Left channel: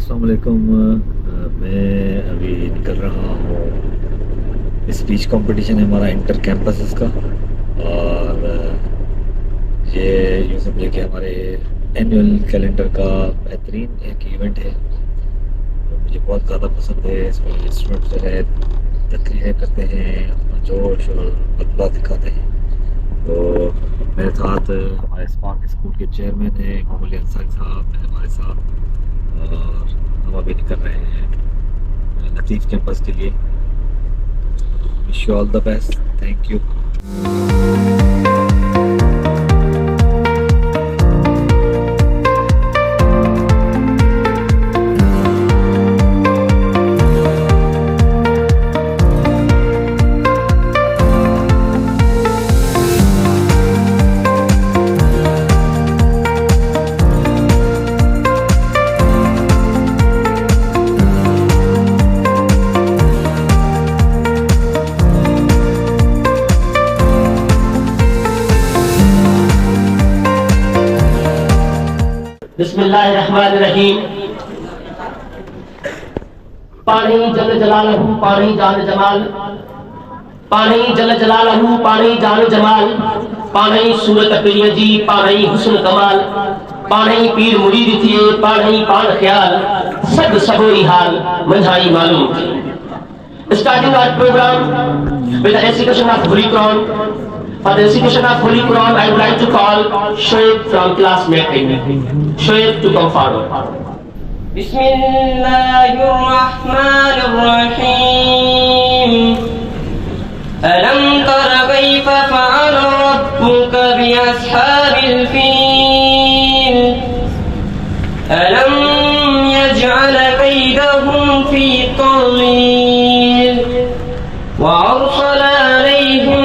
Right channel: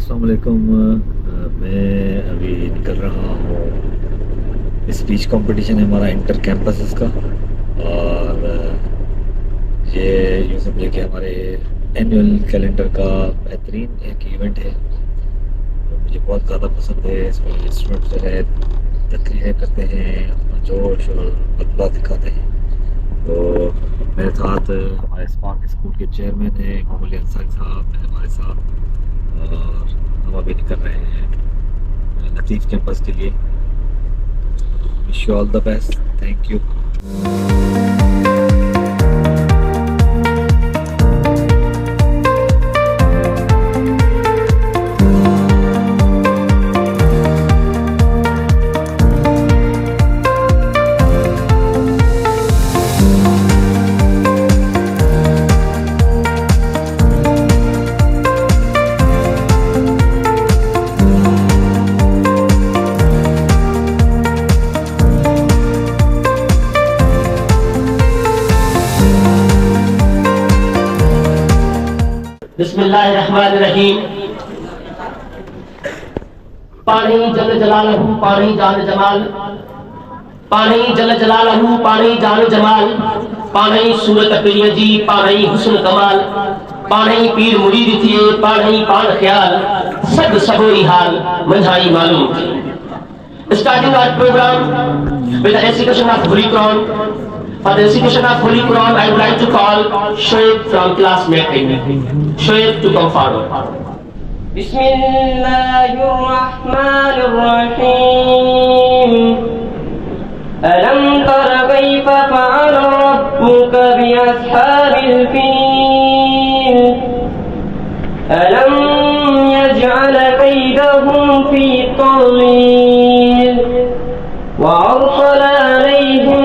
अस्सलाम वालेकुम। मैं अभी निकल रहा हूँ। स्पीच कंपटीशन है हमारा इंटर कैंपस इसका, और ये यूँ समझे कि हमारे एनुअल कैलेंडर का बेहतरीन एक इवेंट है जो मुझे बहुत ज़्यादा पसंद है। इसमें स्टूडेंट जो है तकरीरें करते हैं, अपना जोश और बदला दिखाते हैं। तो मेरे साथ हमारे स्पार्क स्कूल के चेयरमैन हैं मोहम्मद अंसारी साहब हैं हमारे साथ, और हम अभी निकल रहे हैं लतीफ़ कैंपस के लिए। Wish you all the best, thank you. बिस्मिल्लाहिर्रहमानिर्रहीम। पानी जल जलालहू पानी जान जमाल, पानी जल जलालहू पानी जान जमाल, पानी सूरत प्रिय जी पानी हुस्न कमाल, पानी पीर मुरीद थिए पानी पान ख्याल, सद सबोरी हाल मंझाई मालूम थी। Starting our program with the recitation of Holy Quran. For the recitation of Holy Quran, I would like to call Shoaib from class meeting. Shoaib to come forward. Bismillahirrahmanirrahim. Alam tara kayfa fa'ala rabbuka bi ashabil fil. Alam yaj'al kaydahum fi tadlil. Wa arsala alayhim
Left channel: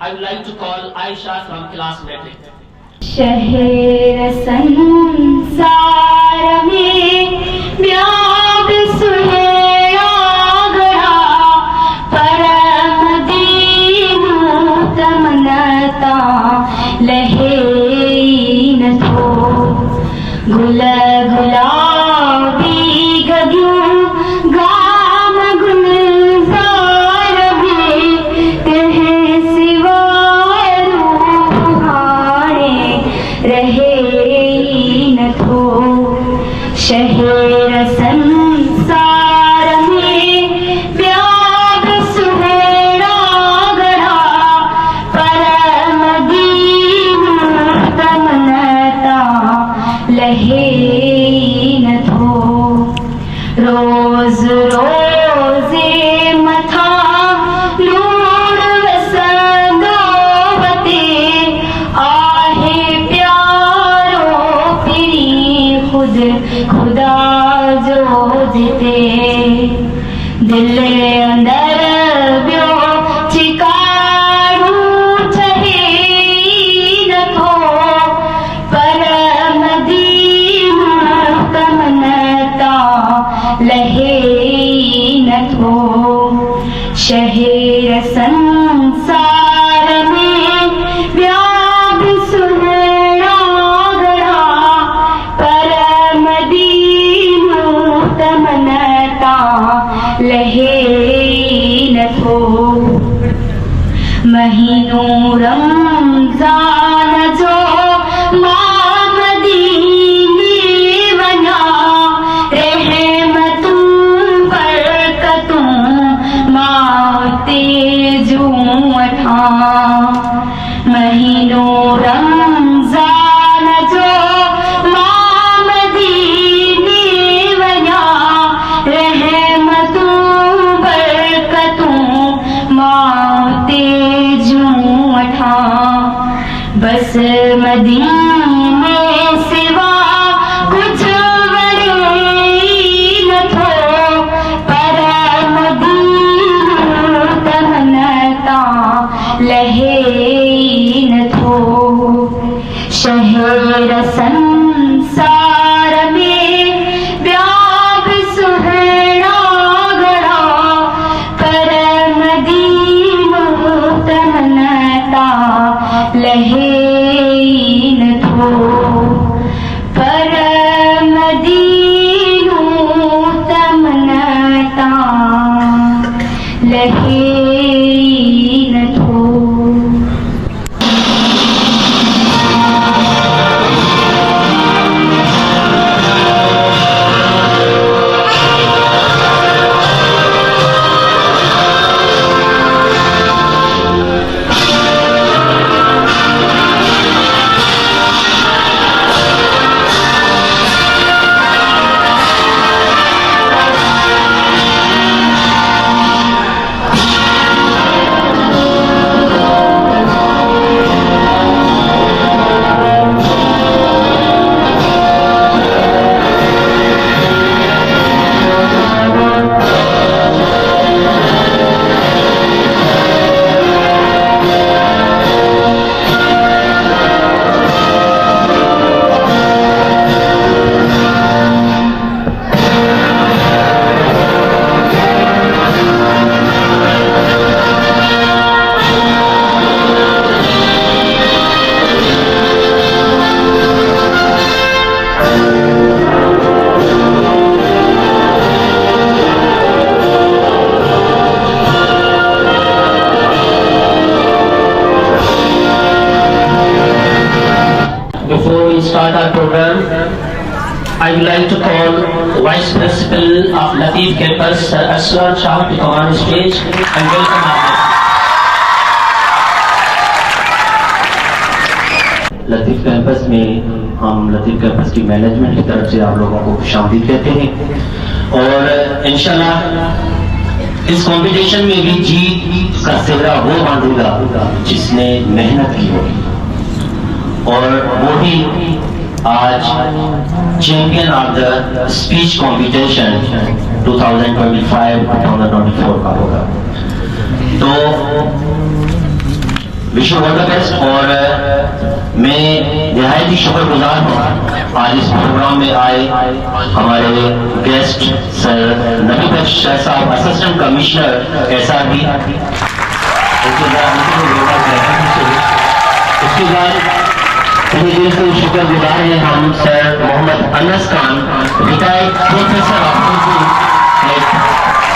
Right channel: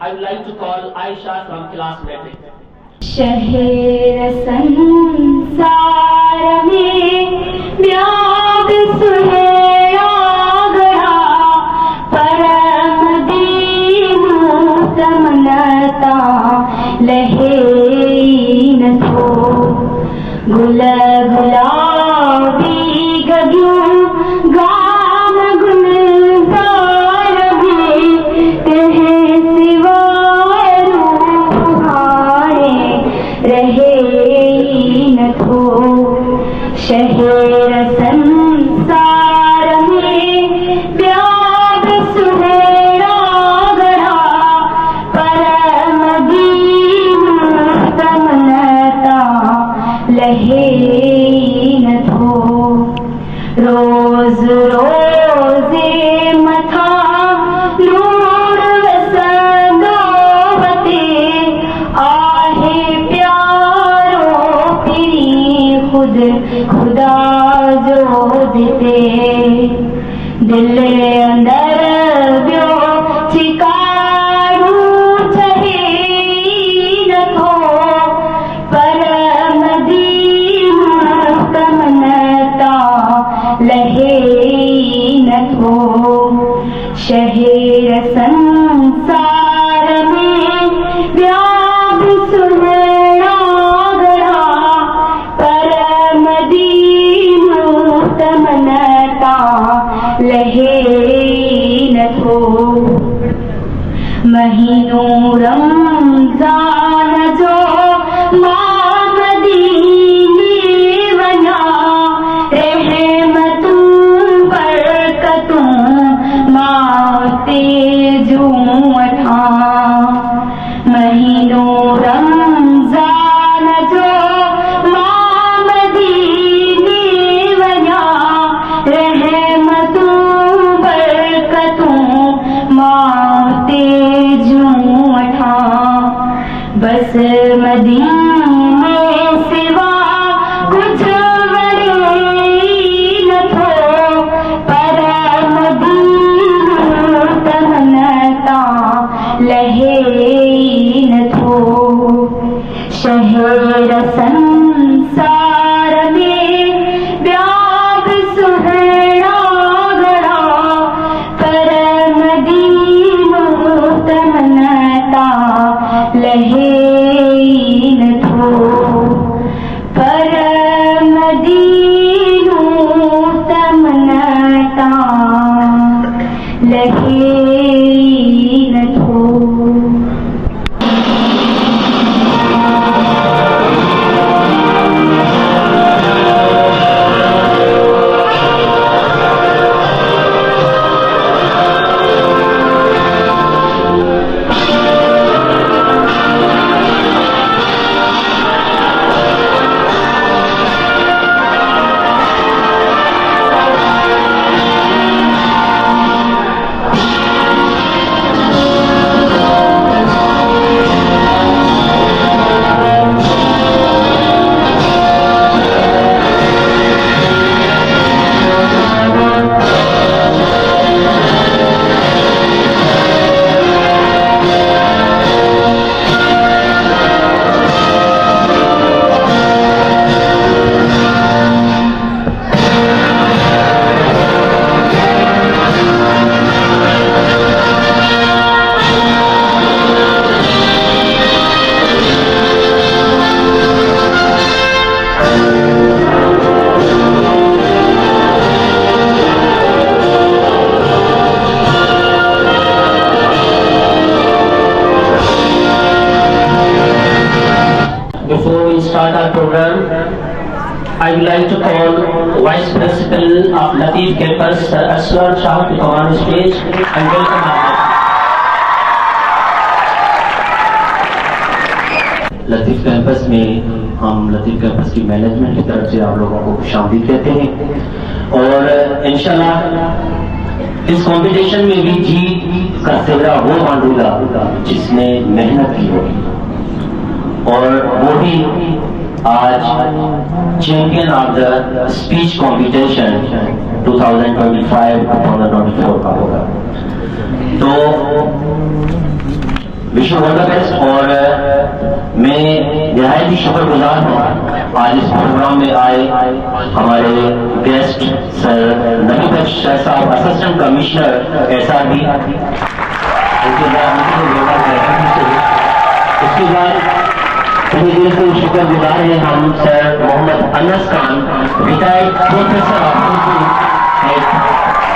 I would like to call Aisha from class meeting. शहर संसार में व्याप सुहेला गढ़ा, परम दीनु तमन्नता लहे गुल गुलाबी गगियों गाम गुलजार में कहे सिवाय रूहाने रहे न थो। शहर संसार में व्याप सुहेला गढ़ा, परम दीनु तमन्नता लहे न थो। रोज रोजे मथा लूड़ वसंगावते, आहे प्यारो फिरी खुद खुदा जो जिते। दिल अंदर ब्यो चिकारू चहे न थो, परम दीनु तमन्नता लहे न थो। शहर संसार में व्याप सुहेला गढ़ा, परम दीनु तमन्नता लहे न थो। महीनों रमजान जो मदीने वना, रहमतों बरकतों माते Vice Principal of Latif Campus, Sir Aswar Shah, to come on stage and welcome our guests. Latif campus में हम लतीफ़ कैंपस की मैनेजमेंट की तरफ से आप लोगों को खुशामदीद कहते हैं और इंशाल्लाह इस कंपटीशन में भी जीत का सिरा वो बांधेगा जिसने मेहनत की होगी और वो ही आज champion of the speech competition 2025-2024 का होगा। तो wish you all the best और मैं निहायत ही शुक्रगुजार हूँ आज इस प्रोग्राम में आए हमारे गेस्ट सर नबी बख्श शाह साहब, असिस्टेंट कमिश्नर SRB। उसके बाद पूरे दिल से शुक्रगुजार हैं हम sir Mohammad Anas Khan, retired professor of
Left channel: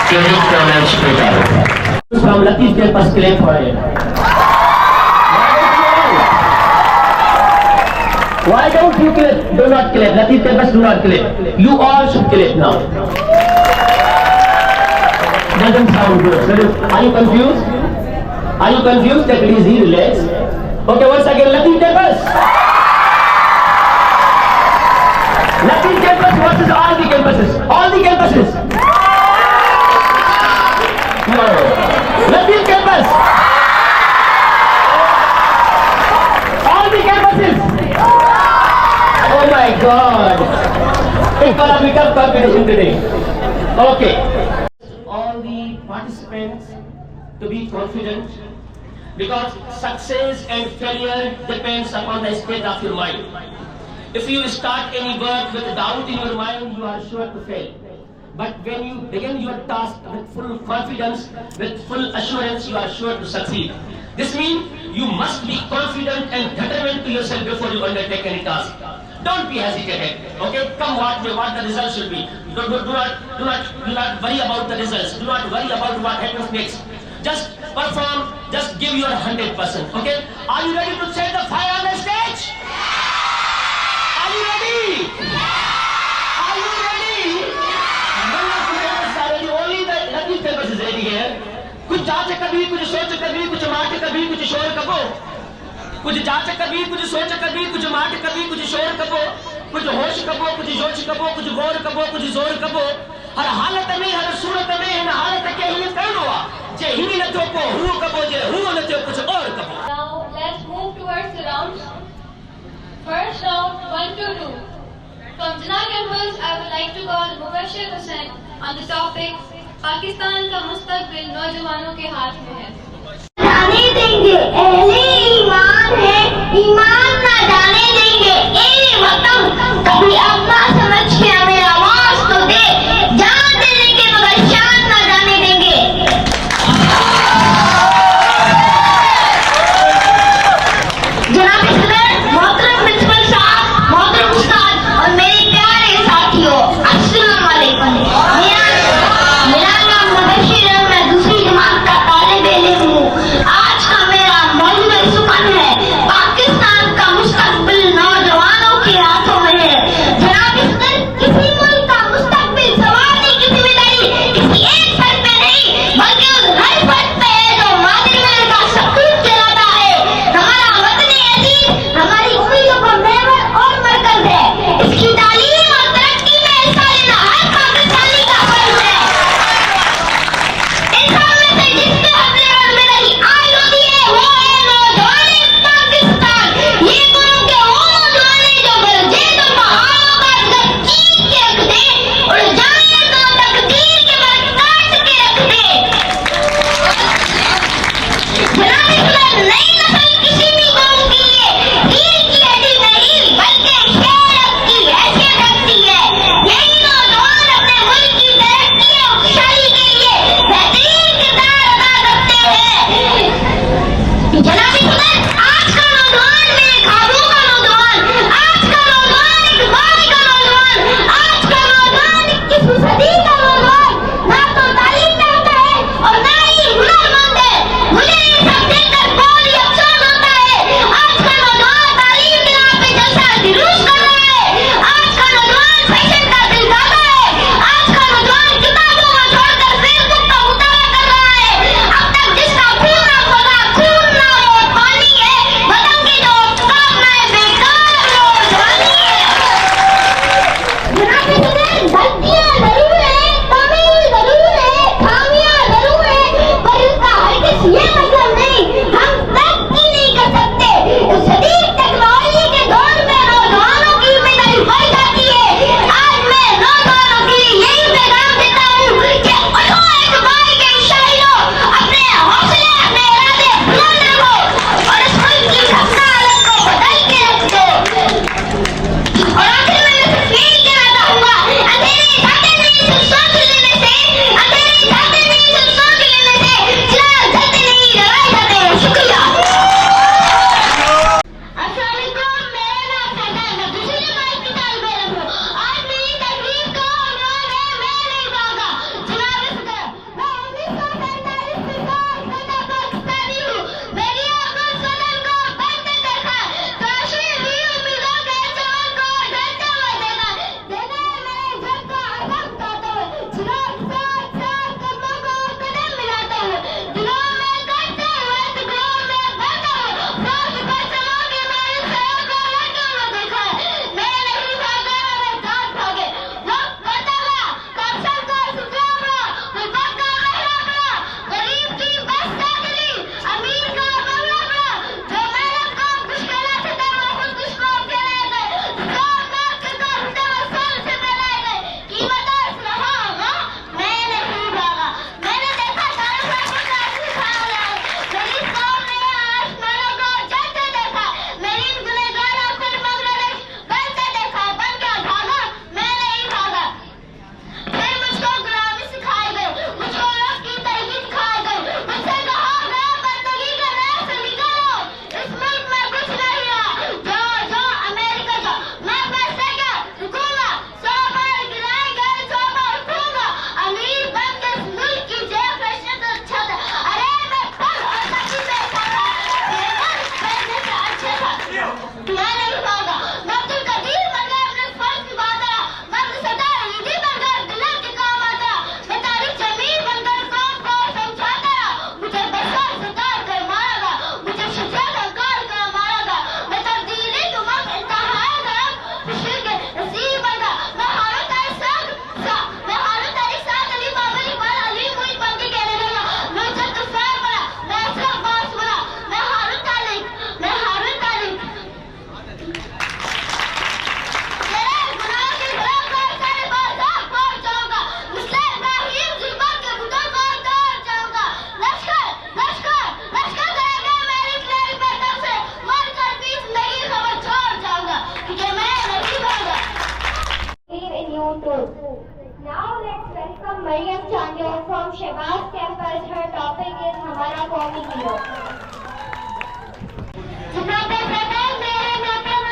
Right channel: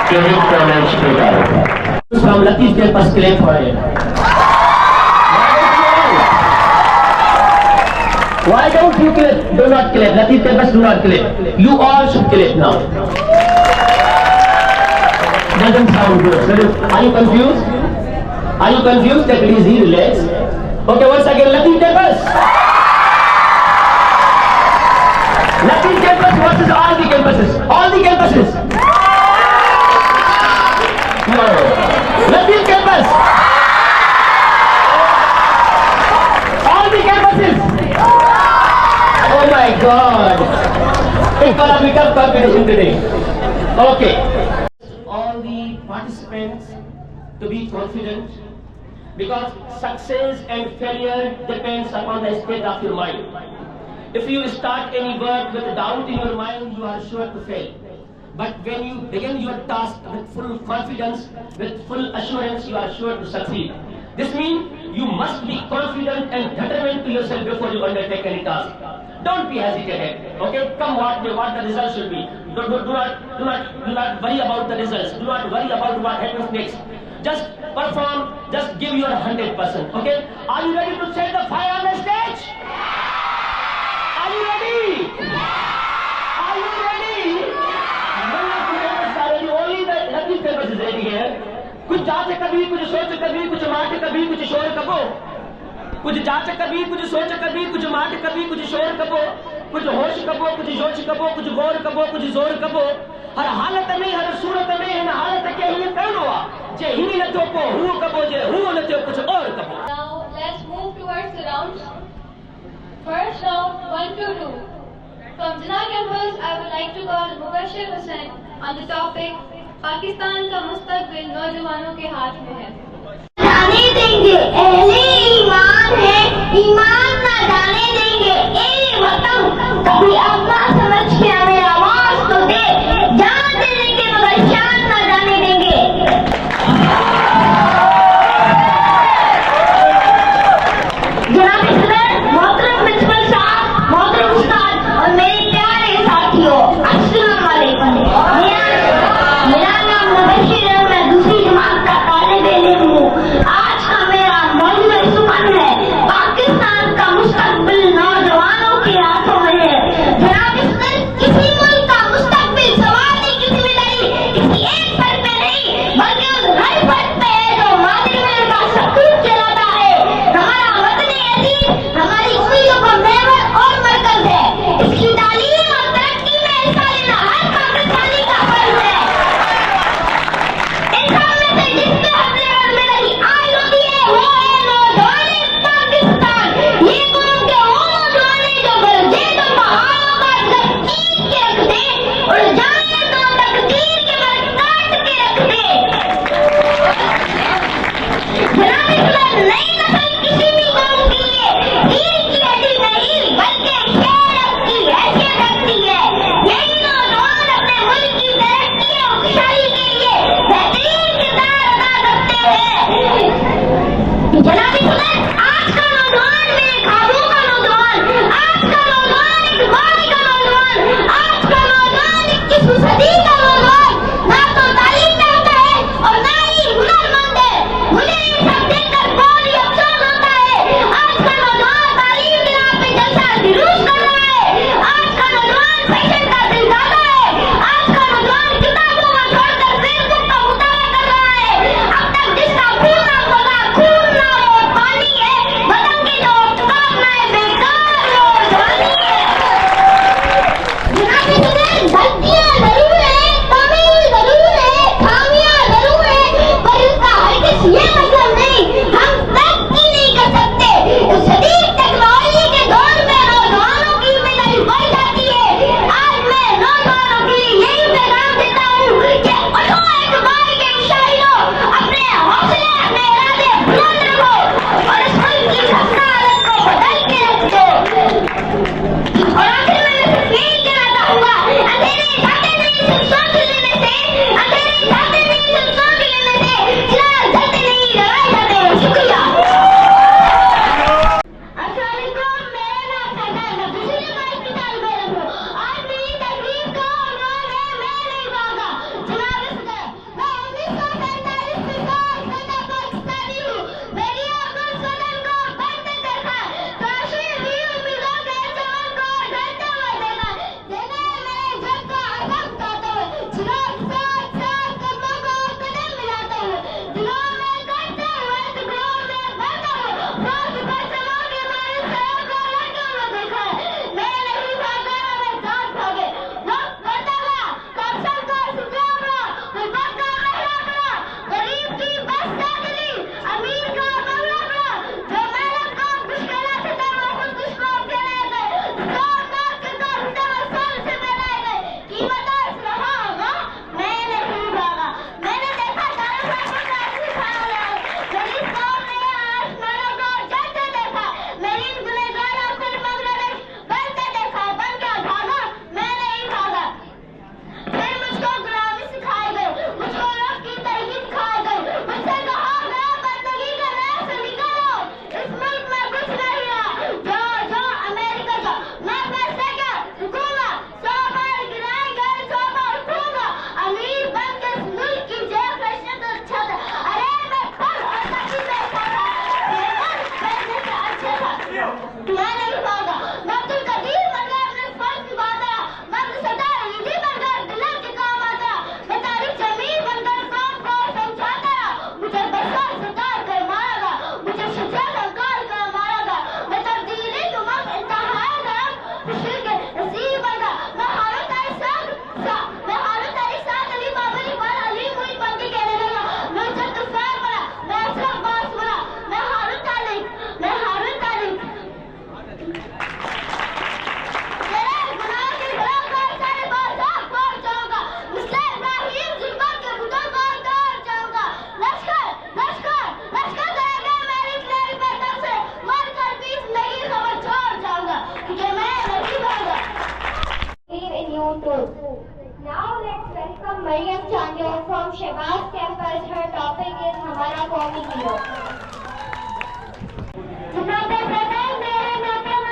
career college पेटा from Latif campus claim for it. Why don't you clap? Do not clap. Latif Campus, do not clap. You all should clap now. Doesn't sound good. Are you confused? Are you confused? Take it easy, relax. Okay, once again, Latif Campus. Latif Campus versus all the campuses. All the campuses. No. Latif Campus. All the campuses. Oh my God! It's gonna be tough competition today. Okay. All the participants to be confident because success and failure depends upon the state of your mind. If you start any work with doubt in your mind, you are sure to fail. But when you begin your task with full confidence, with full assurance, you are sure to succeed. This means you must be confident and determined to yourself before you undertake any task. Don't be hesitant. Okay, come what the results should be. Do not worry about the results. Do not worry about what happens next. Just perform. Just give your 100%. Okay. Are you ready to set the fire on the stage? Are you ready? Are you ready? None of you guys are ready. Only the Latif Campus is ready here. कुछ जांच कभी, कुछ सोच कभी, कुछ माट कभी, कुछ शोर कबो। कुछ जांच कभी, कुछ सोच कभी, कुछ माट कभी, कुछ शोर कबो, कुछ होश कबो, कुछ जोश कबो, कुछ गौर कबो, कुछ जोर कबो। हर हालत में, हर सूरत में, इन हालत के ही करणो आ। जे ही न तो को हु कबो, जे हु न तो कुछ और कबो। Now let's move towards the rounds. First round 1 to 2. From Jinnah Campus, I would like to call Mubashir Hussain on the topic Pakistan का मुस्तकबिल नौजवानों के हाथ में है। जाने देंगे अहले ईमान है, ईमान ना जाने देंगे ए वतन, कभी अपना समझ के हमें आवाज तो दे, जान दे देंगे मगर शान ना जाने देंगे। जनाब सदर, मोहतरम प्रिंसिपल साहब, मोहतरम उस्ताद और मेरे प्यारे साथियों, अस्सलाम वालेकुम। मेरा नाम मुबशिर है, मैं दूसरी जमात का तालिब इल्म हूँ। आज का मेरा मौजूद सुमन है Pakistan Maryam Chandiol from Shehbaz campus. Her topic is हमारा कौमी हीरो। जनाब सदर, मेरे मोहतरम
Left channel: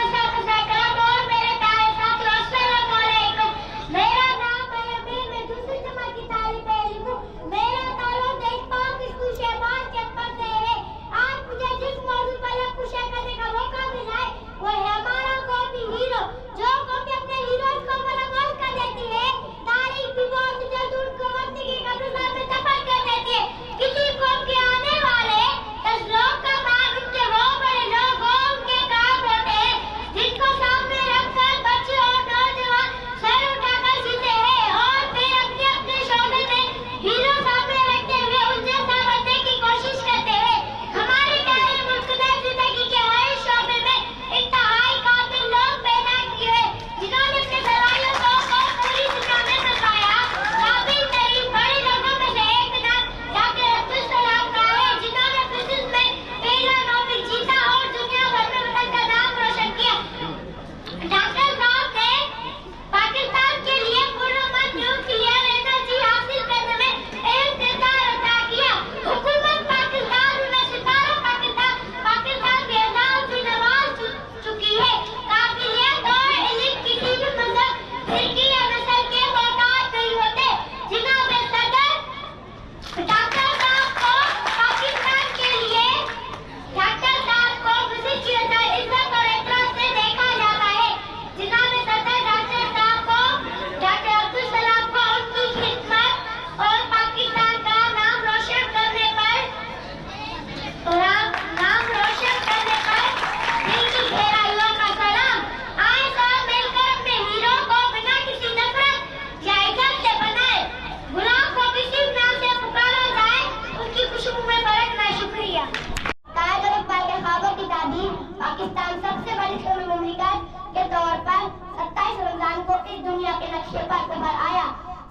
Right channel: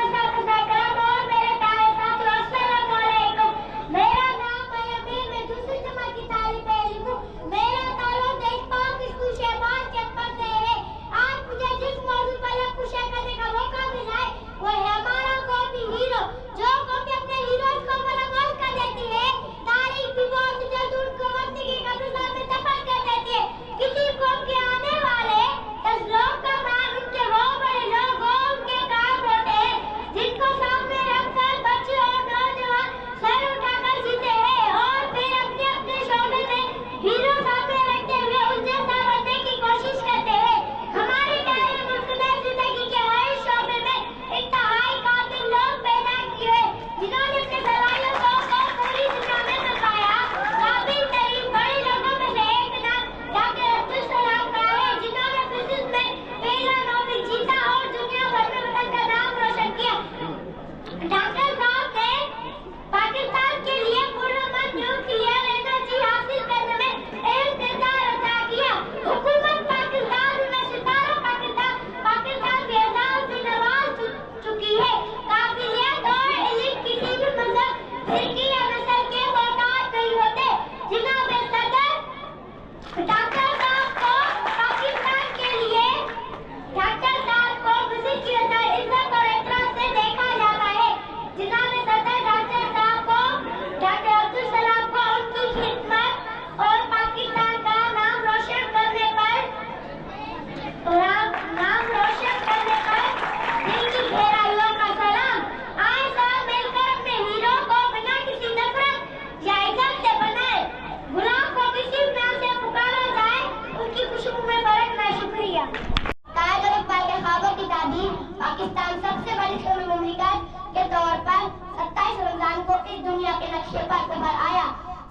साहब और मेरे प्यारे साथियों, अस्सलाम वालेकुम। मेरा नाम मरियम, मैं दूसरी जमात की तालिब इल्म हूँ। मेरा ताल्लुक देशपाक स्कूल शहबाज कैंपस से है। आज मुझे जिस मौजूद पर लफ्ज़ करने का मौका मिला है वो है हमारा कौमी हीरो। जो कौम अपने हीरोज को फरामोश कर देती है, तारीख भी बहुत जल्द उनको वक्त की कब्रिस्तान में दफन कर देती है। किसी कौम के आने वाले 10 लोग का मान उनके वो बड़े लोग उनके काम होते हैं जिनको सामने रखकर बच्चे और नौजवान सर उठाकर जीते हैं और फिर अपने अपने शोबे में हीरो सामने रखते हुए उनसे बनने की कोशिश करते हैं। हमारे प्यारे मुल्क ने जिंदगी के हर शोबे में इंतहाई काबिल लोग पैदा किए जिन्होंने अपने सलाहियतों को पूरी दुनिया में बताया। काबिल तरीन बड़े लोगों में से एक नाम डॉक्टर अब्दुल सलाम का है, जिन्होंने फिजिक्स में पहला नोबेल जीता और दुनिया भर में वतन का नाम रोशन किया। डॉक्टर साहब ने पाकिस्तान के लिए पुरअमन न्यूक्लियर एनर्जी हासिल करने में अहम किरदार अदा किया। हुकूमत पाकिस्तान में सितारा पाकिस्तान के एजाज भी नवाज चुकी है। काबिलियत और इल्म किसी भी मजहब, फिरकी या नस्ल के मोहताज नहीं होते। जनाब सदर, डॉक्टर साहब को पाकिस्तान के लिए डॉक्टर साहब को विजिट किया जाए, इज्जत और एहतराम से देखा जाता है। जनाब सदर, डॉक्टर साहब को डॉक्टर अब्दुल सलाम को उनकी खिदमत और पाकिस्तान का नाम रोशन करने पर दिल की गहराइयों का सलाम। आए सब मिलकर अपने हीरो को बिना किसी नफरत या इज्जत से बनाए। गुलाम को किसी नाम से पुकारा जाए, उनकी खुशबू में बरकना। शुक्रिया। कायद और इकबाल के ख्वाबों की ताबीर पाकिस्तान सबसे बड़ी इस्लामी मुमलिकत के तौर पर 27 रमजान को इस दुनिया के नक्शे पर उभर आया।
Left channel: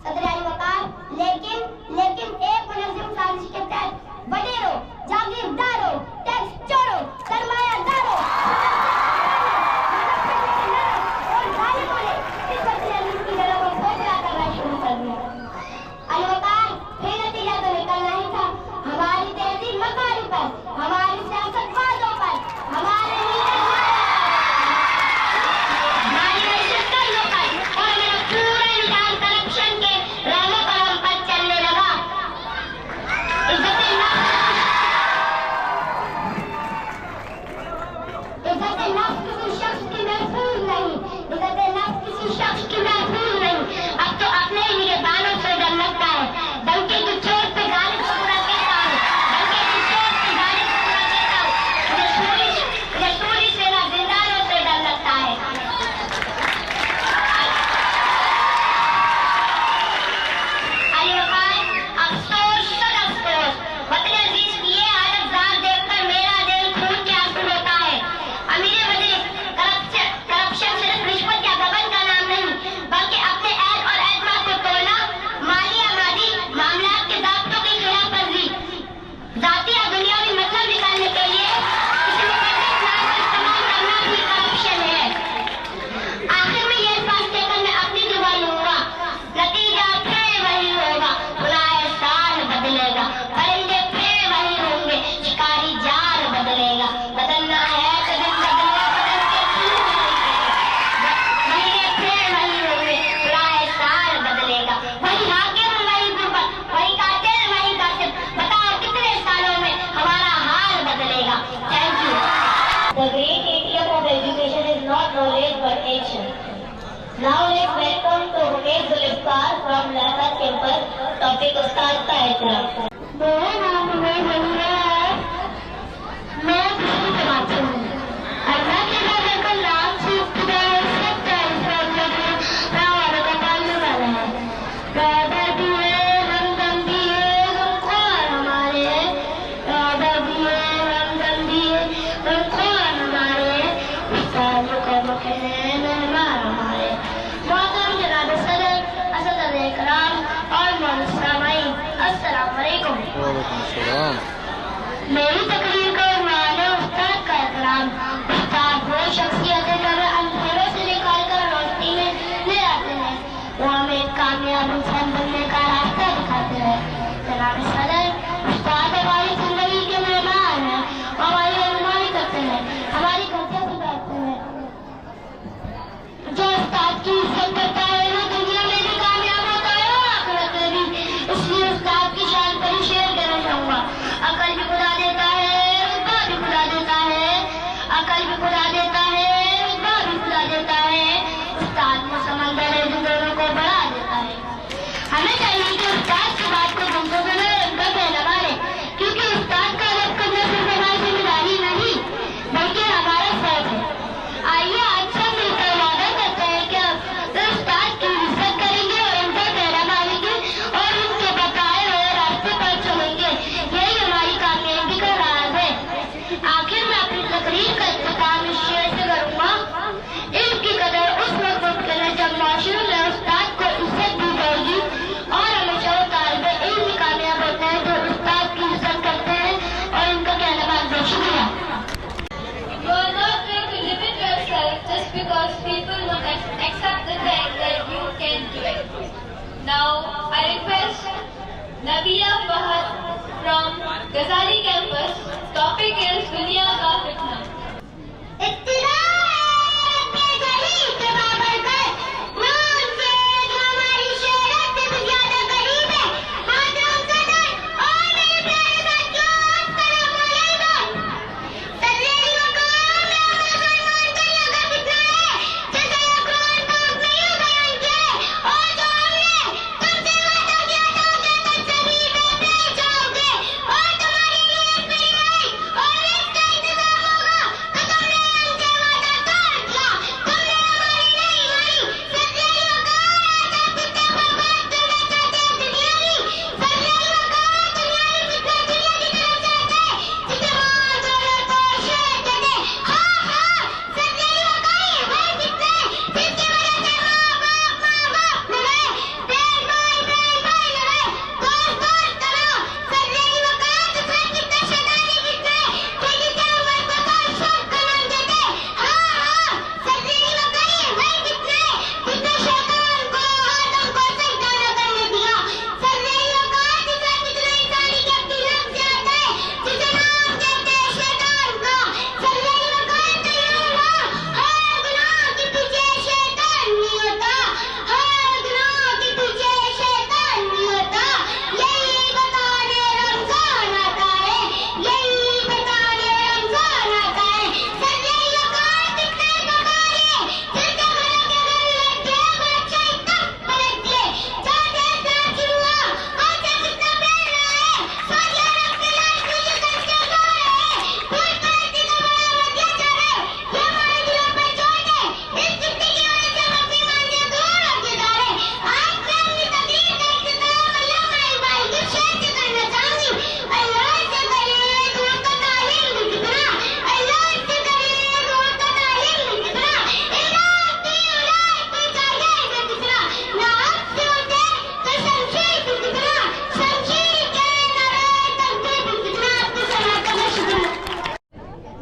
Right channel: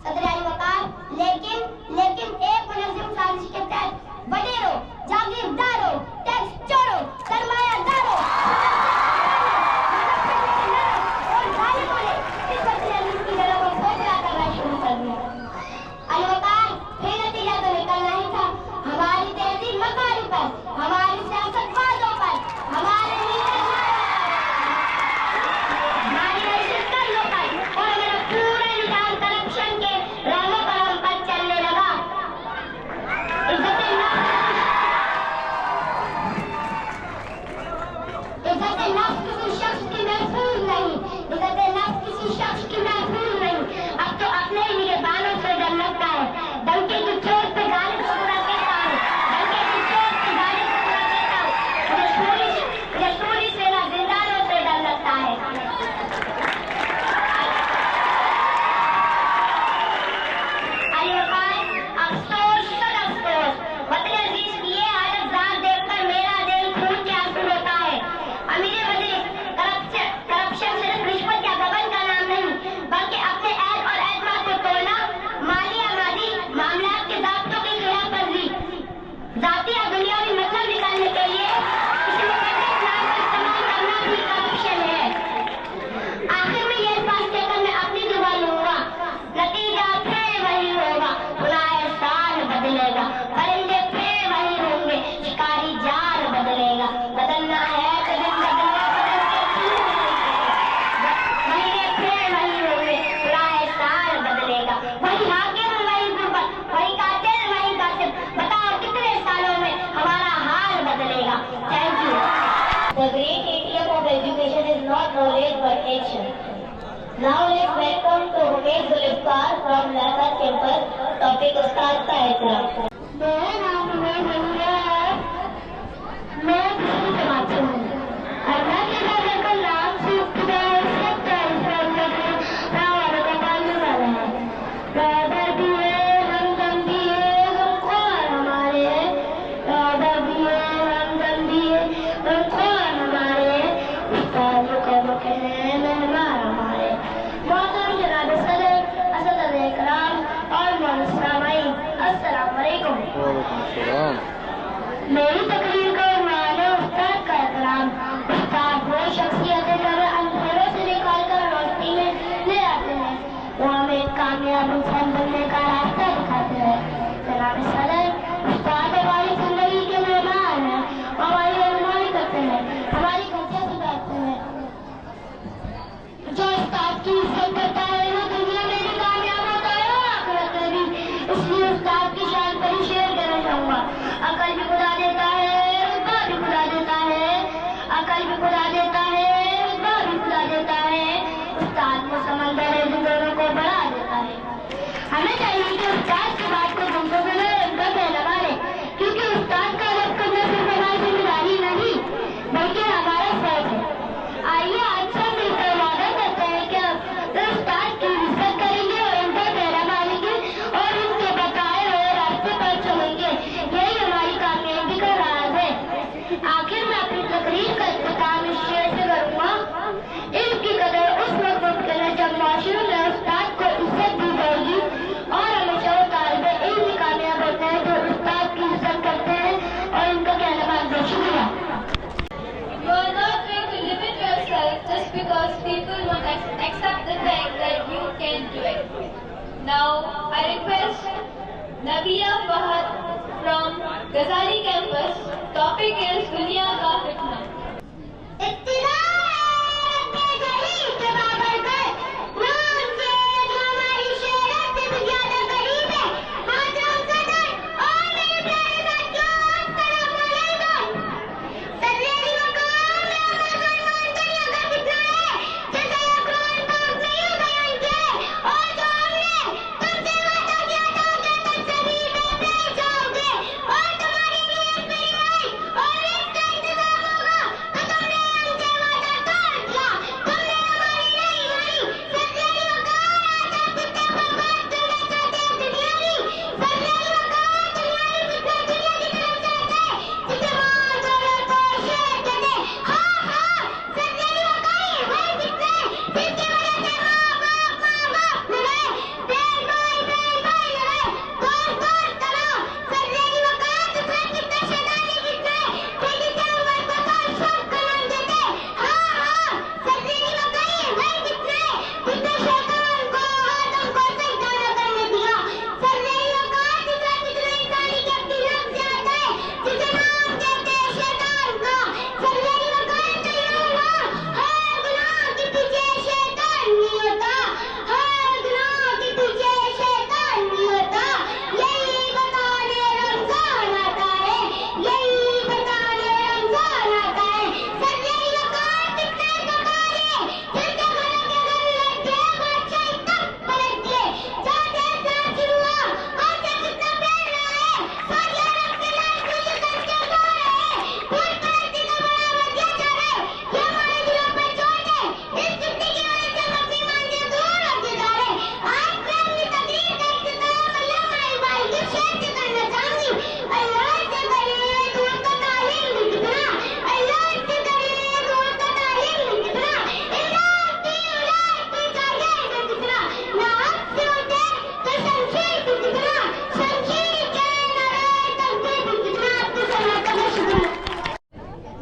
सदर अली वकार, लेकिन एक मुनज़्ज़म साजिश के तहत वडेरों, जागीरदारों, टैक्स चोरों, सरमायादारों और जालिमों ने इस वसीले की जड़ों को खोखला करना शुरू कर दिया। अली वकार, फिर नतीजा तो निकलना ही था। हमारी तहजीब मकारों पर, हमारी सियासतबाजों पर, हमारे और मेरा पूरा निजाम करप्शन के राहों पर हम पर चलने लगा। इज्जत नफ्स किसी शख्स की महफूज नहीं, इज्जत नफ्स किसी शख्स की महफूज नहीं। अब तो अपने ही निगहबानों से डर लगता है। डंके की चोट पे गालिब पूरा कहता है, डंके की चोट पे गालिब पूरा कहता है। रसूली सेना जिंदारों से डर लगता है। अली वकार, अफसोस सद अफसोस, वतन अजीज की ये हालत ज़ात देखकर मेरा दिल खून के आंसू होता है। अमीर वजीर, करप्शन सिर्फ रिश्वत या गबन का नाम नहीं, बल्कि अपने ऐद और एतमाद को तोड़ना, माली आमादी, मामलात के दायित्वों की खिलाफवर्जी, जाती या दुनियावी मतलब निकालने के लिए किसी मुकद्दस नाम का इस्तेमाल करना भी करप्शन है। आखिर में ये अल्फाज कहकर मैं अपनी जुबान लूंगा, नतीजा फिर वही होगा। बुलाए साल बदलेगा, परिंदे फिर वही होंगे, शिकारी जाल बदलेगा। बदलना है तो दिन बदलेगा, बदल के क्यों महीने फिर वही होंगे, बुलाए साल बदलेगा। वही हाकिम वही गुर्बत, वही कातिल वही कातिल, बताओ कितने सालों में हमारा हाल बदलेगा। Thank you. The great idiom of education is not knowledge but action. Now let's welcome to Umesh Zulfikar from Lahad campus. Topic उस्ताद का एहतराम। मेरा नाम उमेश है, मैं दूसरी जमात से हूँ। अल्लाह के नज़र का नाम से इब्तिदा सबका इंसान वालों का मानने वाला है। पैदा दिए हमदम दिए हमको हमारे, पैदा दिए हमदम दिए हमको हमारे, सालों का मकहन मेहमान हमारे। मोहतरम जनाब सदर, असद इकराम और मोहतरम सामाईन, अस्सलाम वालेकुम। मेरी तकरीर का उन्वान है उस्ताद का एहतराम। उस्ताद वो शख्सियत है जो अंधेरों से निकाल कर रोशनी में ले आते हैं। वो हमें कामयाब इंसान बनने का रास्ता I request Nabila Fahad from Ghazali campus. Topic is Dunya Ka Fitna.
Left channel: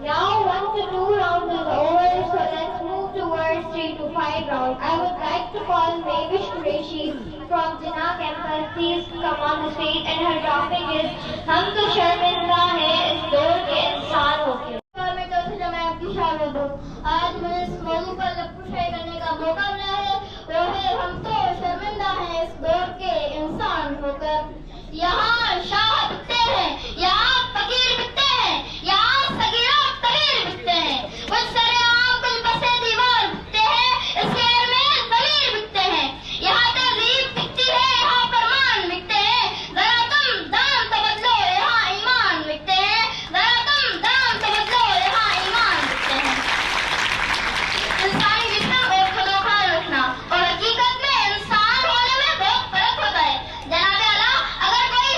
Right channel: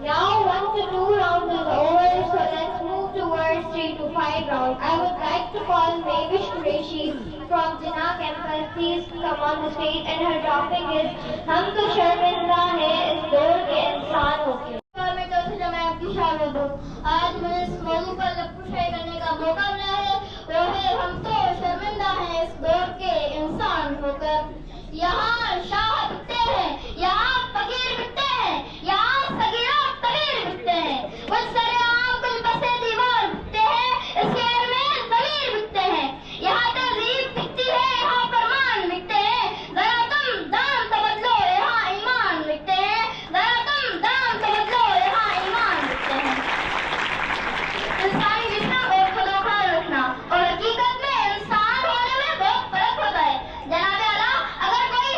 Now 1 to 2 rounds is over, so let's move towards 3 to 5 rounds. I would like to call Mavish Qureshi from Jinnah campus. Please come on the stage, and her topic is हम तो शर्मिंदा हैं इस दौर के इंसान होके। मैं चौथी जमात की शागिर्द हूँ। आज मुझे इस मौजू पर लफ्ज़ करने का मौका मिला है, वो है हम तो शर्मिंदा हैं इस दौर के इंसान होकर। यहाँ शाह बिकते हैं, यहाँ फकीर बिकते हैं, यहाँ सगीरा कबीर बिकते हैं, वो सरेआम दिल बसे दीवार बिकते हैं, इस शहर में ज़मीर बिकते हैं। यहाँ तहज़ीब बिकती है, यहाँ फरमान बिकते हैं, जरा तुम दाम तो बदलो, यहाँ ईमान बिकते हैं, जरा तुम दाम तो बदलो, यहाँ ईमान बिकते हैं। इंसानी जिस्म और खुदाखार रखना और हकीकत में इंसान होने में बहुत फर्क होता है। जनाब आला, अगर कोई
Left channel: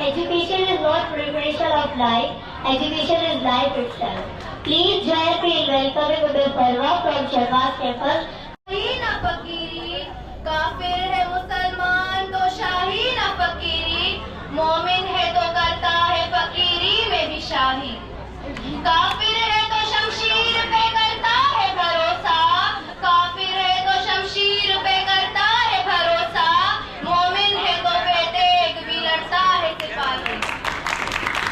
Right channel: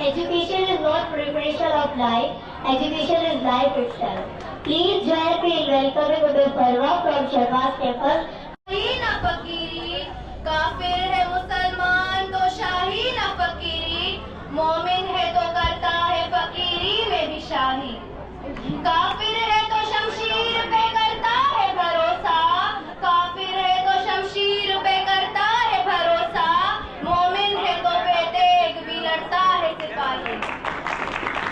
Education is not preparation of life. Education is life itself. Please join me in welcoming Uday Parwa from Shahbaz campus. शाही न फकीरी, काफिर है मुसलमान तो शाही न फकीरी, मोमिन है तो करता है फकीरी में भी शाही। काफिर है तो शमशीर पे करता है भरोसा, काफिर है तो शमशीर पे करता है भरोसा, मोमिन है तो बेतेग भी लड़ता है सिपाही।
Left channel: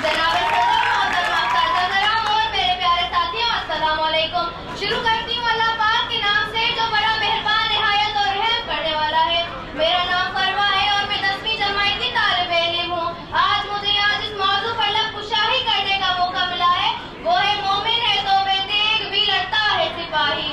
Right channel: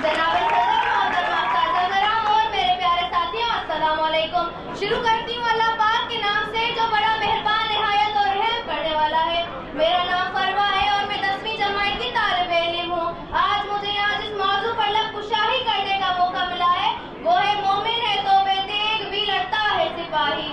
जनाब सदर मोहतरमा काज़ा कराम और मेरे प्यारे साथियों, अस्सलाम वालेकुम। शुरू करती हूँ अल्लाह पाक के नाम से जो बड़ा मेहरबान, निहायत और रहम करने वाला है। मेरा नाम फरवा है और मैं 10वीं जमात की तालिबे इल्म हूँ। आज मुझे यहाँ जिस मौजू पर लब कुशाही करने का मौका मिला है वो है मोमिन है तो बेतेग भी लड़ता है सिपाही।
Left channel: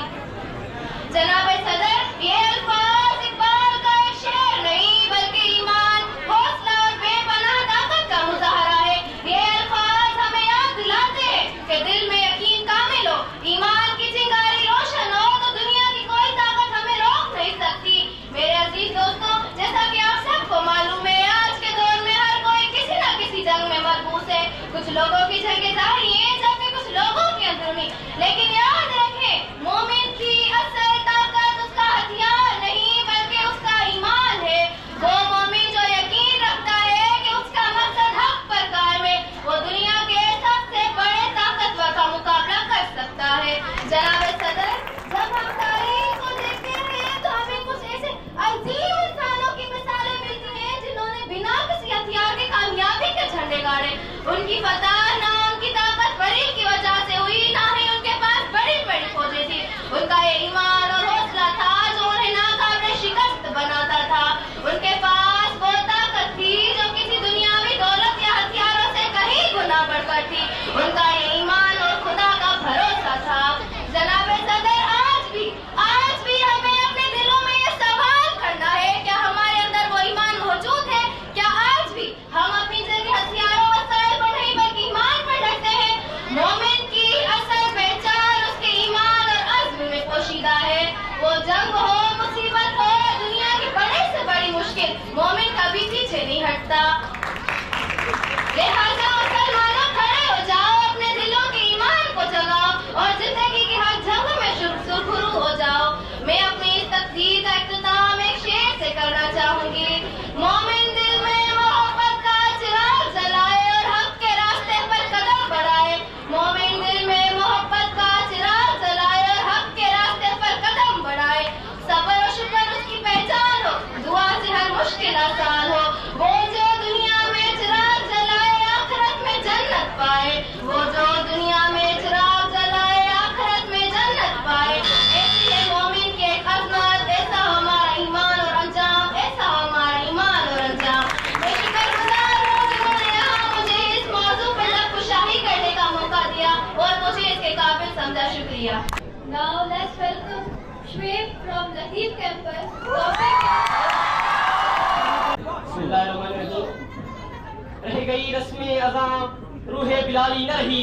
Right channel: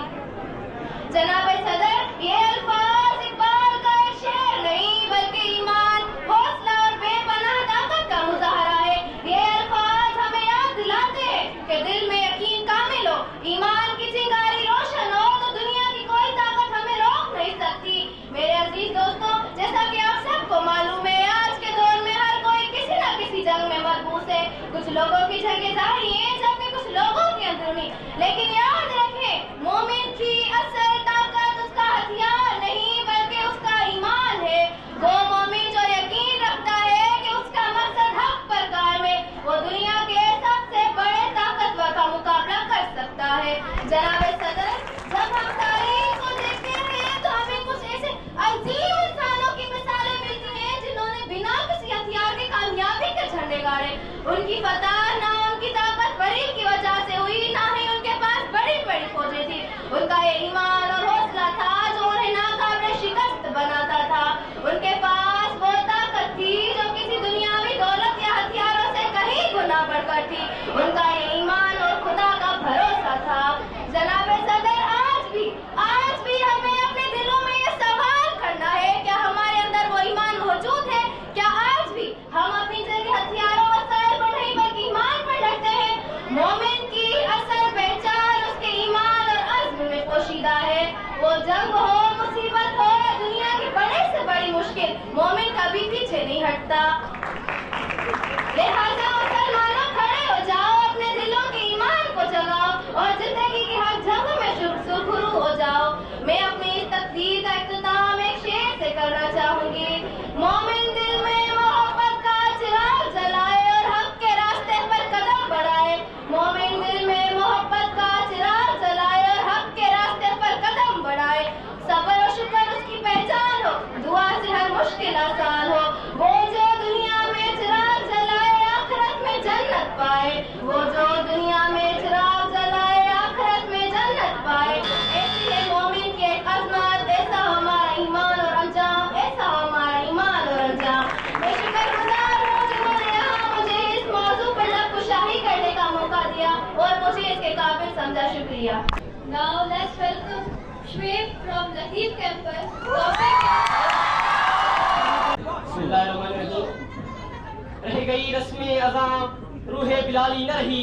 जनाब सदर, ये अल्फाज इकबाल का एक शेर नहीं बल्कि ईमान, हौसला और बेपनाह ताकत का मुजाहरा है। ये अल्फाज हमें याद दिलाते हैं कि दिल में यकीन कामिल हो, ईमान की चिंगारी रोशन हो तो दुनिया की कोई ताकत हमें रोक नहीं सकती। मेरे अजीज दोस्तों, जैसा कि आप सबको मालूम है, आज के दौर में हर कोई किसी न किसी जंग में मरबूस है। कुछ लोगों की जंगें जारी हैं जबकि कुछ लोगों की अंदरूनी। लेकिन याद रखें, मोमिन की असल ताकत उसका हथियार नहीं बल्कि उसका ईमान है। वो मोमिन जो यकीन रखता है कि उसका मकसद हक पर कायम है, वो दुनिया के सबसे बड़े ताकतवर का मुकाबला कर सकता है। जनाब सदर, जब हम तारीख को देखते हैं तो हमें कुछ ऐसे अजीम इंसानों की मिसालें मिलती हैं जिन्होंने बिना किसी हथियार के कामयाबी के झंडे गाड़े। उनकी फतह ना उनकी ताकतवरी की वजह से हुई, ना ही उनके पास बड़ी बड़ी फौजें थी। उनका ये ईमान और हौसला था जो उन्हें नाकाबिले शिकस्त बनाता था। उनके पास वो ताकत थी जो किसी दुनियावी दौलत या हथियारों से कहीं गुना बढ़कर थी। उनका ये ईमान और खुदा का भरोसा था। जनाब सदर, आज भी हमें अपने दिलों में ये सवाल करना है, क्या हमारे अंदर वो ईमान मौजूद है? क्या आज भी हम अपनी जगह हथियारों वसाइल पर नहीं बल्कि ईमान पर डरते हैं? मोमिन की असल पहचान उसके ईमान और अज़्म में पोशीदा है। वो जंग हो, मुसीबत हो, दुनिया की बड़े से बड़ी मुश्किल, मोमिन कभी पीछे नहीं हटता। लिहाजा मुसलमानों, खड़े हो जाओ, अपने दिलों के ईमान को जगाओ और जिंदगी की हर जंग में सुरखरू हो जाओ। मैं अपनी इस तकरीर का इख्तिताम एक शेर से करना चाहूंगी। मोमिन दिल में मोहब्बत का चिराग जलाए और हक के रास्ते पर कदम बढ़ाए। मोमिन दिल में मोहब्बत का चिराग जलाए और हक के रास्ते पर कदम बढ़ाए। सब्र और शुक्र उसकी पहचान हो, दुआ से हर मुश्किल आसान हो। वो जो दुनिया में चिराग जलाए आखिरत में जन्नत पाए। वो जो दुनिया में चिराग जलाए आखिरत में जन्नत पाए। ऐसी है मोमिन की एक अज़मत, ऐसा हमारा ईमान और अंजाम, ऐसा हमारा ईमान और अंजाम। मैं शुक्रगुजार हूँ जिन्होंने यहाँ मुझे इस मौजू पर लब कुशाही करने का मौका दिया और मुझे इसके काबिल समझा। शुक्रिया। Now let's welcome Shweb from Latif campus. रह गई रस्में अज़ां रूहे बिलाली न रही,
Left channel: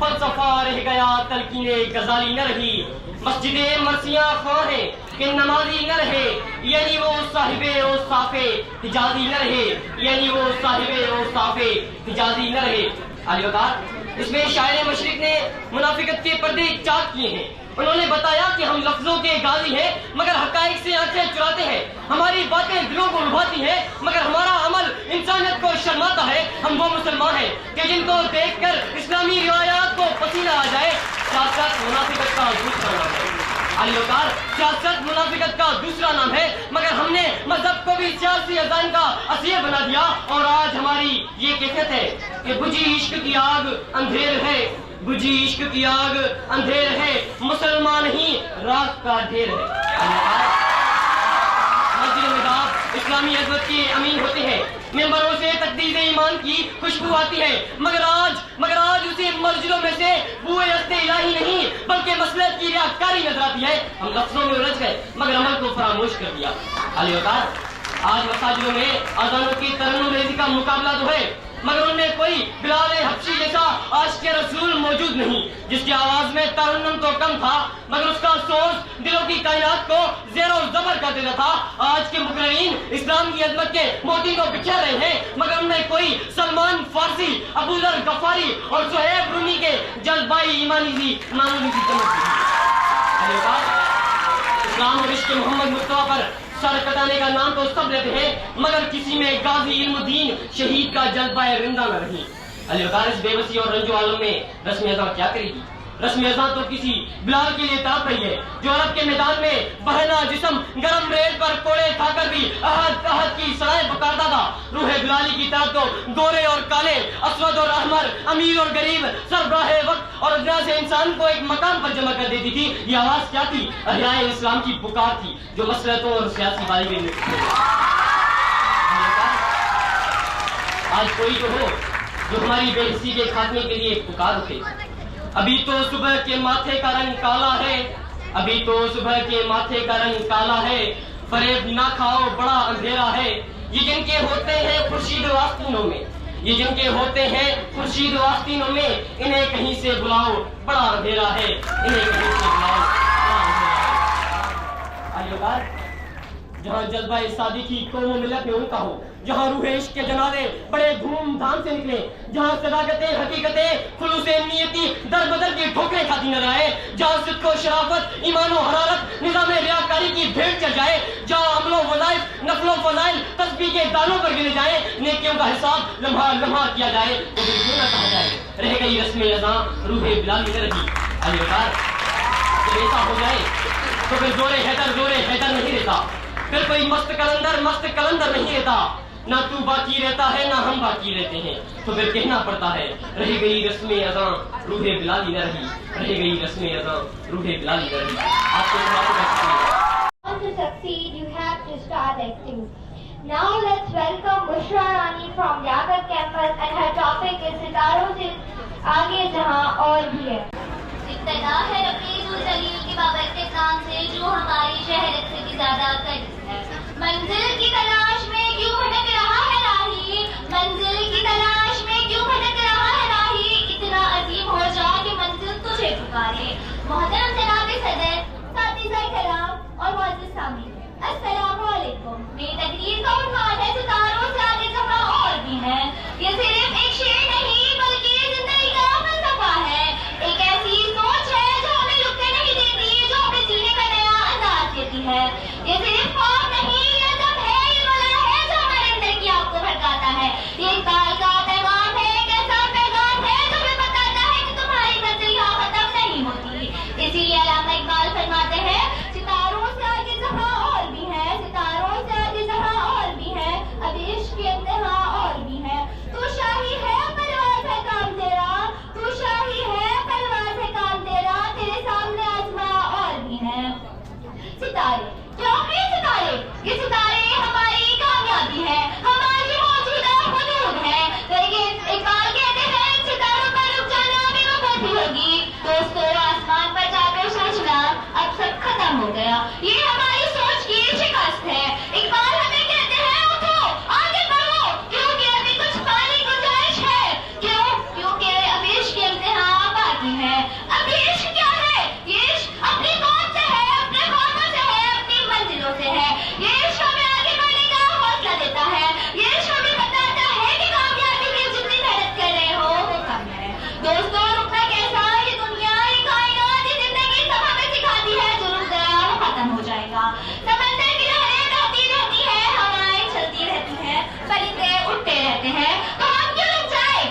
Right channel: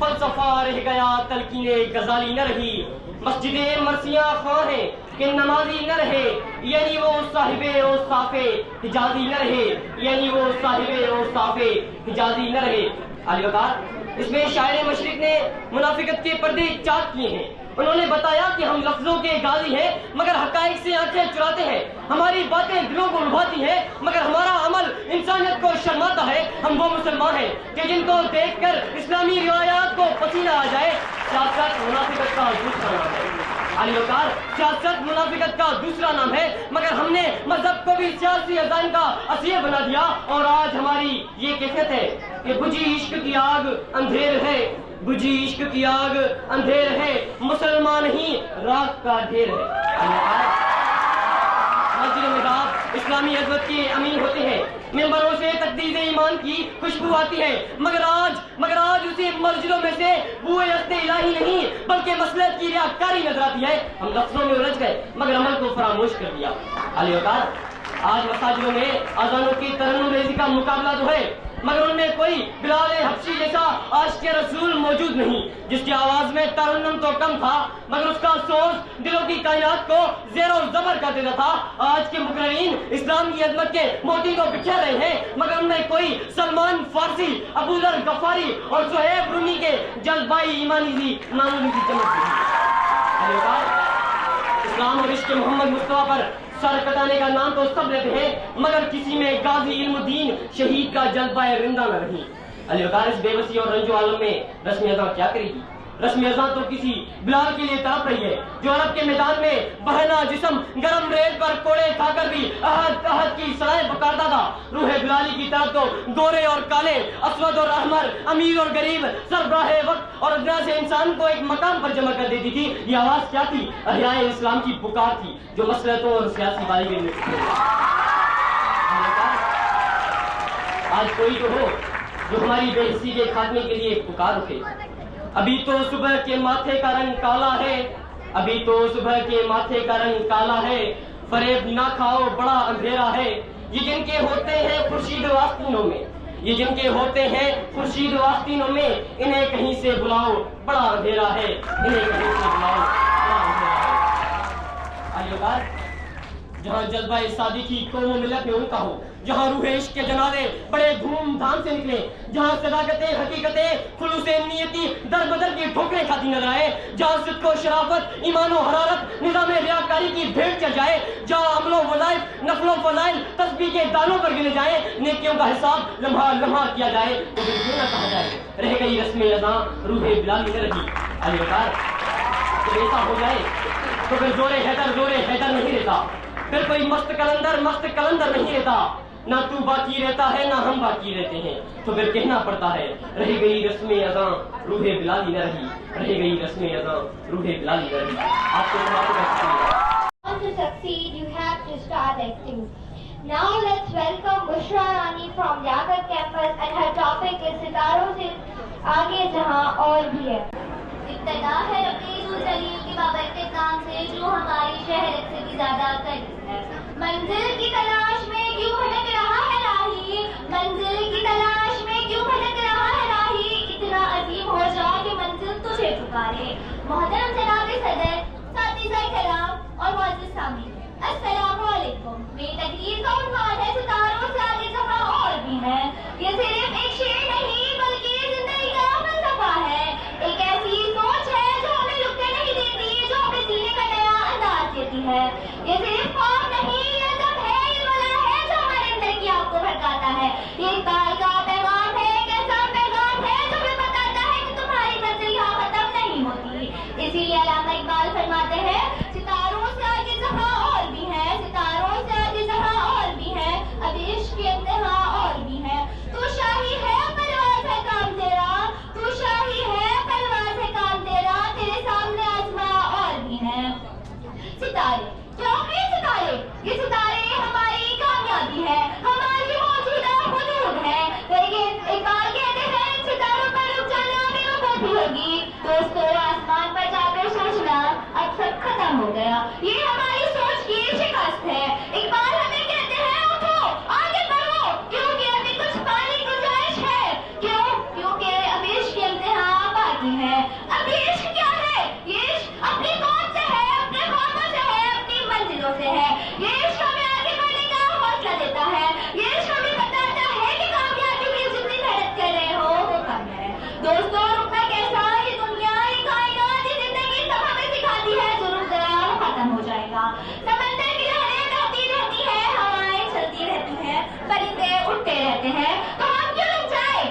फलसफा रह गया तलकीने गजाली न रही। मस्जिदे मरसियां खां है कि नमाजी न रहे, यानी वो साहिबे ओ साफे हिजाजी न रहे, यानी वो साहिबे ओ साफे हिजाजी न रहे। अली वकार, इसमें शायर मशरिक ने मुनाफिकत के पर्दे चाक किए हैं। उन्होंने बताया कि हम लफ्जों के गाजी हैं मगर हकाइक से आंखें चुराते हैं। हमारी बातें दिलों को लुभाती हैं मगर हमारा अमल इंसानियत को शर्माता है। हम वो मुसलमान हैं कि जिनको देखकर इस्लामी रिवायात को पसीना आ जाए। सियासत मुनाफिकत का दूसरा नाम है। अली वकार, सियासत मुनाफिकत का दूसरा नाम है मगर हमने मजहब को भी सियासी अजान का असीर बना दिया। और आज हमारी ये कैफियत है कि बुझी इश्क की आग अंधेर है, बुझी इश्क की आग अंधेर है, मुसलमान ही राख का ढेर है। मस्जिद में दाब इस्लामी अज़मत के अमीन होते हैं, मेंबरों से तकदीर ईमान की खुशबू आती है मगर आज उसी मस्जिदों में से बुए अस्ते इलाही नहीं बल्कि मसलहत की रियाकारी नजर आती है। हम लफ्जों में उलझ गए मगर अमल को फरामोश कर दिया। अली वकार, आज मसाजिदों में अज़ानों की तरन्नुम रेज़ी का मुकाबला तो है मगर उनमें कोई बिलाल हबशी जैसा आशिक़ रसूल मौजूद नहीं, जिसकी आवाज में तरन्नुम तो कम था मगर उसका सोच दिलों की कायनात को ज़ेरो ज़बर कर देता था। आज के मुकर्रीन इस्लाम की अज़मत के मोती को बिखेर रहे हैं मगर उनमें कोई सलमान फारसी, अबू ज़र गफ़ारी और सुहैब रूमी के जज्बाई ईमानी सी मामूली सी चमक नहीं। इस्लाम और इश्क़ मोहम्मद मुस्तफ़ा पर सर कटाने का नाम तो सब लेते हैं मगर किसी में गाजी इल्मुद्दीन शहीद का जज्बा रिंदा न रही। अली वकार इस बेबसी और रंजो आलम में रस्म अज़ां क्या करेगी? रस्म अज़ां तो किसी बिलाल के लिए तड़प रही है जो अरब के मैदान में बहना जिस्म गरम रेत पर कोड़े खाकर भी अहद अहद की सलाएं पुकारता था। रूह बिलाली की तरफ तो गोरे और काले, असवद और अहमर, अमीर और गरीब, सरबराह वक्त और अदना से इंसान को एक मकाम पर जमा कर देती थी। ये आवाज क्या थी? अहियाए इस्लाम की पुकार थी जो मसलतों और सियासी बाजी में आज कोई तो हो जो हमारी बेहिस्सी के खात्मे के लिए पुकार उठे। अभी तो सुबह के माथे का रंग काला है, अभी तो सुबह के माथे का रंग काला है, फरेब ना खाओ बड़ा अंधेरा है। ये जिनके होते हैं खुर्शीद आस्तीनों में, ये जिनके होते हैं खुर्शीद आस्तीनों में, इन्हें कहीं से बुलाओ बड़ा अंधेरा है, इन्हें कहीं से बुलाओ बड़ा अंधेरा है। आइए जहाँ जज्बा शादी की कौमों मिलत में उनका हो, जहाँ रूह इश्क के जनाजे बड़े धूमधाम से निकले, जहाँ सदाकतें हकीकतें खुलूसे नियति दर बदर की ठोकरें खाती नजर आए, जहाँ सिद्क़ व शराफत ईमान व हरारत निज़ाम रियाकारी की भेंट चढ़ जाए, जहाँ अमलो वज़ाइफ नफलो फज़ाइल तस्बीह के दानों पर गिने जाए, नेकियों का हिसाब लम्हा लम्हा किया जाए, तो फिर क्यों न कहा जाए रह गई रस्म अज़ां रूह बिलाली न रही। अली वकार जब ऐसा हो जाए तो फिर जोरे हैदर नहीं रहता, फिर कोई मस्त कलंदर नहीं रहता, ना तू बाकी रहता है ना हम बाकी रहते हैं, तो फिर कहना पड़ता है रह गई रस्म अज़ां रूह बिलाली न रही, रह गई रस्म अज़ां रूह बिलाली न रही। To succeed, you have to start acting. Now let's welcome Bushra Rani from Yagar campus and her topic is सितारों से आगे जहां और भी है। इब्तिदा है रफ़ीक़ुल जलील के बाबरकत नाम से जो हमारी शहरत से भी ज्यादा करीब है। मंजिल की तलाश में क्यों भटक रहा है राही, मंजिल की तलाश में क्यों भटक रहा है राही, इतना अजीम हो जा कि मंजिल तुझे पुकारे। मोहतरम जनाब सदर, साथी कलाम और मुअज़्ज़िज़ सामीन, अस्सलामु अलैकुम। मेरी तकरीर का उन्वान है सितारों से आगे जहां और भी है। ये सिर्फ एक शेर नहीं बल्कि जिंदगी का फलसफा है, एक ऐसी सोच है जो हमें रुकने नहीं देती, जो हमें जीने का नया अंदाज देती है। ये सिर्फ ख्वाब नहीं, ये अदब है, ये वला है जो हमारे अंदर की आग को भड़काता है। ये इक़बाल का पैगाम है, एक ऐसा पैगाम है जो हमें बताता है कि तुम्हारी मंजिल यहाँ खत्म नहीं होती। इसीलिए अल्लामा इक़बाल फरमाते हैं सितारों से आगे जहां और भी है, सितारों से आगे जहां और भी है, अब इश्क़ के इंतहा और भी है। तू शाही है परवाज़ है काम तेरा, तू शाही है परवाज़ है काम तेरा, तेरे सामने आसमां और भी है। सितारे क्या है सितारे? ये सितारे हमारी कामयाबी है, हमारी मौजूदा हुदूद है, लेकिन इक़बाल कहते हैं इन सितारों पर रुक जाना बेवकूफ़ी होगी। दोस्तों आसमान पर जाकर सोचना अब सब खत्म हो गया, ये हमारी सोच की शिकस्त है। इक़बाल हमें कहते हैं उठो आगे बढ़ो, क्योंकि अभी कुछ पाने की गुंजाइश है। क्यों? क्योंकि अब इश्क़ के इम्तिहान बाकी है। अब ये इश्क़ क्या है? ये इश्क़ अपनी कौम से है, अपने ख्वाबों से है, अपनी मंजिलों से है। ये इश्क़ हमें आगे बढ़ने का हौसला देता है, ये इश्क़ हमें बताता है कि कामयाबी के लिए जितनी मेहनत कर रहे हो वो कम है। दोस्तों रुकना कैसा, ये दुनिया ये कायनात ये जिंदगी सब हमें सिखाती है, जो रुक गया वो खत्म हो जाएगा। समंदर की लहरें बहती रहती है, हवाएं चलती रहती हैं, परिंदे उड़ते रहते हैं, तो हम क्यों रुक जाए?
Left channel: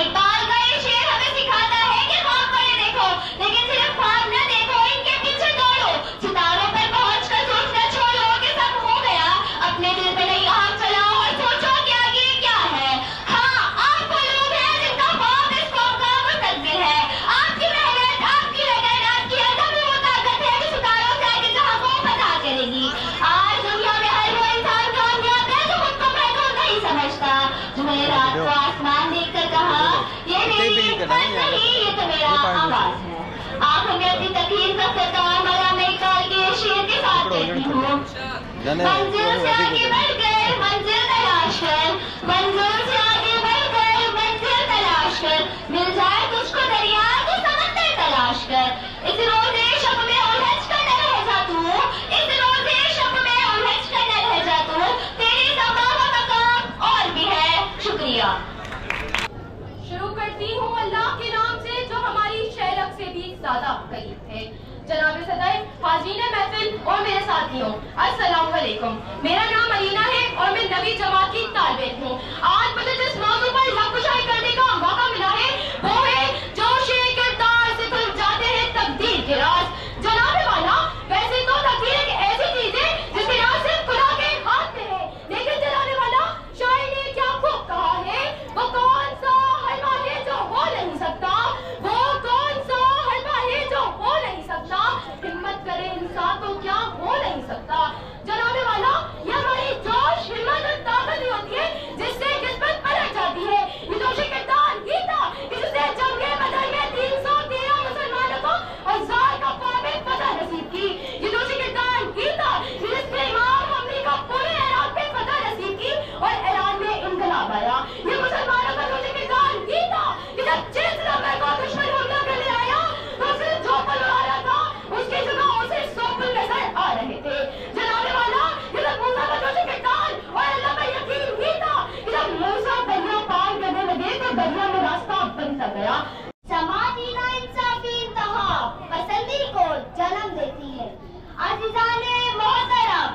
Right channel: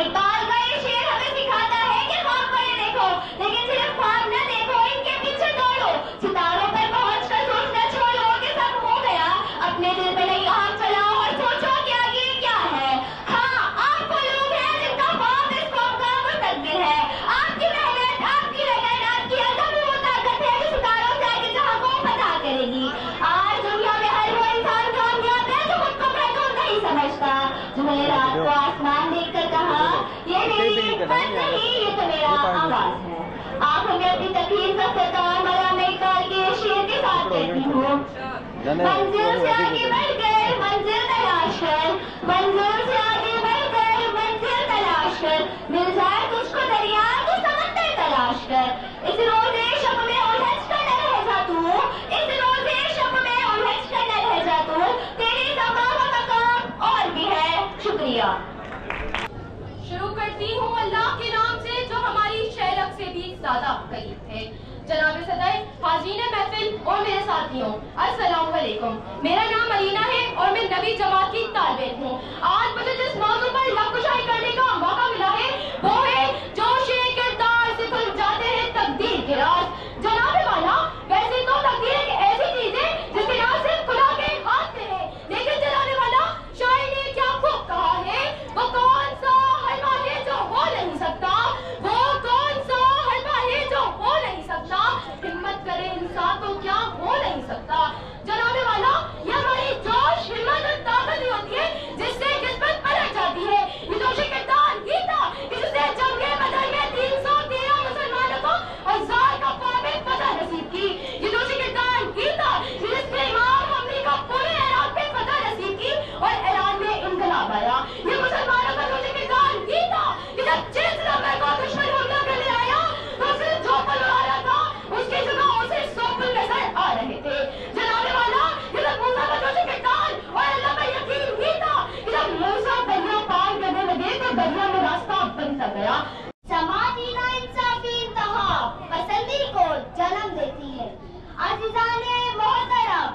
इक़बाल का ये शेर हमें सिखाता है कि ख्वाब बड़े देखो, लेकिन सिर्फ ख्वाब न देखो, इनके पीछे दौड़ो। सितारों पर पहुंचकर सोचना छोड़ो कि सब हो गया, अपने दिल में नई आग चलाओ और सोचो कि आगे क्या है। हाँ, आप वो लोग हैं जिनका ख्वाब इस कौम का मुस्तक़बिल है। आपकी मेहनत, आपकी लगन, आपकी अज़म ही वो ताकत है जो सितारों से आगे जहां को फतह करेगी। आज दुनिया में हर वो इंसान कामयाब है जो खुद को महदूद नहीं समझता, जो मैंने रात को आसमान देखकर कहा ये मेरी हिम्मत नहीं, ये तो मेरा आवाज है। आप हमें अपनी तकलीफ का ख़त्म अल्लामा इक़बाल के शेर के साथ कहती हूँ। मंजिल से आगे बढ़कर मंजिल तलाश कर, मंजिल से आगे बढ़कर मिल जाए तुझको दरिया तो समंदर तलाश कर, इस रोज़े शब में उलझ कर न रह जा तू, इस रोज़े शब में उलझ कर न रह जा तू, तेरी ज़बान का मकाम और भी है। शुक्रिया। शुरू करती हूँ अल्लाह के नाम से जो हमारी शैलक से भी ज्यादा करीब है। जनाब सदर, हाज़रीन महफिल और मेरे साथियों, अस्सलाम वालेकुम। मेरा नाम अलीना है और मैं नवी जमात की तालिब हूँ। आज मुझे जिस मौजू पर लफ्ज़शाही करने का मौका मिला है वो है जोशे किरदार से खुल जाते हैं तकदीर के राज। जनाब वाला, वैसे तो तकदीर एक ऐसी चीज है जिसके राज सिर्फ खुदा के हाथ में है, लेकिन जनाब वाला, शायर ने क्या खूब कहा है, वो कौन सा हलवा है जो हो नहीं सकता, वो कौन सा हलवा है जो हो नहीं सकता, हिम्मत करे इंसान तो क्या हो नहीं सकता। जनाब वाला, ये हमारी जोश, हिम्मत और ताकत ही होती है जिससे किस्मत पलट जाती है। ये जोश किरदार ही था जिससे जंगे बदर में 313 मुसलमानों को हजार का काबिल फतह नसीब की। ये जोश किरदार ही था जिससे इमाम हमने का पूरे इराक पे फतह नसीब की और ईरान में इनकलाब आया। ये मुसलमानों का जोश किरदार ही था कि जब 6 नंबर को दुश्मन हमला करने आया तो उसे जो पल आ रहा था उसकी जगह उसे 100 पल नजर आ रहे थे। जनाब वाला, ये जब मूसा का जोश किरदार और अल्लाह का यकीन ही था कि जब मूसा दरिया पार करने लगे तो दरिया में रास्ता बनता गया। समाजी नाइंसाफी इंतहा पसंदी को जन्म देती है। अज़ीज़ाने मोहतरम,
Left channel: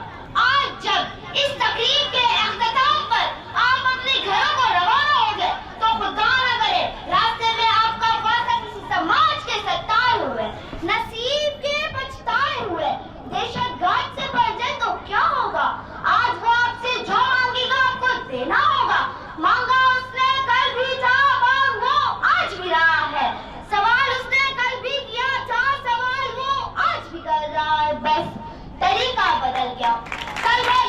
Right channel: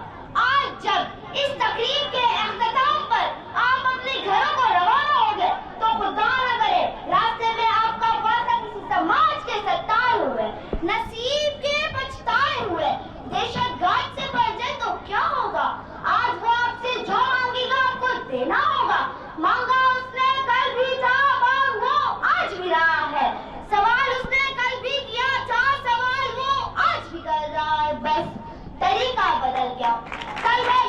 आज जब इस तकरीब के अख्ताम पर आप अपने घरों को रवाना हो गए तो खुदा न करे रास्ते में आपका वास्ता किसी समाज के सताए हुए, नसीब के पछताए हुए दहशतगर्द से पड़ जाए तो क्या होगा। आज वो आपसे जो मांगेगा आपको देना होगा। मांगा उसने कल भी था, मांग वो आज भी रहा है। सवाल उसने कल भी किया था, सवाल वो आज भी कर रहा है, बस तरीका बदल गया। कल में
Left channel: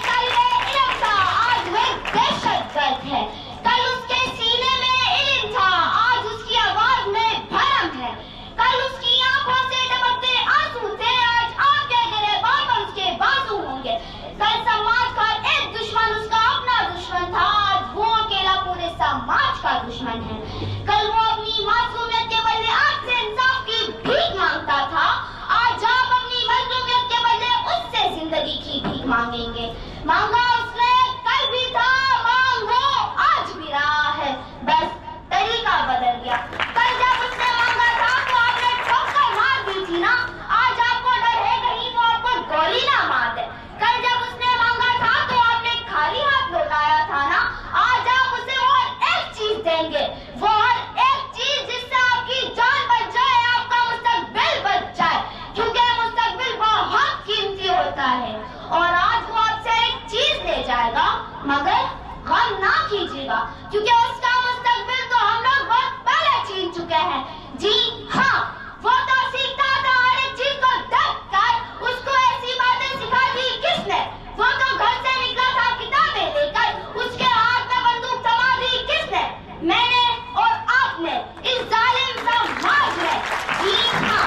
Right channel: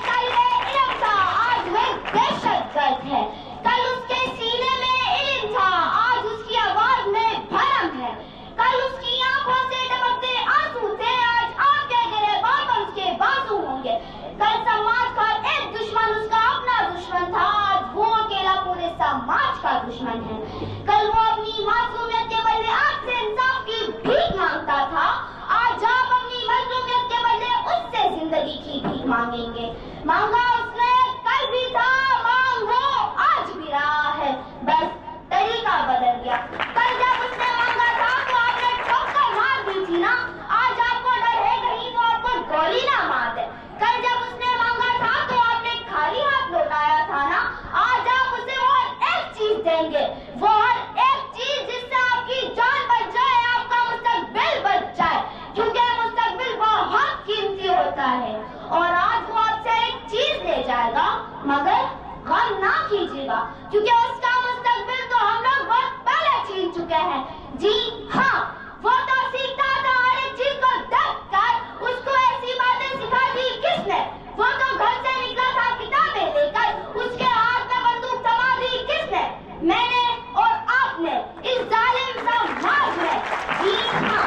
इल्म था, आज वह दहशतगर्द है। कल उसके सीने में इल्म था, आज उसकी आवाज में भरम है। कल उसकी आंखों से टपकते आंसू थे, आज आपके गिरेबान पर उसके बाजू होंगे। कल समाज का एक दुश्मन उसका अपना दुश्मन था, आज वो अकेला पूरे समाज का दुश्मन है। कल वो अपनी मासूमियत के बदले आपसे इंसाफ की भीख मांगता था, आज आप अपनी मजलूमियत के बदले उससे जिंदगी की भीख मांगेंगे। मांगा उसने कल भी था, मांग वो आज भी रहा है, बस तरीका बदल गया। कल जब उसने मांगा था तो आपने ठोकर मार दी थी ना, आज आपको डर है कहीं वो आपको गोली ना मार दे। कल जब उसने मांगा था तो आपने खाली हाथ लौटाया था ना, आज आप उसे और एक चीज देंगे, वो हर एक चीज जिससे आपकी जान बच जाए, आपका मुस्तकबिल बच जाए, क्योंकि मुस्तकबिल बहुत कीमती होता है। और आज वो आपसे एक चीज ले जाएगा, मगर गम ना कीजिएगा, क्योंकि उसका मुस्तकबिल तो हम लोग बहुत पहले छीन चुके हैं। जी हाँ, वो तो सीखता था हर एक चीज को देख कर, उसको ऐसी बातें सिखा दी किसने। वो तो घर से निकला था किताबें लेकर, उसके हाथ में बंदूक थमा दी किसने, मैंने और आपने, इस जालिम समाज में। जी हाँ,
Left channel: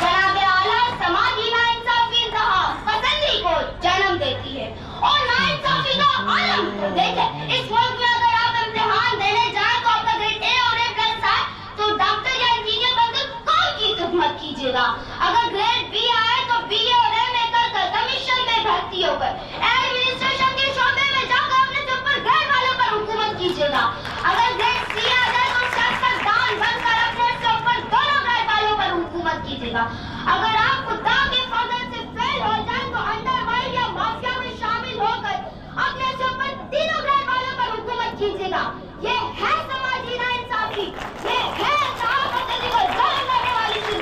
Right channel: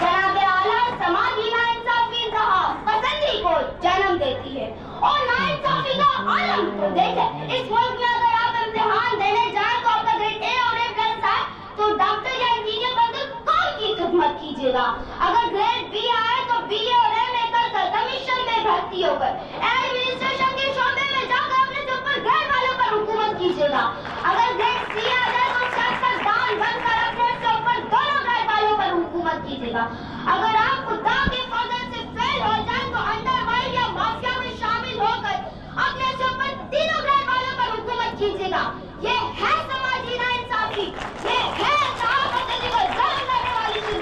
जनाबे आला, समाजी नाइंसाफी इंतहा पसंदी को जन्म देती है और नाइंसाफी का आलम को देखें। इस मुल्क में अगर आप इम्तिहान देने जाए तो आपका ग्रेड A और A+ आए तो डॉक्टर या इंजीनियर बनकर कौन की खिदमत कीजिएगा। अगर ग्रेड B आए तो BA और MA कर कमीशन में भर्ती होकर एडमिनिस्ट्रेशन के शोबे में जाकर अपने से ऊपर ग्रेड वालों पर हुकूमत कीजिएगा। अगर ग्रेड C आ जाए तो सियासतदान बनकर अपने से ऊपर दोनों ग्रेड वालों पर हुकूमत कीजिएगा। अगर आप खुदा के फजल से फेल हो जाए तो अंडरवर्ल्ड या माफिया में शामिल होकर अपने से ऊपर तीनों ग्रेड वालों पर हुकूमत कीजिएगा। ये है समाजी नाइंसाफी, ये है पसंदी को जन्म देने वाली चीज।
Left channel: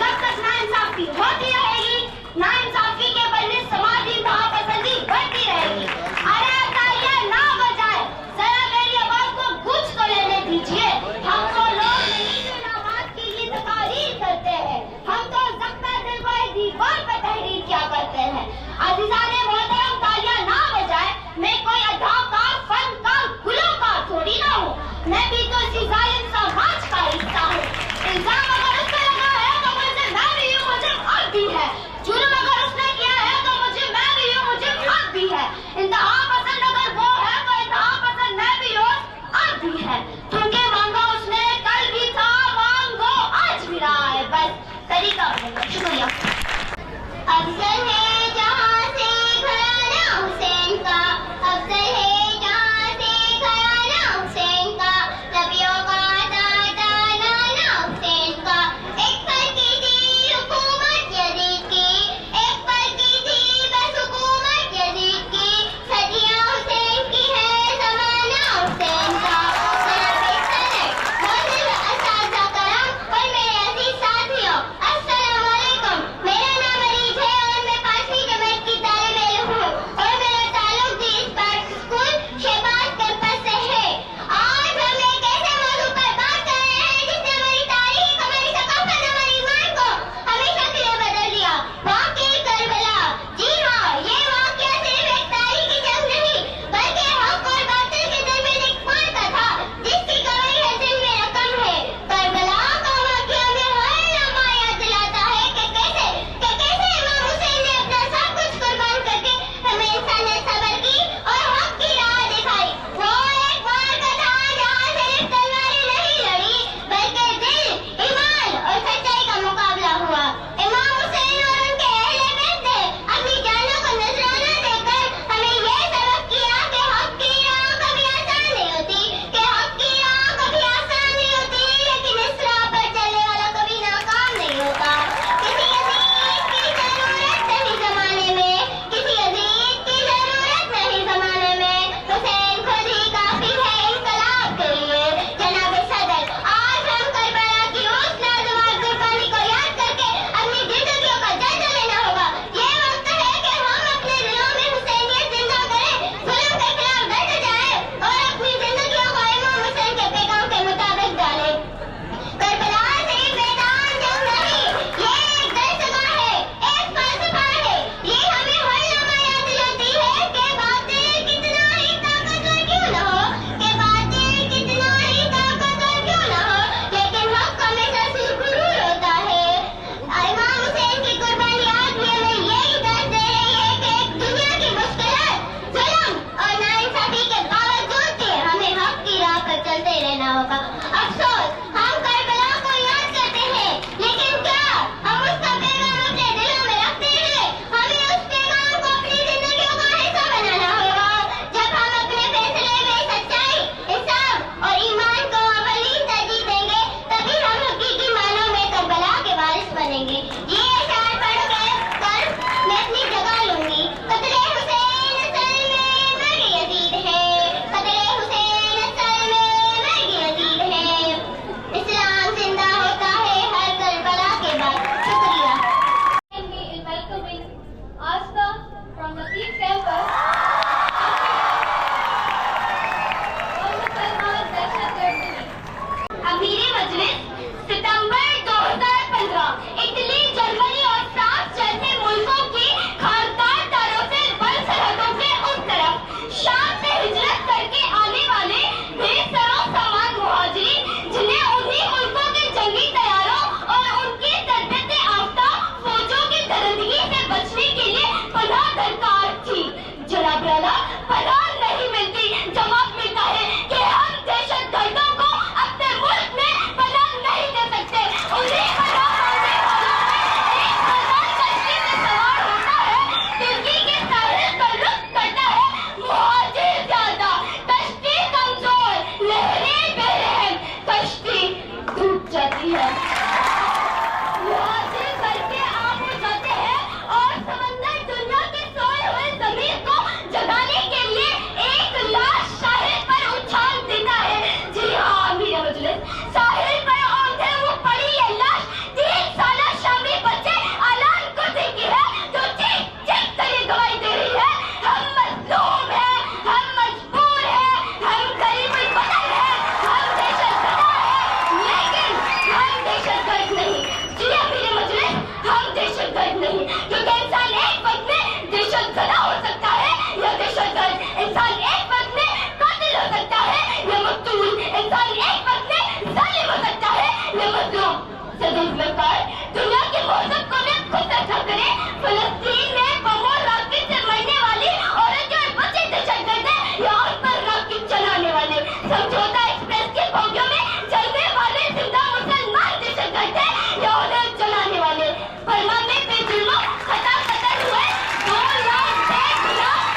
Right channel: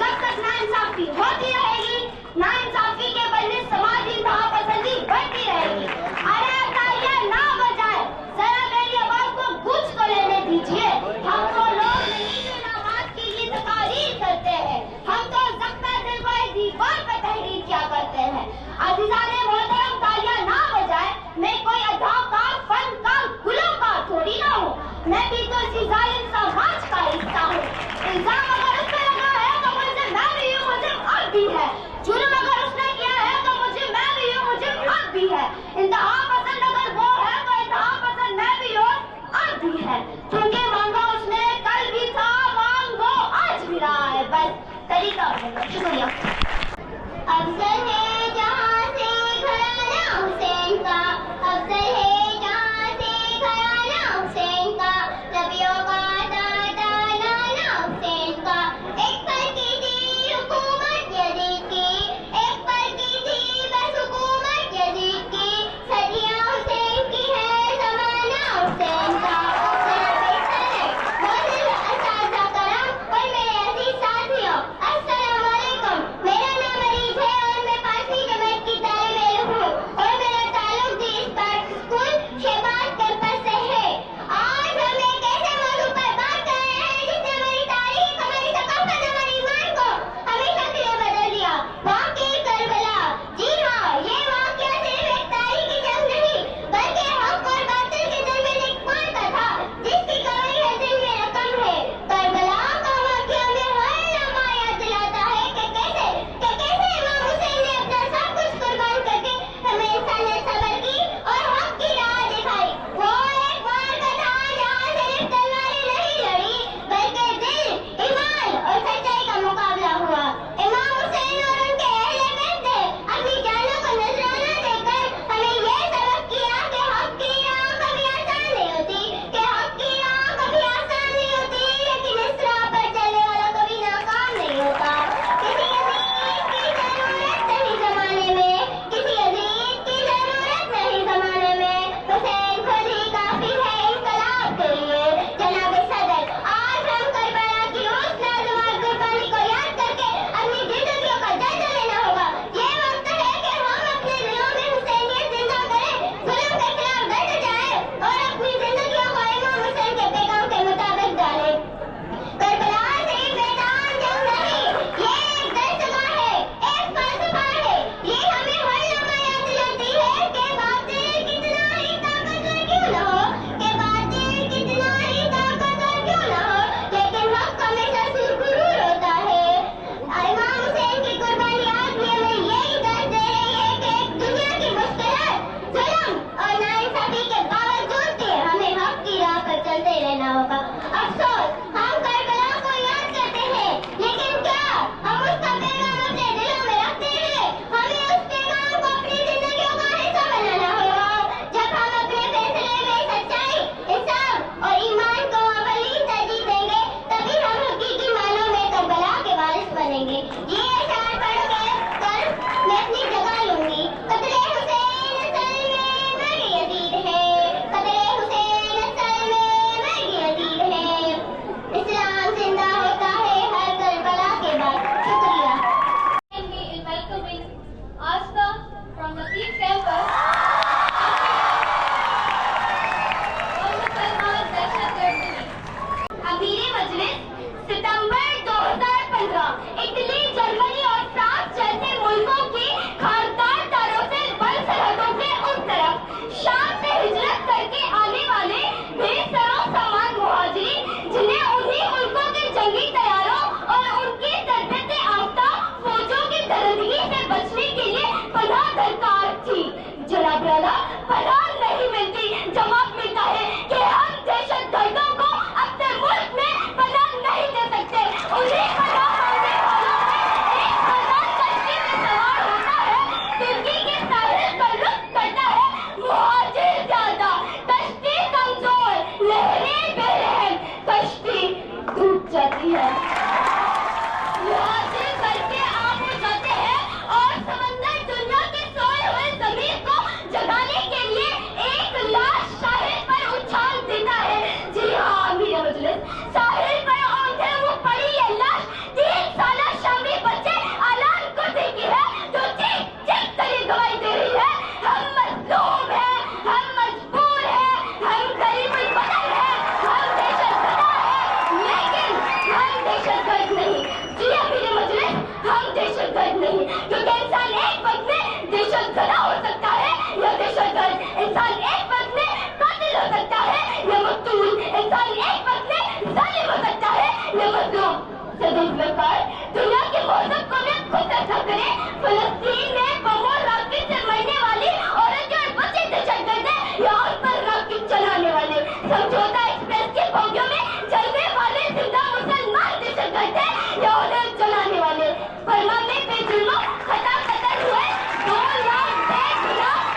जब तक नाइंसाफी होती रहेगी, नाइंसाफी के बदले समाजी पसंदी बढ़ती रहेगी। अरे तालियां ना बजाए, जरा मेरी आवाज को गूंज तो लेने दीजिए। हम तो लोग नहीं जो नमाज की ये तकारीर करते हैं, हम तो ज़ख्म दिल को एक दीवार पर तहरीर क्या करते हैं। अज़ीज़ाने मोहतरम, तालियां ना बजाए, मैं कोई अदाकार, फनकार, गुलकार थोड़ी ना हूँ, मैं भी तो इसी जालिम समाज का हिस्सा हूँ। इल्जाम अगर उस पे लगा है तो मुझे मैं भी हूँ, मुझे हक भी है। जुर्म अगर उसने किया है तो मुझे मैं भी हूँ, मुझे हक भी है। इंतहा पसंद अगर वो है तो इंतहा पसंद मैं भी हूँ, हक भी है। क्योंकि समझौता एक्सप्रेस के बोगियों में चलने वाले जिंदा मुसलमान दहशतगर्द थे या उन्हें जलाने वाले। बर्मा में बेजुर्मों खता कतल हुए 2 लाख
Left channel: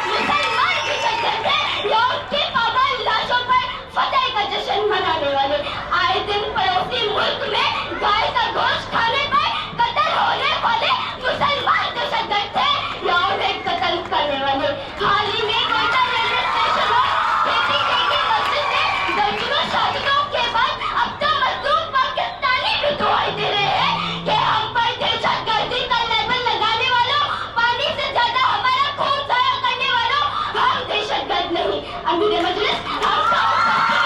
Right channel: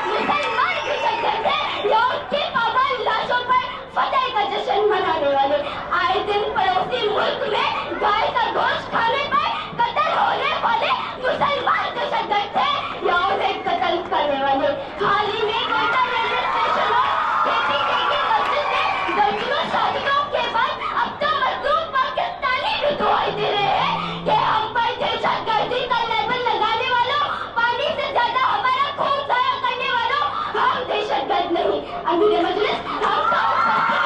मुसलमान दहशतगर्द थे या उनकी पावन लाशों पर फतेह का जश्न मनाने वाले। आए दिन पड़ोसी मुल्क में गाय का गोश्त खाने पर कत्ल होने वाले मुसलमान दहशतगर्द थे या उन्हें कत्ल करने वाले। हाल ही में कोयटा रेलवे स्टेशन और KPK की मस्जिद में दर्जनों शहादतों के बाद अब तो मजलूम पाकिस्तानी भी दुआई दे रहे हैं कि हम पर दहशतगर्दी का लेबल लगाने वालों, पानी से ज्यादा हमारा खून जाया करने वालों, हम दहशतगर्द नहीं। अमीर मजलिस हम समझते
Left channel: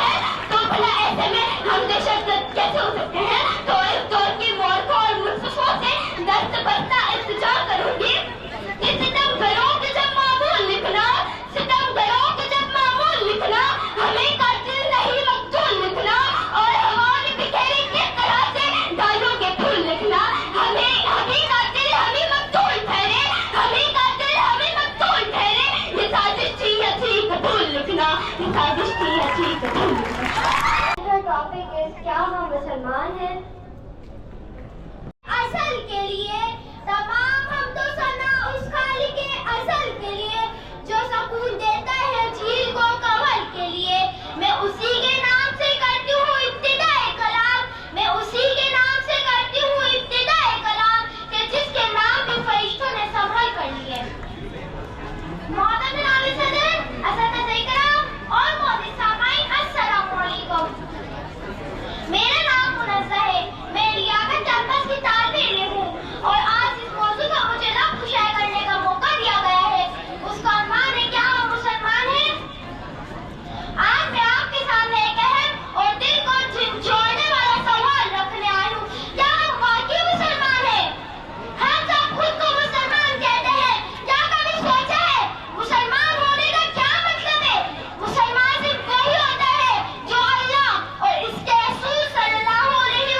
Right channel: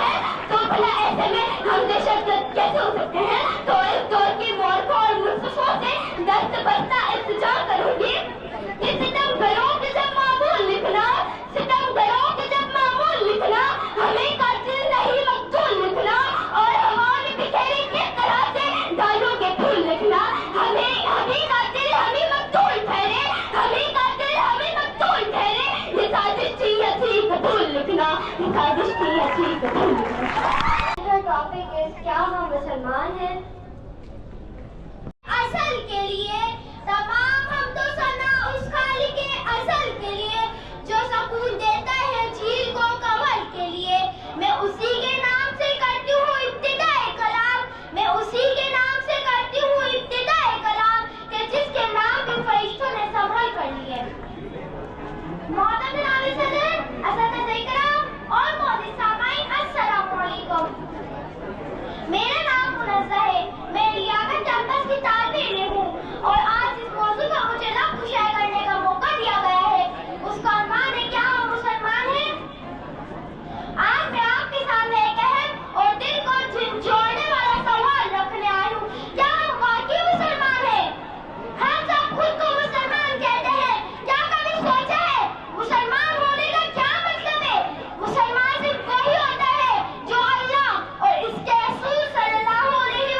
हैं, तो भला ऐसे में हम दहशतगर्द कैसे हो सकते हैं? तो इस दौर की मौरखों और मुस्तफों से दस्त बस्ता इल्तिजा करूंगी कि सितमगरों के जब मामूल लिखना, सितमगरों के जब मामूल लिखना, हमें कातिल नहीं मकतूल लिखना, और हमारी बिखेरी किस तरह से डालोगे फूल लिखना। हमें कातिल हमें मकतूल ठहरे, हमें कातिल हमें मकतूल ठहरे, ये साजिश थी अच्छी कबूल लिखना, ये साजिश थी अच्छी कबूल लिखना। टॉपिक इज क्या हम मुसलमान हैं? असल के लिए तमाम हम तो सना उस खालिक के असल के लिए जो सुकून देता है झील को कमल के लिए। मैं उसी के नाम से करती हूँ इब्तिदाए कलाम, मैं उसी के नाम से करती हूँ इब्तिदाए कलाम कि जिसके नाम भी फरिश्तों ने संभल कर लिए। मोहतरम जनाब सदर, असतिज़ा इकराम और मोहतरम सामाईन, अस्सलामु अलैकुम। मेरा नाम मुनज़्ज़ा है, मैं लियाकत कैंपस की तालिब इल्म हूँ और आज इस मौजू का मुझे लफ्ज़ शाये करने का मौका दिया गया है। उसका उन्वान है क्या हम मुसलमान हैं? आज मैं आपके सामने एक अहम और दिल को झंझोड़ने वाला सवाल रखने आई हूँ, क्या हम वाकई मुसलमान हैं? हम सब खुद को मुसलमान कहते हैं, क्या कभी सोचा है मुसलमान होने का क्या मतलब है? मुसलमान सिर्फ वही होता है जो अल्लाह और इसके रसूल सल्लल्लाहु अलैहि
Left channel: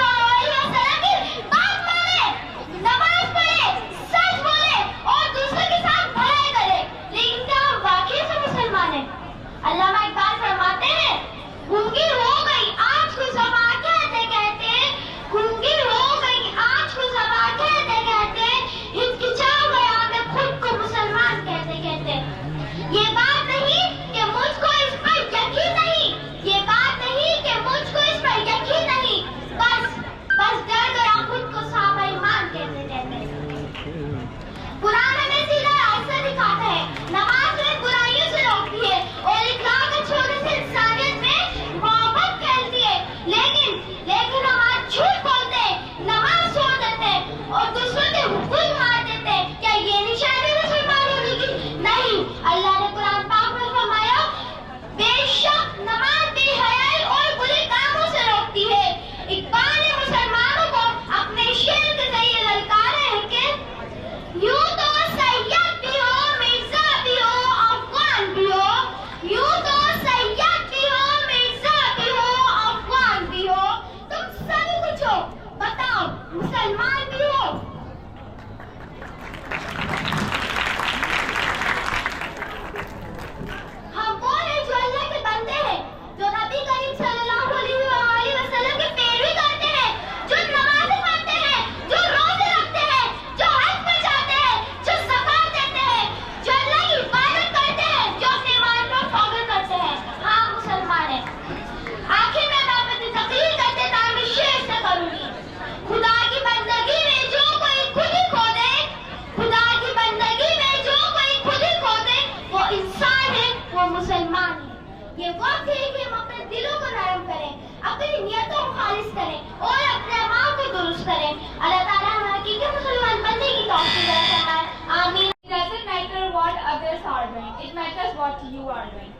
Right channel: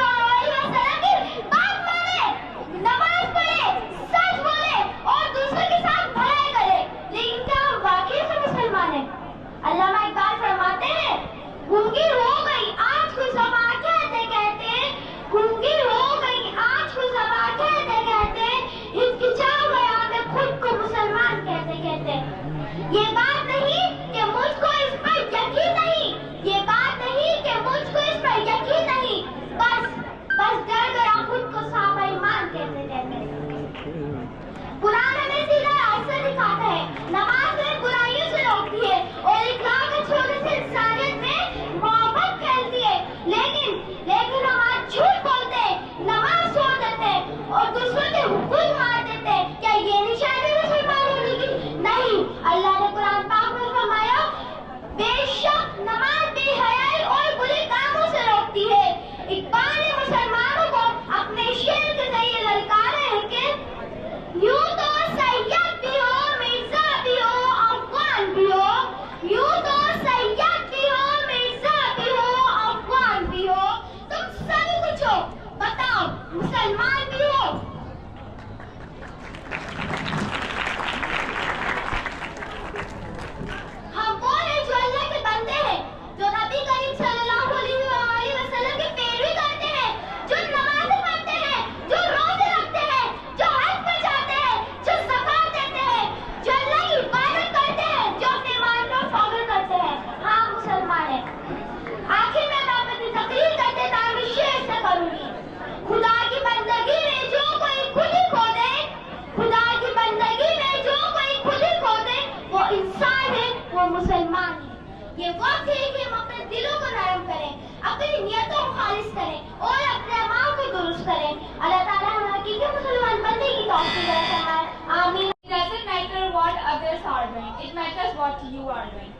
वसल्लम की बात माने, नमाज पढ़े, सच बोले और दूसरों के साथ भलाई करे। लेकिन क्या हम वाकई से मुसलमान हैं? अल्लामा इकबाल फरमाते हैं, गूंगी हो गई आज को ज़बां कहते कहते, गूंगी हो गई आज को ज़बां कहते कहते, हिचकिचा गया मैं खुद को मुसलमान कहते कहते। ये बात नहीं कि मुझको इस पर यकीन नहीं, ये बात नहीं कि मुझको इस पर यकीन नहीं, बस डर गया खुद को साहब ईमान कहते कहते। कुरान हमें सीधा रास्ता दिखाता है, नमाज में बुराइयों से रोकती है और इखलाक के छोड़ने से इंसानियत में मोहब्बत फैलती है। लेकिन हम आज झूठ बोलते हैं, नमाज छोड़ देते हैं और दूसरों के हुकूक मार देते हैं। क्या ये निशानी मुसलमान होने की? नहीं, अल्लाह ने कुरान पाक में फरमाया, बेशक नमाज बेहयाई और बुरे कामों से रोकती है। इकबाल ने मुसलमानों को अपने शेर के जरिए ललकारा है कि यूं तो सैयद भी हो, मिर्जा भी हो, अफगान भी हो, यूं तो सैयद भी हो, मिर्जा भी हो, अफगान भी हो, तुम सभी कुछ हो, बताओ मुसलमान भी हो? हम वो हैं जो अल्लाह के बंदे हैं, जो नबी करीम सल्लल्लाहु अलैहि वसल्लम की पैरवी करते हैं, जो नमाज़ें पढ़ते हैं, जो रोजे रखते हैं, जो हज पर जाते हैं, जो ज़कात देते हैं, जो अल्लाह की इबादत करते हैं, जो अपने ईमान को फख्र करते हैं। हाँ, मुसलमान हैं। आखिर में मैं अपनी तकरीर करते टाइम शेर से करूंगी, खुदा की बंदगी में जो कोई खुद ही खो दे, खुदा की बंदगी में जो कोई खुद ही खो दे, वो इंसान है, वो मुसलमान है। ये वक्त है कि हम अपने दिलों को नरम करें, अपनी नियतों को खालिस करें और अपने अमाल को दुरुस्त करें। अल्लाह ताला हमें हकीकी मुसलमान बनने की तौफीक अता फरमाए। आमीन। It doesn't matter what others are doing, it matters what you are doing.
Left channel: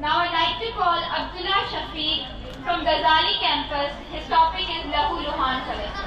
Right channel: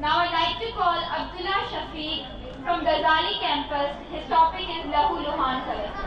Now I'd like to call Abdullah Shafiq from Ghazali campus. His topic is Lahu Luhan Collection.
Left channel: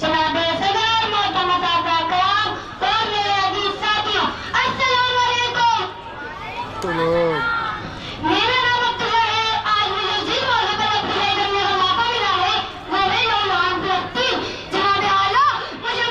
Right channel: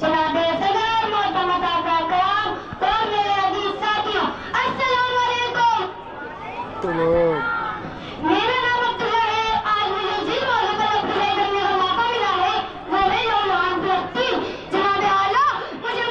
जनाब सदर, मोहतरम साहब कराम और मेरे अजीज साथियों, अस्सलाम वालेकुम। मेरा नाम अब्दुल्ला है। आज मुझे जिस मौजू पर अपने करने का मौका मिला है वो है जनाब आला मुझे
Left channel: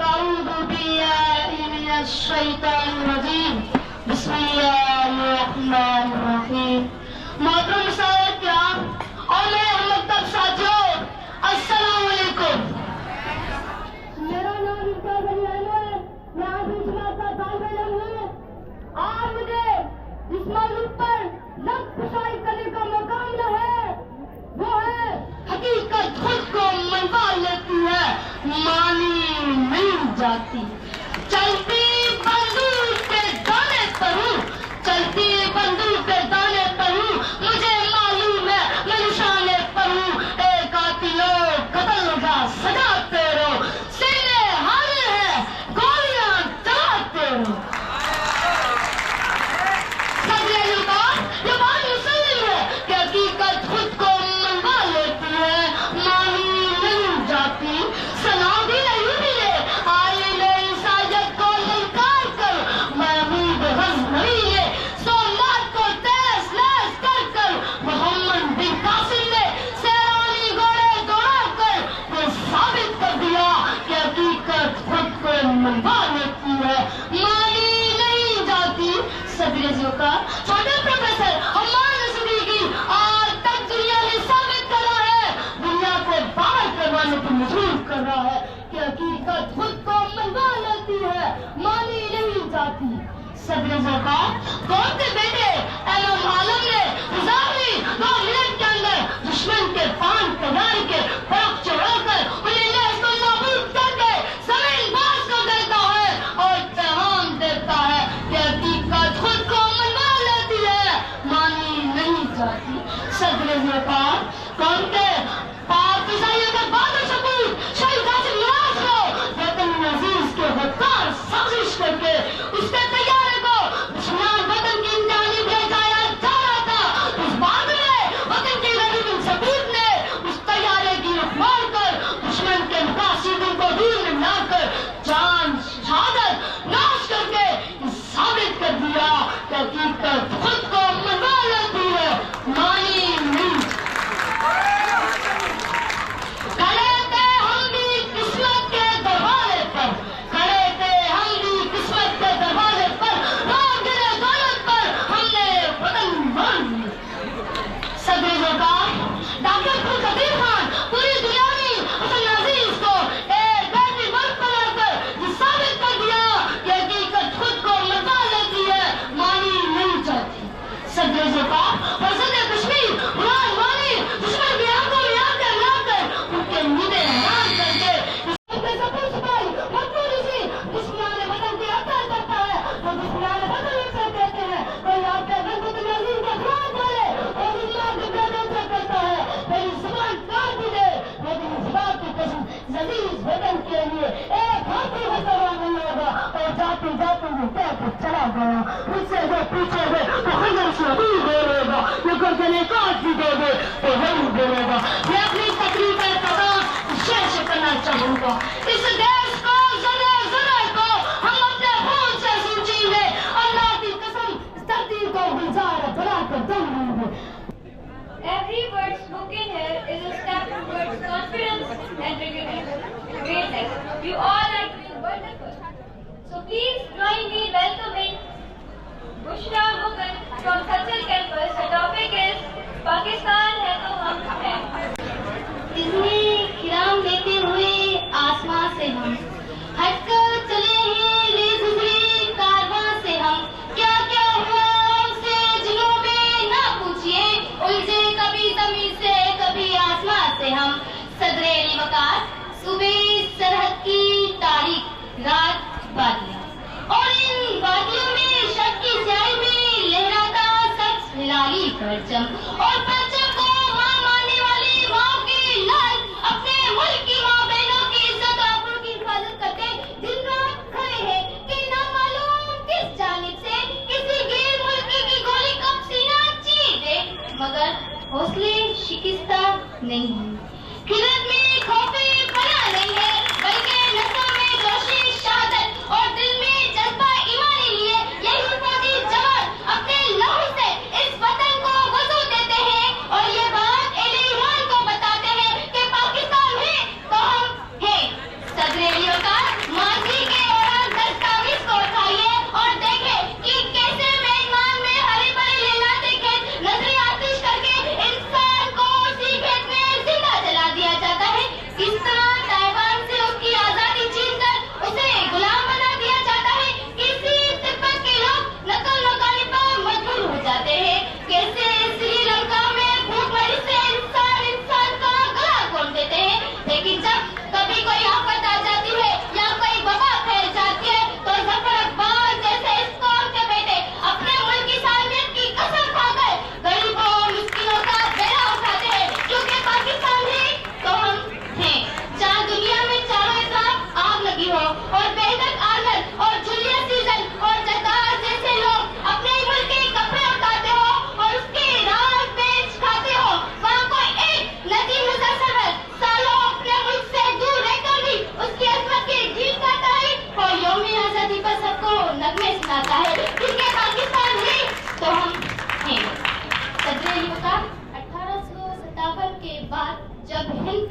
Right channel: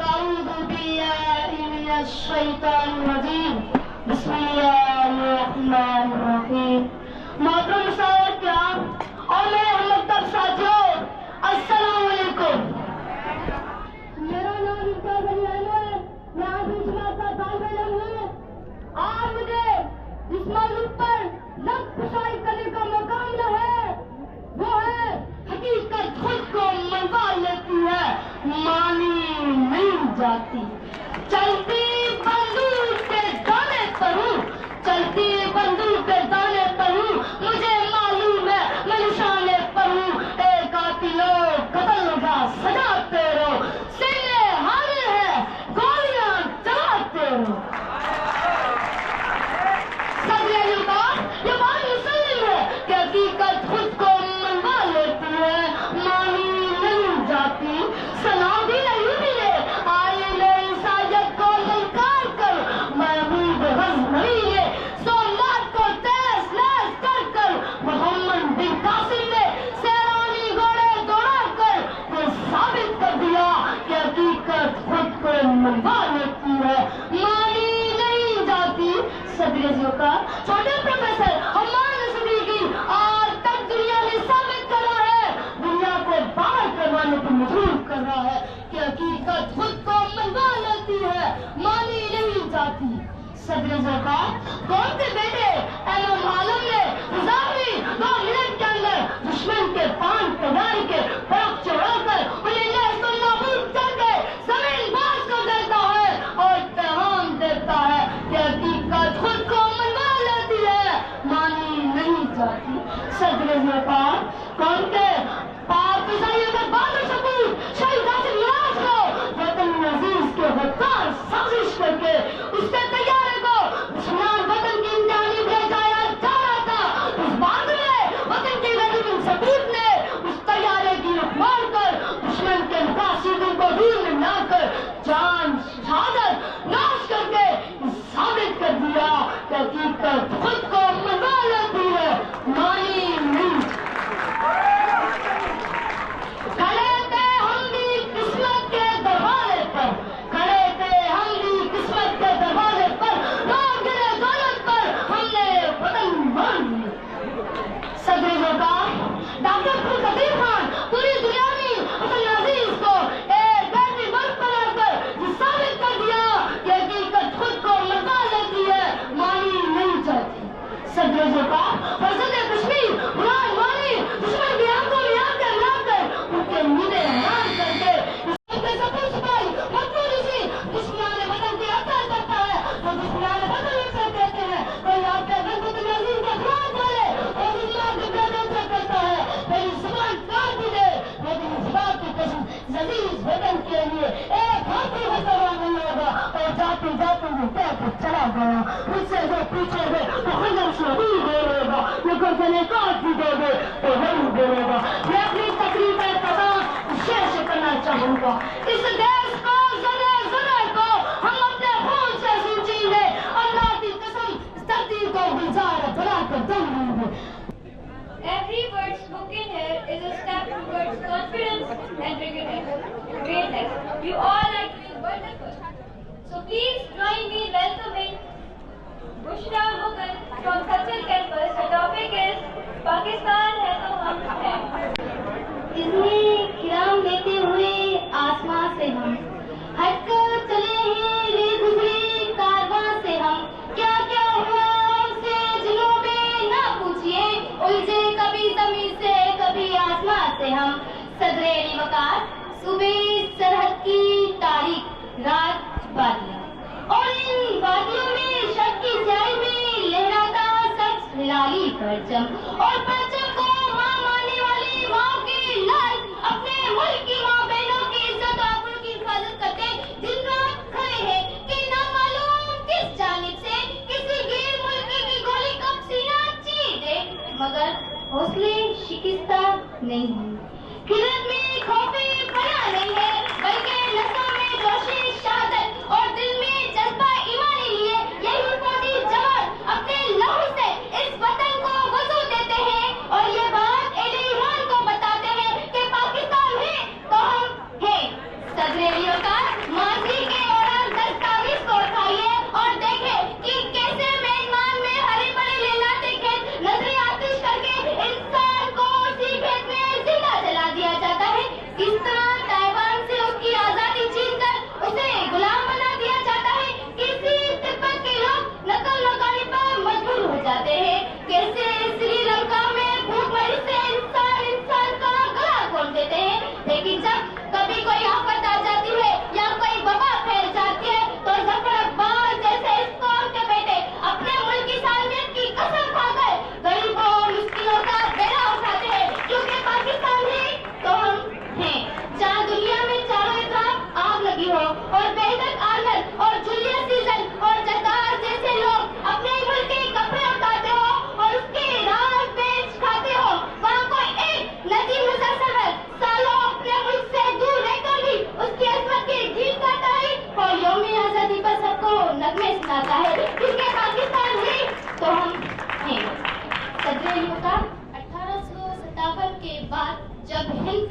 अऊज़ु बिल्लाहि मिनश शैतानिर रजीम। बिस्मिल्लाहिर्रहमानिर्रहीम। मोहतरम साहब किराम और मेरे हमदर्द साथियों, अस्सलाम वालेकुम। मेरा नाम इम्तियाज अली अहमद है, मैं आठवीं जमात का तालिब इल्म हूँ। आज मुझे इस मौजू पर लफ्ज़ कुशाई करने का मौका मिला है, वो है हकीकत खुद को मनवा लेती है, मानी नहीं जाती। चलती बंदूक के दाने पर हूँ, चलती बंदूक के दाने पर हूँ, मुझे मालूम है मैं निशाने पर हूँ। एक कातिलों कत्ल का सजाते रहो, सीने हाजिर है गोलियां चलाते रहो। ये बात मुसल्लिम है कि हकीकत खुद को मनवा लेती है, मानी नहीं जाती। सलामी नहीं मिले आईने इंसानियत को ललकार कर, महबूब गज़नवी ने सोमनाथ को तहस नहस कर कर, मोहम्मद बिन कासिम ने सैरानी घोड़े दौड़ा कर ये साबित कर दिया कि हकीकत खुद को मनवा लेती है, मानी नहीं जाती। सदर का छोटे प्रोफेसर हमारे नसीबी आज तक दुनिया ने साबित करा है, दुनिया को बाहर करवाने पर मजबूर कर रहा है कि हकीकत खुद को मनवा लेती है, मानी नहीं जाती। सदर का कौन के बेटे इमाम आलम ने 2 मिनट के अंदर दुश्मन के पान तैयार के परख चढ़ाकर उन्हें नाबूद करके जमीन बाज कर देता है और पैगाम देता है कि हकीकत खुद को मनवा लेती है, मानी नहीं जाती। सदर कौन के पाक फिजाइयों के बहादुर सपूत शहीद कासिम नवाज को वतन अजीज के गद्दार साजिश करके उसके तैयारे को दुश्मन वतन की इंतहानी भेजाया जा रहा था। उस बाद में वतन के गरीब सपूत ने उस तैयारे की रुख मार कर दुश्मन के मुकासिदों को दूर में लाकर जान शहादत नाश करके साबित कर दिया कि हकीकत खुद को मनवा लेती है, मानी नहीं। खड़े थे हम भी किस्मत के दरवाजे पर, खड़े थे हम भी किस्मत के दरवाजे पर, रोक गिरे दौलत पर हमने वतन मान लिया। सदर का डॉक्टर कबीर खान पूरी दुनिया में वतन अजीज को एक ऐसी मुल्क बनाकर साबित कर दिया कि हकीकत खुद को मनवा लेती है, मानी नहीं जाती। सदर का फरसद कश्मीर कुरान मानी दुश्मन की आंखों में आंखें मिलाकर उनके नींदें हराम करके दुश्मन वतन की हत्या करता है, तो दुश्मन वतन से कहते हैं कोई आपके वतन अजीज का खुरान बोले और दुश्मन के बेदन से कहता है मेरी जुबान काट भी दे, लेकिन इस बात की कसम अजीज वतन के लिए एक हाथी हथवा नहीं होगा। और जाते जाते वो कहकर चला गया, मुझसे जो पूछेंगे तो खंजर से दूर बोलेगा, वो गर्दनें काट भी देंगे तो जरूर बोलेगा। मैं अपनी तकलीफ शेयर करना चाहूंगा, इस देश को जरे जरे को हम अपने खून से सींचेंगे, अल्लाह की कसम इस धरती को गुलजार बनाकर दम लेंगे। Every word spoken here is a step towards confidence and greatness. You all are doing wonderful. So please join me in welcoming Bushra Mughal from Cultural Campus. The topic is Pakistan है तो हम हैं। इसमें खिराम लेते हुए आसमां से हम हटकर चले हैं रे गुजरे कारवां से हम, क्या क्या हुआ हमसे जिलों में ना पूछिए, उलझे कभी जमीन से कभी आसमां से हम। सदरे वकार सुबह सरहद की तारीख रात बादियां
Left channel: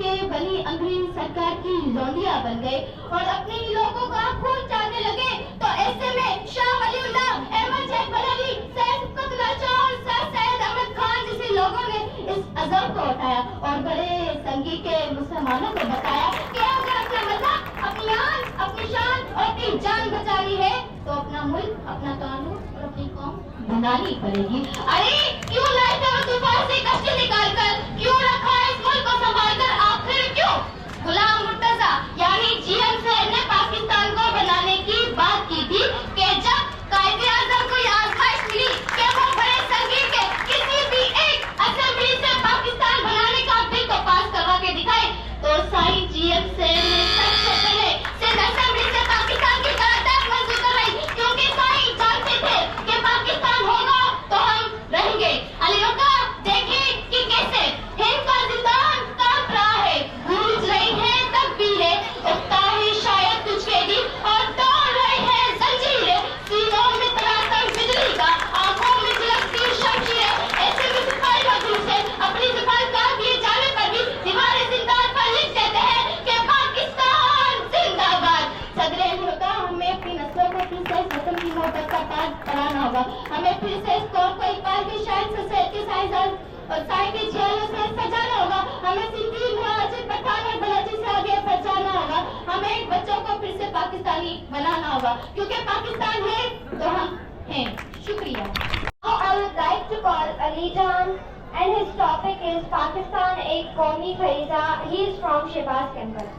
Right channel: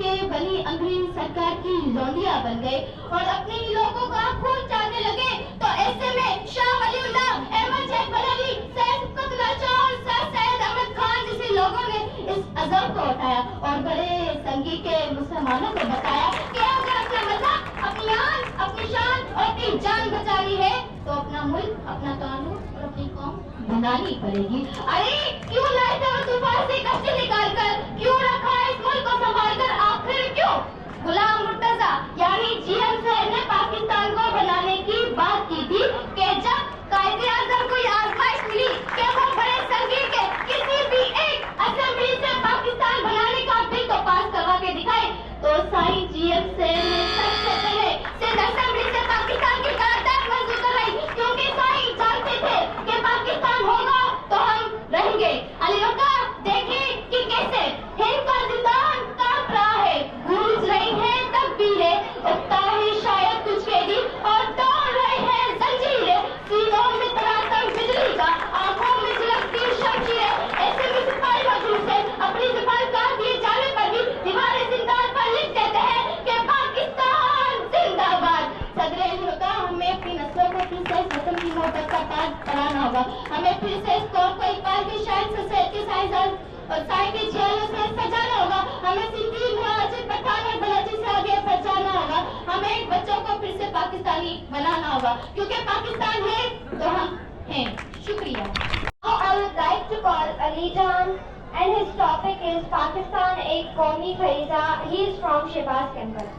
के बनी अंग्रेज सरकार की लौंडिया बन गए और अपने ही लोगों का खून चाटने लगे, तो ऐसे में शाह वलीउल्लाह, अहमद जैद बरेलवी, सैयद कुतुब शाह और सैयद अहमद खान जैसे लोगों ने इस अज़ब को उठाया और बड़े संगी के मुसलमानों को बताया कि अगर अपना मजहब, अपनी आन, अपनी शान और अपनी जान बचानी है तो अपना मुल्क, अपना कानून और अपनी कौम बनानी पड़ेगी। अरे क्यों लाए थे वो तूफान से कष्ट निकाल कर, क्यों रखा इस मुल्क को संभाल कर, आखिर क्यों? गुलाम मुर्तजा यानी जीएम साहब ने पाकिस्तान को बनाने की बात की थी कि जब कायदे आज़म को ये आजमाइश मिली कि वो बड़े संगीत के किसी भी एक असेंबली से पाकिस्तान बनाने का बिल को पास करवा के दिखाए, तो साईं जीएम साहब ने सबसे पहले सिंध असेंबली से पाकिस्तान की करारदाद मंजूर करवाई, क्योंकि साईं जानते थे कि पाकिस्तान होगा तो हम रहेंगे। अली रोका देखें कि कैसे हिंद का जिंदान कांप रहा है, गूंज रही है तकबीरें, उठता है शायद तुझके दी और दौड़ रहे हैं जंजीरें, सीनों में तरातम बिजली का, आंखों में झलकती शमशीरें, ऐसे में सिपाही मजबूर से अपनी जुबान काट दिए जाने पर भी दीवारें जिंदान पर लिख देते हैं कि पाकिस्तान जिंदाबाद। सदर मुल्का, हमें अपनी नस्लों को फिर से इस वतन की मोहब्बत का पाठ पढ़ाना होगा, हमें फिर से इस कौम को एक बार की शायद सोसाइटी के साइंसदान और साई के झेलों से सजाना होगा, हमें सिंधी, मुहाजिर, पठान और बलोची से आगे बढ़ाना होगा, हमें बच्चों को फिर से पाकिस्तानी बनाना होगा, क्योंकि पाकिस्तान है तो हम हैं। शुक्रिया। Now I would like to call Ali Jan and his topic is Pakistan एक कौमी फरीजा. He is from Shehbaz Campus.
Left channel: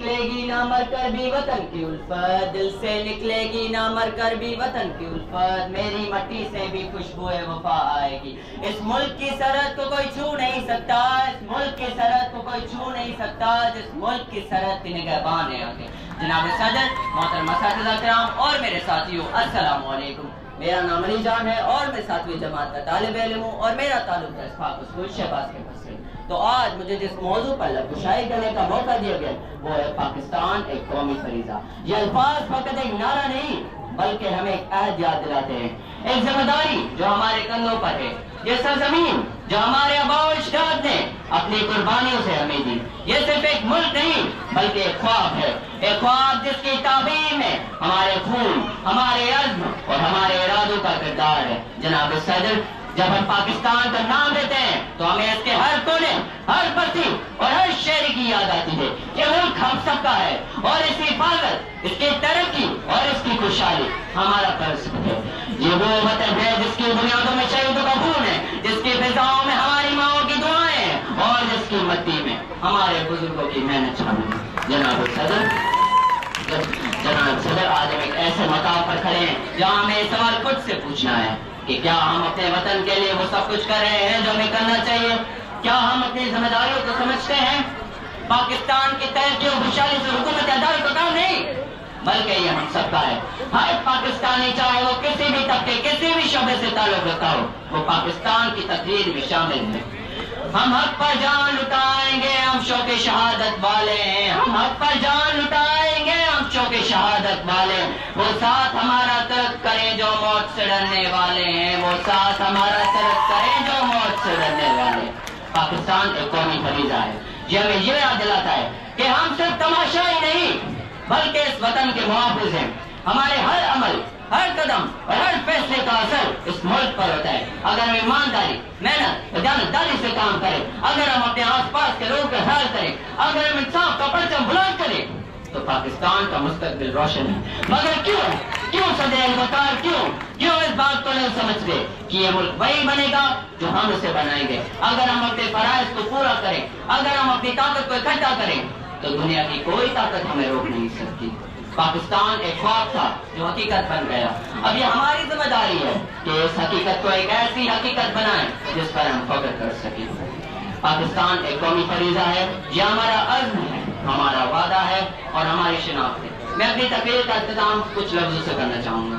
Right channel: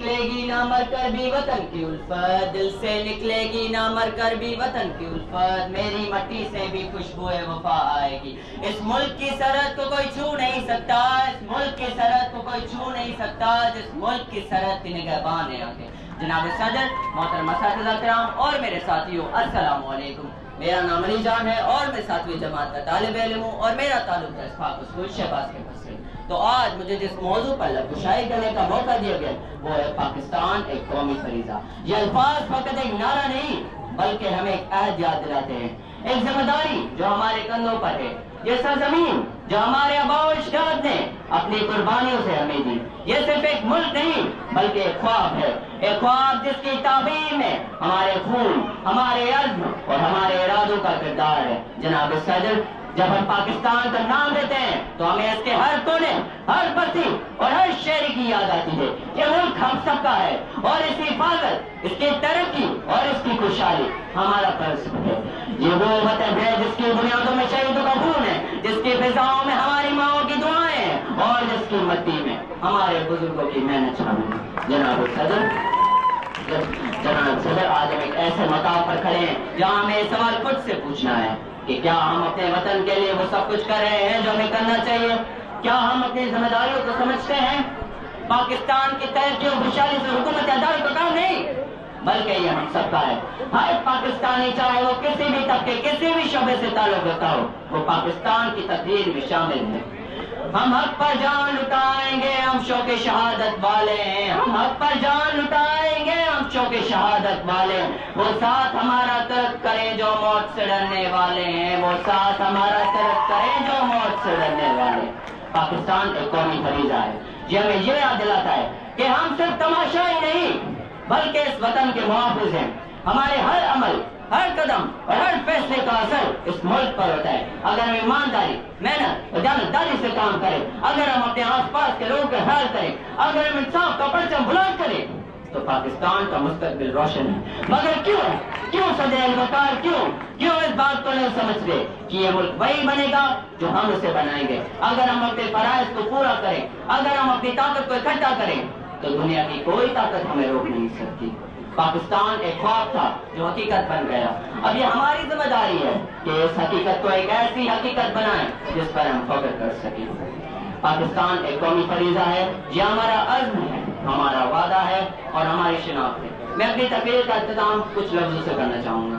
निकलेगी ना मर कर भी वतन की उल्फत, दिल से निकलेगी ना मर कर भी वतन की उल्फत, मेरी मट्टी से भी खुशबुए वफा आएगी। इस मुल्क की सरहद को कोई छू नहीं सकता, इस मुल्क की सरहद को कोई छू नहीं सकता, जिस मुल्क की सरहद की निगहबान है आगे। जनाब सदर, मोहतरम असातिज़ा किराम और मेरे साथियों, अस्सलाम वालेकुम। मेरा नाम अली जान है और मैं 7वीं जमात का तालिब इल्म हूँ और मेरा ताल्लुक है इस्फाक स्कूल शहबाज कैंपस से। तो आज मुझे जिस मौजू पर लबकुशाई करने का मौका दिया गया वो है पाकिस्तान एक कौमी फरीजा। ये अल्फाज फकत एक नारा नहीं बल्कि हमें एक अहद याद दिलाते हैं, एक जिम्मेदारी जो हमारे कंधों पर है। ये सरजमीन जो हमारे आबाओ अजदाद ने अपनी कुर्बानियों से हमें दी, ये सिर्फ एक मुल्क नहीं बल्कि एक ख्वाब है, एक ख्वाब जिसकी ताबीर में हमारे खून, हमारे अज़्म और हमारे इरादों का किरदार है। जनाब सदर, जब हम पाकिस्तान का नाम लेते हैं तो हमें इसके हर कोने, हर बस्ती और हर शहरी की याद आती है। ये मुल्क हम सबका है और इसकी हिफाजत, इसकी तरक्की और इसकी खुशहाली हमारा फर्ज है। ये वो वतन है जिसकी बुनियादों में शहीदों का खून है, जिसकी फिजाओं में हमारी माओं की दुआएं हैं और जिसकी मट्टी में हमारे बुजुर्गों की मेहनत शामिल है। जनाब सदर, आज हम एक ऐसे मकाम पर खड़े हैं जहाँ हमें सवाल खुद से पूछना है कि क्या हम अपने वतन के लिए वो सब कुछ कर रहे हैं जो हमें करना चाहिए? क्या हम अपनी जिम्मेदारियों को समझते हैं? पाकिस्तान की तरक्की और खुशहाली से हुकूमत अदालत का काम नहीं बल्कि ये हम सबका है। हर पाकिस्तानी, चाहे वो किसी भी तबके, किसी भी शोबे से ताल्लुक रखता हो, वो पाकिस्तान की तकदीर में शामिल है। हम हक पर जान लुटाएंगे, हम शौक़े शहादत वाले हैं। हम हक पर जान लुटाएंगे, हम शौक़े शहादत वाले हैं। वो साथ हमारा तरक करें जो मौत से डरने वाले हैं, वो साथ हमारा तरक करें जो मौत से डरने वाले हैं। पाकिस्तान एक कौमी फरीजा है, ये हमें ये याद दिलाता है कि हम सिर्फ तमाशाई नहीं बल्कि इस वतन के मुहाफिज हैं। हमारे हर अमल, हर कदम और हर फैसले का असर इस मुल्क पर होता है। अगर हम ईमानदारी, मेहनत और जानदारी से काम करें, अगर हम अपने आसपास के लोगों का ख्याल करें, अगर हम इंसाफ का परचम बुलंद करें तो पाकिस्तान का मुस्तकबिल रोशन है। मगर क्यों सदैव वकार, क्यों इस बात को नहीं समझते कि ये मुल्क वही बनेगा जो हम उसे बनाएंगे। अगर हम अपने फराइज को पूरा करें, अगर हम अपनी ताकत को इकट्ठा करें तो दुनिया की कोई ताकत हमें रोक नहीं सकती। पाकिस्तान एक ख्वाब था जो हकीकत बन गया। अब ये हमारी जिम्मेदारी है कि इस हकीकत को एक ऐसी हकीकत बनाएं जिस पर हम फख्र कर सकें। पाकिस्तान एक कौमी फरीजा है, ये हमारा अज़्म है, हमारा वादा है और हमारी शिनाख्त है। मैं अपनी तकरीर का इख्तिताम कुछ लफ्ज़ों से करना चाहूँगा।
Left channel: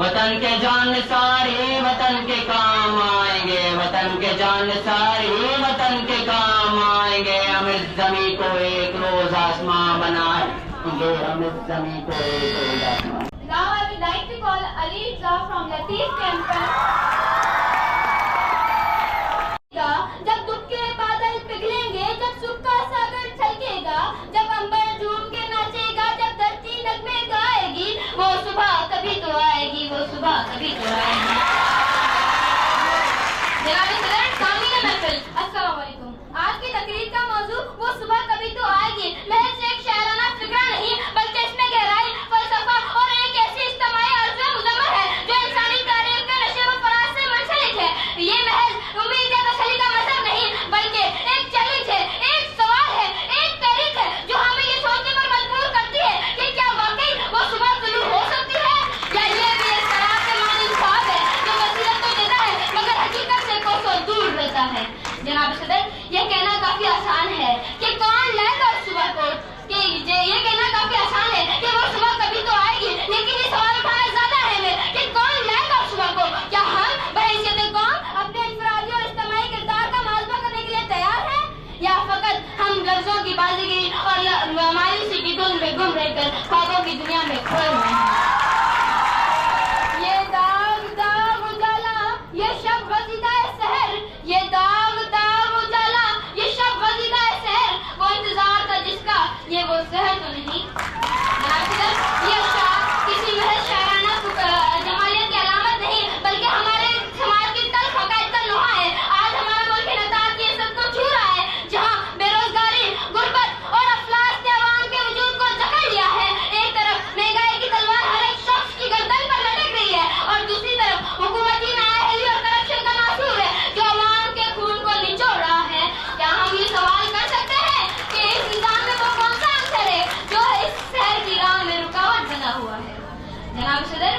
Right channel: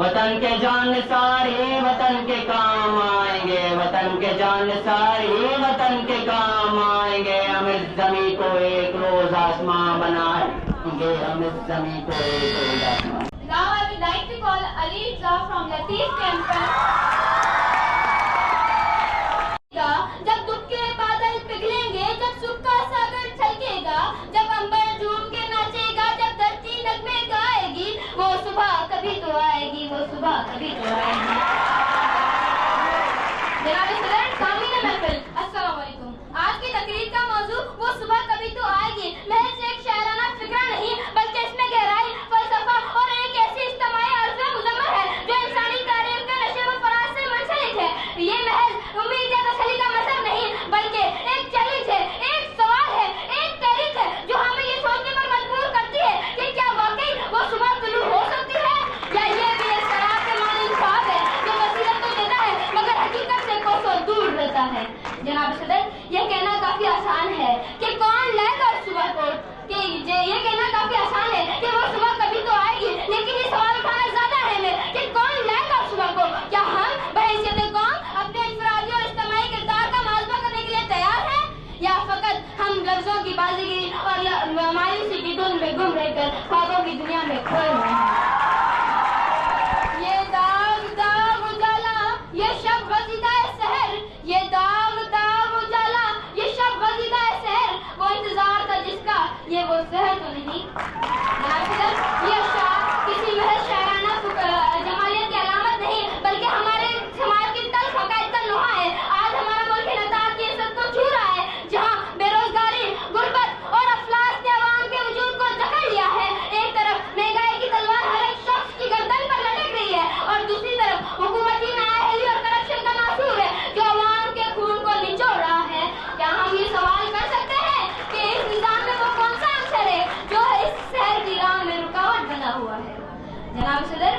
वतन के जान सारे वतन के काम आएंगे, वतन के जान सारे वतन के काम आएंगे। हम इस ज़मीं को एक रोज़ आसमां बनाएंगे, हम इस ज़मीं को एक रोज़ आसमां। Now I would like to call Ali Za from Latif Campus. जब दुख के बादल पिघलेंगे, जब सुख का छोड़कर ख्वाबों की दुनिया में खोए हुए हैं। ये दाग दाग उजाला, ये शब गजीदा शहर, ये दाग दाग उजाला, ये शब गजीदा शहर, वो इंतजार था जिसका, ये वो शहर तो नहीं। ये शायर किसी महज शायराना जमालियत की अलामत नहीं, बल्कि हमारे समाज की तल्ख हक़ाइक़ का लोहा है। आज हमारा मुल्क नताज की इज़्ज़त को छू रहा है, जहाँ बेरोजगारी, गुर्बत और अफलास ने अवाम के वजूद को जकड़ लिया है। एक तरफ महंगाई की तलवार हर एक शख्स की गर्दन पर लटक रही है, और दूसरी तरफ हुकूमती नाअहली और करप्शन का नासूर है जो अवाम के खून को निचोड़ रहा है। क्या हम ये सवाल कर सकते हैं कि इस निज़ाम में वो कौन सा अंसर है जो इस शहर की राह में रुकावट बना हुआ है? जनाब सदर,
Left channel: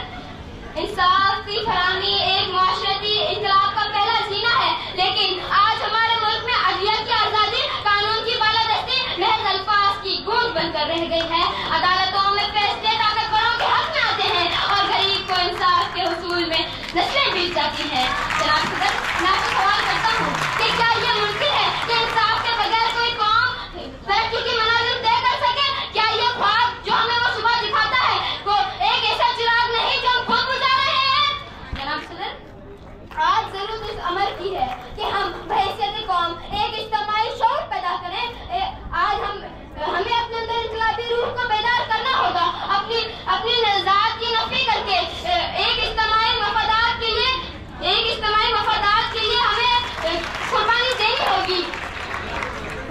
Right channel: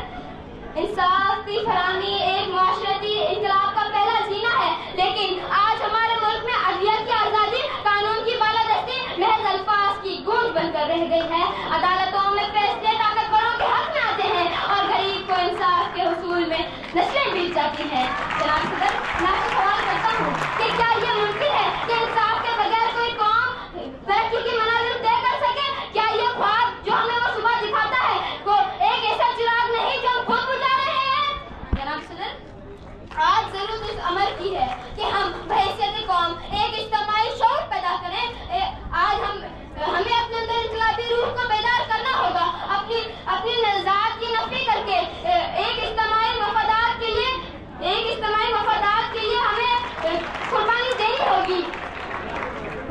इंसाफ की फराहमी एक मुआशरती इनकलाब का पहला जीना है, लेकिन आज हमारे मुल्क में अदलिया की आज़ादी, कानून की बालादस्ती महज अल्फाज की गूंज बनकर रह गई है। अदालतों में फैसले ताकतवरों के हक में आते हैं और गरीब को इंसाफ के हुसूल में नस्लें बीत जाती हैं। जनाब सदर, मैं आपसे सवाल करता हूँ कि क्या ये मुमकिन है कि इंसाफ के बगैर कोई कौम तरक्की की मनाज़िल तय कर सके? क्या ये ख्वाब जो हमें वो सुबह दिखाता है वो एक ऐसा चिराग नहीं जो हम खुद बुझा रहे हैं? जनाब सदर, आज जरूरत इस अमर की है कि हम बहैसियत कौम एक इज्तिमाई शऊर पैदा करें। हमें अपने अंदर इनकलाबी रूह को बेदार करना होगा, अपनी ज़ात की नफी करके एक इज्तिमाई मफादात के लिए हमें कुर्बानी देनी होगी।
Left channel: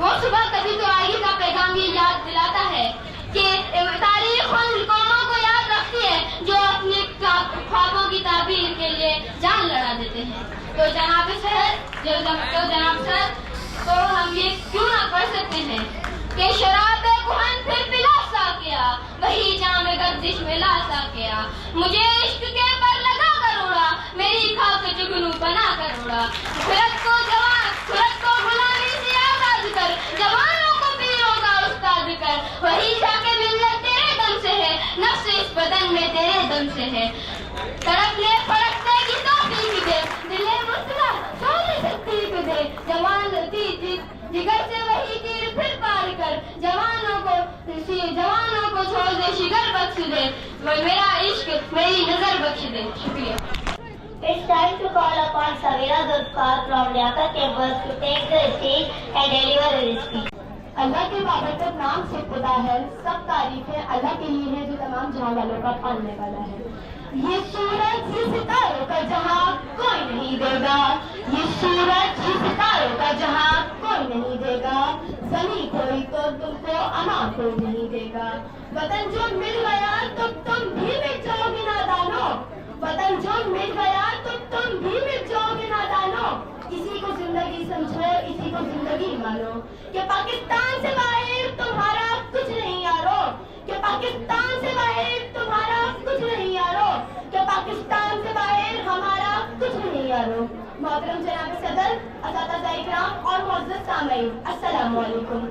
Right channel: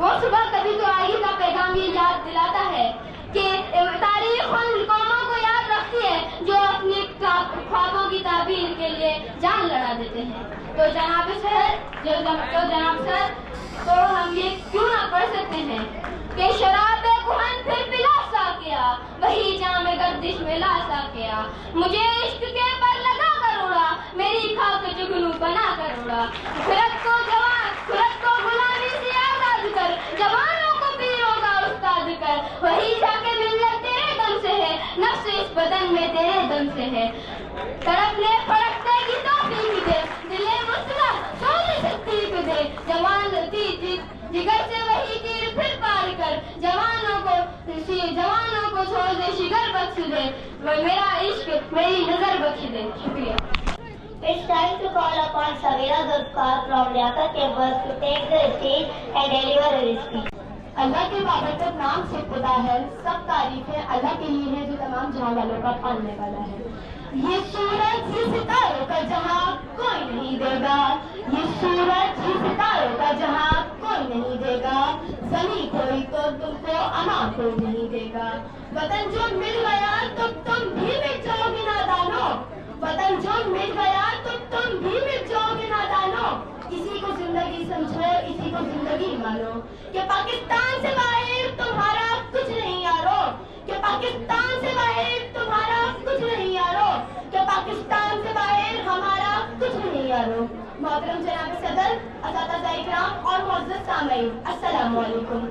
वो सुबह कभी तो आगे का पैगाम ये याद दिलाता है कि तारीख उन कौमों को याद रखती है जो अपने ख्वाबों की ताबीर के लिए जान लड़ा देते हैं। तो जनाब सर, तो हम ये क्यों ना पढ़ सकते हैं कि शराब कुहन फिर पिला सा किया, वही जाम गर्दिश में ला सा किया, मुझे इश्क के पर लगा कर उड़ा, मेरी खाक जुगनू बना कर उड़ा, फिरत को गुलामी से आजाद कर, जवानों को पीरों का उस्ताद कर, वही जाके मिल्लत तेरे दम से है, नफ्स इस बदन में तेरे दम से है, तड़पने फड़कने की तौफीक दे, दिले मुस्कुरा सोने शक्ति को दे, जवान जिगर से वही तीर फिर पार कर, जवानों को छोड़ दे, शिगर बख्श दे, मेरा इश्क मेरी नजर बख्श दे। शुक्रिया। It's time to call upon Savira Zulfikar from Liaqa campus to take the stage and deliver his speech. अल्लाह के बाबरकत नाम से खुदा है, सब तारीफें अल्लाह के लिए है जो तमाम जहां वालों का पालने वाला है। ये सूरज ये सितारों का जहां कोई नहीं देगा, ये सूरज ये सितारों का जहां कोई नहीं देगा, जमीन कोई तो तुमको अमान कोई नहीं देगा। वतन जो मिल गया तो तुम भी मिट जाओगे नादानो, वतन जो मिल गया तो तुम भी मिट जाओगे नादानो। इसी को जिंदगी समझो, इसी को जिंदगी मानो, कि पाकिस्तान से बाहर तुम्हारा कुछ नहीं यारो, कि पाकिस्तान से बाहर तुम्हारा कुछ नहीं यारो, कि पाकिस्तान से बाहर हमारा कुछ नहीं यारो। मोहतरम जनाब सदर, असातिज़ा इकराम और मुअज़्ज़ज़ सामीईन, अस्सलाम वालेकुम।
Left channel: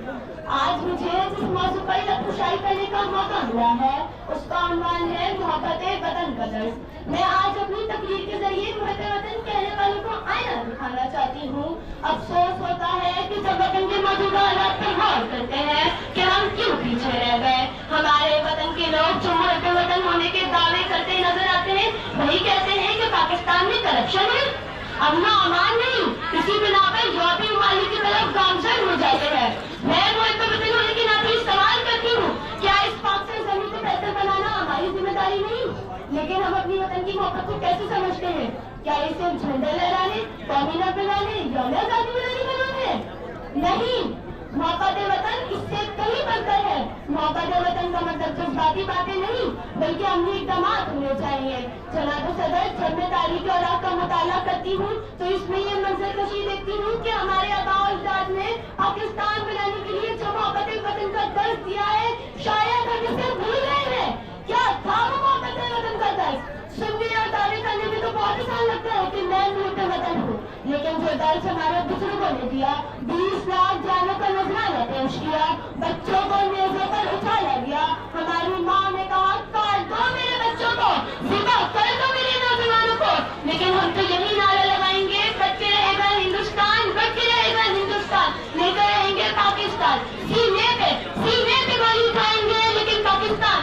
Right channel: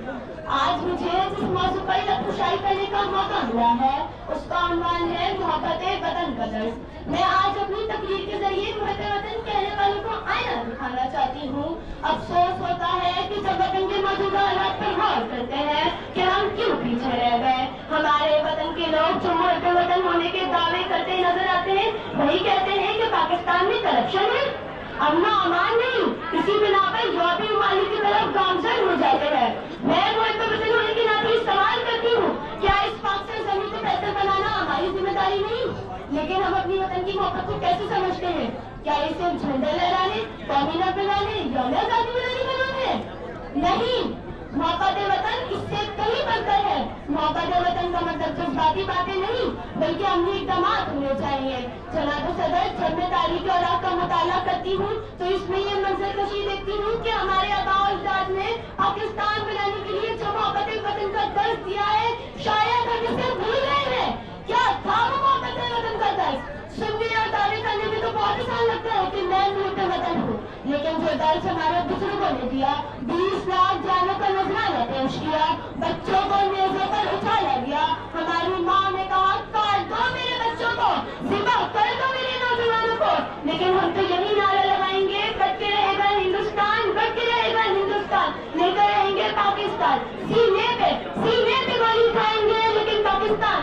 आज मुझे जिस मौजू पर लफ्ज़शाई करने का मौका मिला है उसका उन्वान है मोहब्बत वतन का दर्द। मैं आज अपनी तकरीर के जरिए मोहब्बत वतन कहने वालों को आईना दिखाना चाहती हूँ। अफसोस होता है कि जब वतन के मौजूदा हालात पर गौर करते हैं कि हम क्यों पीछे रह गए। हमारे वतन के लोग जो मोहब्बत वतन होने के दावे करते नजर आते हैं वही कहते हैं कि पाकिस्तान में करप्शन है, अमन अमान नहीं, इसी बिना पर यूरोपीय ममालिक की तरफ गामजन हो जाते हैं। मैं मोहब्बत वतन होने के नाते सवाल करती हूँ, क्या इस पाकिस्तान जमीन को बेहतर बनाना हमारी जिम्मेदारी नहीं? लेकिन हम अपनी वतन की मोहब्बत को कैसे समझते हैं? क्या इसे झंडा लहराने, कौमी न बनाने, यौम आजादी मनाने बनाना है? नहीं, मोहब्बत वतन इससे कहीं बढ़कर है। मोहब्बत वतन का मतलब जज्बाती बातें नहीं बल्कि अमली इक़दामात होने चाहिए। जनाब सदर, जब मैं तारीख औलाद का मुताला करती हूँ तो इसमें ये मंजर कशी देखती हूँ कि हमारे आबा अजदाद ने पाकिस्तान बनाने के लिए जो मोहब्बत वतन का दर्द दिया है शायद हम इसे भूल गए हैं। क्या था वो मोहब्बत वतन का दर्द? सुनने और दावे करने में तो बहुत आसान लगता है कि मैं मुल्क वतन हूँ, लेकिन जो दर्द हमारे बुजुर्गों ने दिया, 20 लाख जानों का नजराना पेश किया, बच्चों को मेजों पर उछाला गया, हमारी माँ ने कहा काट दो मेरे बच्चों को, ज़िबा कर दो मेरे नौजवानों को, लेकिन हम तो यही नारा लगाएंगे, बच्चे रहेगा हिंदुस्तान, बच्चे रहेगा हिंदुस्तान, लेकर रहेंगे पाकिस्तान, सीने पे गोली उठाएंगे लेकिन पाकिस्तान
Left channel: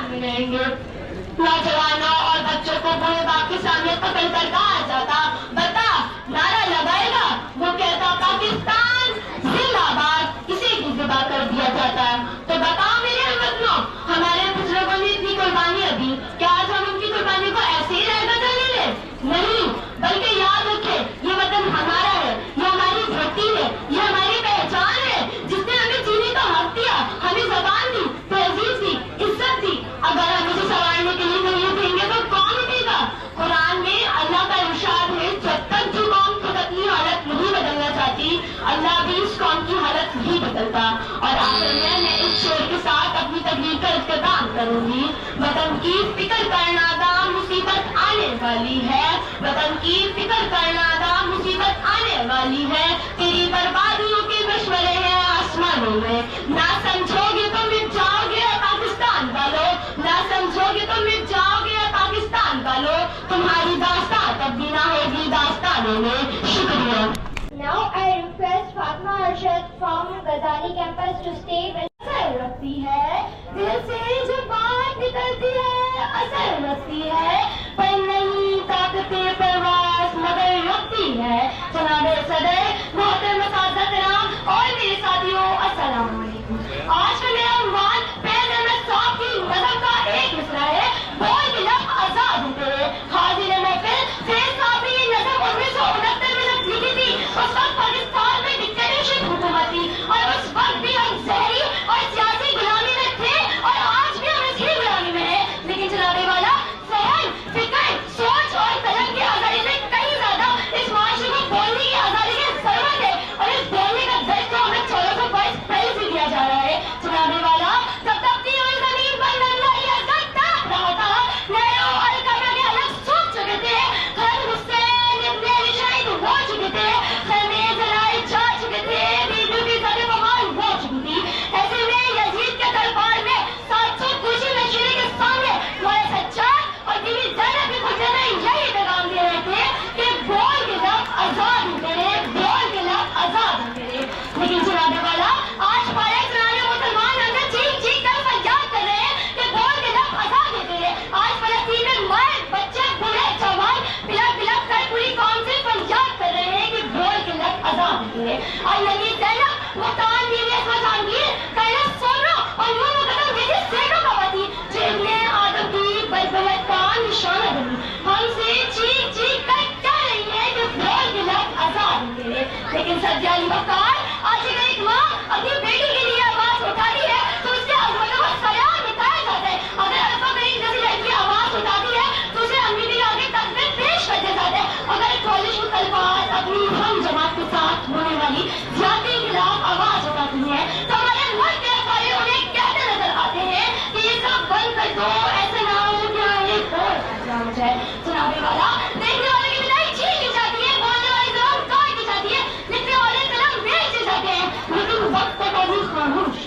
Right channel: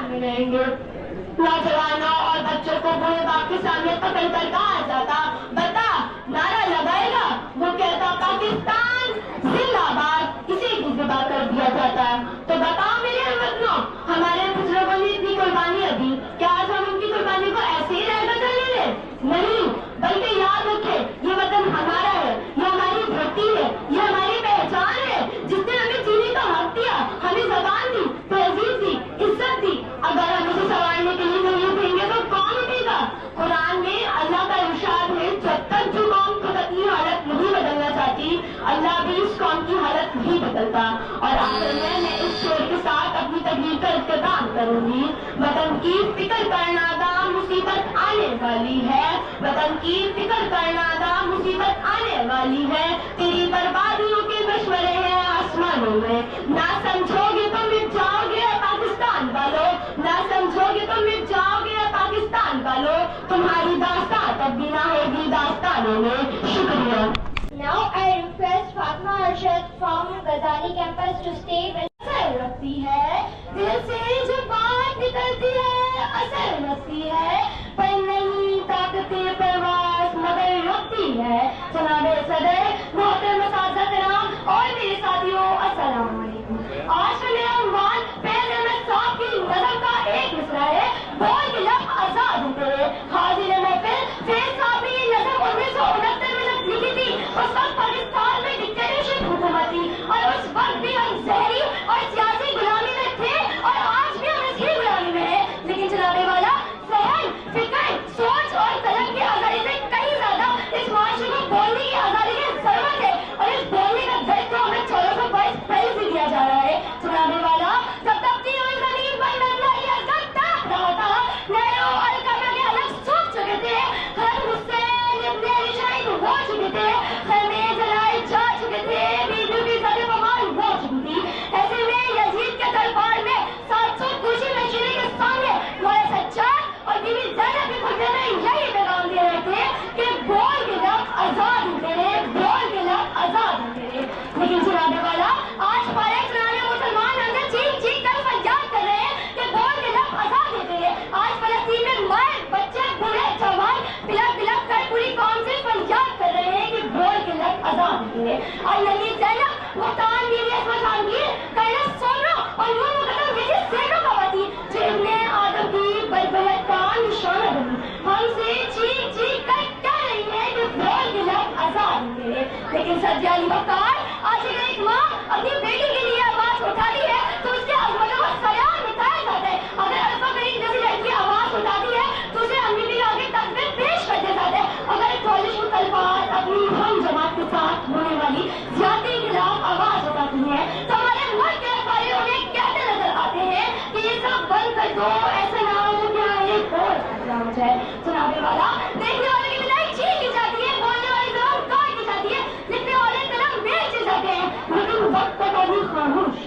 नौजवानों और बच्चों को बुरे बाप के सामने पकड़ कर कहा जाता, बता, नारा लगाएगा, वो कहता पाकिस्तान जिंदाबाद, इसे भी जिंदा कर दिया जाता। तो बताओ मेरे हमवतनों, हमारे बुजुर्गों ने इतनी कुर्बानियां दी, क्या आज हम उनकी कुर्बानी को ऐसे ही रहकर चलने ले? नहीं, बल्कि याद रखे, ये वतन हमारा है, ये हमारी धरती है, ये हमारी पहचान है, जिसने हमें जीने का हक दिया, हमें ज़बान दी, तहजीब दी, इज्जत दी। अगर हम इसे संवारने के लिए नहीं देंगे तो कौन उठेगा? कुरान में अल्लाह का इरशाद है, जब तक जो कौम खुद अपनी हालत नहीं बदलना चाहती, अल्लाह भी इस कौम की हालत नहीं बदलता। और आखिर में मैं इस शेर के साथ अपनी तकरीर का इख्तिताम करूंगी। वतन की फिक्र करना दा मुसीबत आने वाली है, वतन की फिक्र करना दा मुसीबत आने वाली है, तेरी बर्बादियों के मशवरे हैं आसमानों में, ना समझोगे तो मिट जाओगे पाकिस्तान वालों, ना समझोगे तो मिट जाओगे पाकिस्तान वालों, तुम्हारी दास्तां तब भी ना होगी दास्तानों में। शुक्रिया। Now I request Fatma Arshad from Ghazali campus to stay with असर रखती है, दिल से जो बात निकलती है असर रखती है, पर नहीं ताकते परवास मगर रखती है। जनाबे सदर, मोहतरम असातिज़ा किराम और मेरे साथियों, अस्सलाम वालेकुम। आज का मेरा उन्वान फैज़ अहमद साहब की नज़म का एक मिसरा है, बोल के लब आजाद हूँ तेरे। हाजिर महफिल, फैज़ साहब ने ये नज़म 1969 में जब लिखी थी, उस वक्त पाकिस्तान में डिक्टेटरशिप हुकूमत थी और उस वक्त भी हम जहरी और सियासी गुलामी में थे और आज भी हम इसी गुलामी में हैं। लेकिन जनाबे वाला, सहन, फिक्र, सोच और कलम की आजादी से कहीं ज्यादा इस माशरे को बोलने की आजादी की जरूरत है और इस बोलने का दर्द तो हमें 1422 पहले से दिया जा रहा है। जनाबे वाला, तब तकती हुई जमीन पर नजला या गत्ता रहा था, नहरों और कमर के अलग सूख चुके थे, हर हुसैन इब्ने अली शहीद हो चुके थे, खैमे जलाए जा चुके थे, बीबी की ज़द बवाल हो चुकी थी। ऐसे में यजीद के दरबार में 700 खुशी नशीरे के सामने मौला सज्जाद और बीबी ज़ैनब के खुले में यही पैगाम दे रहे थे कि बोल के लब आजाद हैं तेरे, बोल के लब आजाद हैं तेरे। लेकिन जनाबे वाला, आज पारे जनाने मुसलमान हमसे चीख चीख कर फरियाद कर रहे हैं कि बोल के लब आजाद हैं तेरे। आज फलस्तीन में माए, बच्चे, बूढ़े, जवान बिलक बिलक कर पूरी कौम से फरियाद कर रहे हैं कि बोल के लब आजाद हैं तेरे। और नबी ज़ैनब, मुतान बीवी अस्मा जहांगीर, कैलाश सोनो और नूर मुकद्दम जैसी सैकड़ों खवातीन जो इब्ने आदम की बलबलत का निशाना बनी, हमसे चीख चीख कर कह रही है कि बोल के लब आजाद हैं तेरे। लेकिन सज्जाली वकार, आज एक माँ अपनी बेटी के लिए आवाज उठाती है तो उसके अजमतों को सलाम मिटाया जाता है। अगर अल्फा करीम जैसी लड़की आवाज उठाती है तो उसे अम्मी के आगे तक में पेश कर दिया जाता है। अगर कॉलेज की तलवार अपनी हम जमात के साथ होने वाली ज्यादती के खिलाफ आवाज उठाती है तो हमारे मुल्क के अखबार उन्हें कहते नजर आते हैं कि ये सब बंद कर दो, ऐसा ना हो क्या एक और फैसला हो जाए। जनाबे वाला, देखने वाले की विदाई छीन ली जाती है, बोलने वाली जबान काट दी जाती है, लिखने वाले कलम बेच जाते हैं, लेकिन वक्त तक अभी खामोश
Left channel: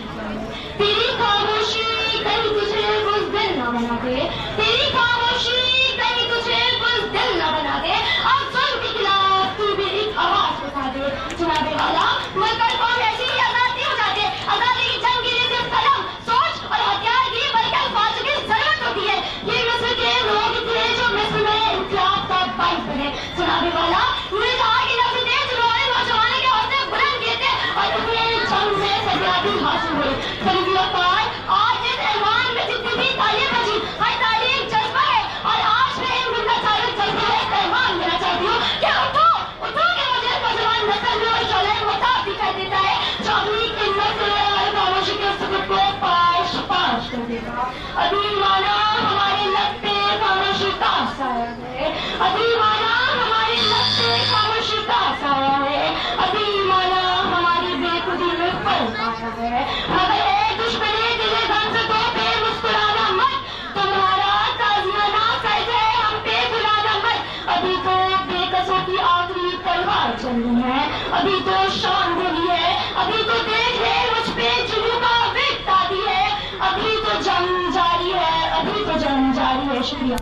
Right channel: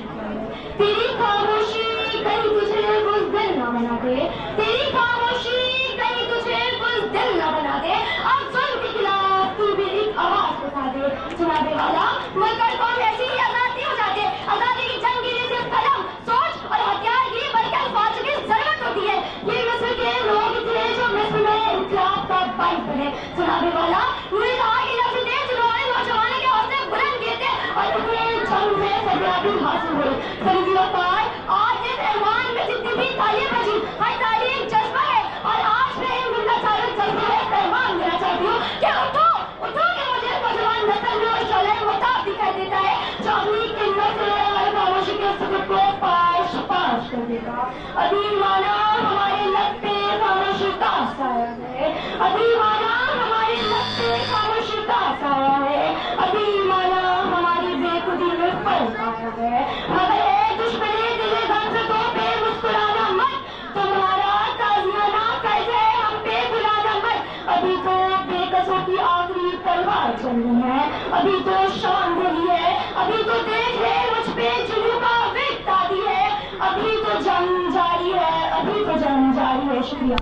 तेरी खामोशी कहीं तुझे बुज़दिल न बना दे, तेरी खामोशी कहीं तुझे बुज़दिल न बना दे, अब जुल्म के खिलाफ तू भी एक आवाज उठा दे। जनाबे वाला, मुल्क और कौम ऐसी ही आजाद नहीं हो जाते। आजादी की जंग के लिए सिर्फ कलम, सोच और हथियार की बल्कि अल्फाज की जरूरत होती है। ये मिस्र के लोग थे जो मिस्र में इनकलाब का बाइस बने। जनाबे वाला, उन्हें कहा कि नफ्स थे जिन्होंने नौजवानों के हौसले बुलंद किए थे और उन्हें जंग में सफलता हासिल हुई। करीबी वकार, आज इस ऐवान में जितनी भी तालीम बची, हर तालीम जज्बा है और आज मैं इन मिलना चालक जज्बे का पैगाम देना चाहती हूँ कि उठो, उठो कि मुझे नौजवान नस्ल में और शोले मुताब दिखाई देता है जो अपनी किल्लत से और खामोशी के सुकून को पाश पाश कर देगा। अभी माना हमारे लब पे खामोशी का साया है, अभी माना हमारे लब पे खामोशी का साया है, अभी माना हमारी बेखुदी में फर्क आया है। अगर है दुश्मनी दिले गम से तो पे मुस्कुराना मत, तुम्हारा ताज़ियाना फैज़ है हम पे बुलाना मत। अभी तो बेकसों की आखिरी तलवार चली है, अभी तो शान बोली है, अभी तो देख ले मुझ पे जुनू का विक तादी है, अभी तो जंग जारी है, अभी तो जंग जारी है। शुक्रिया।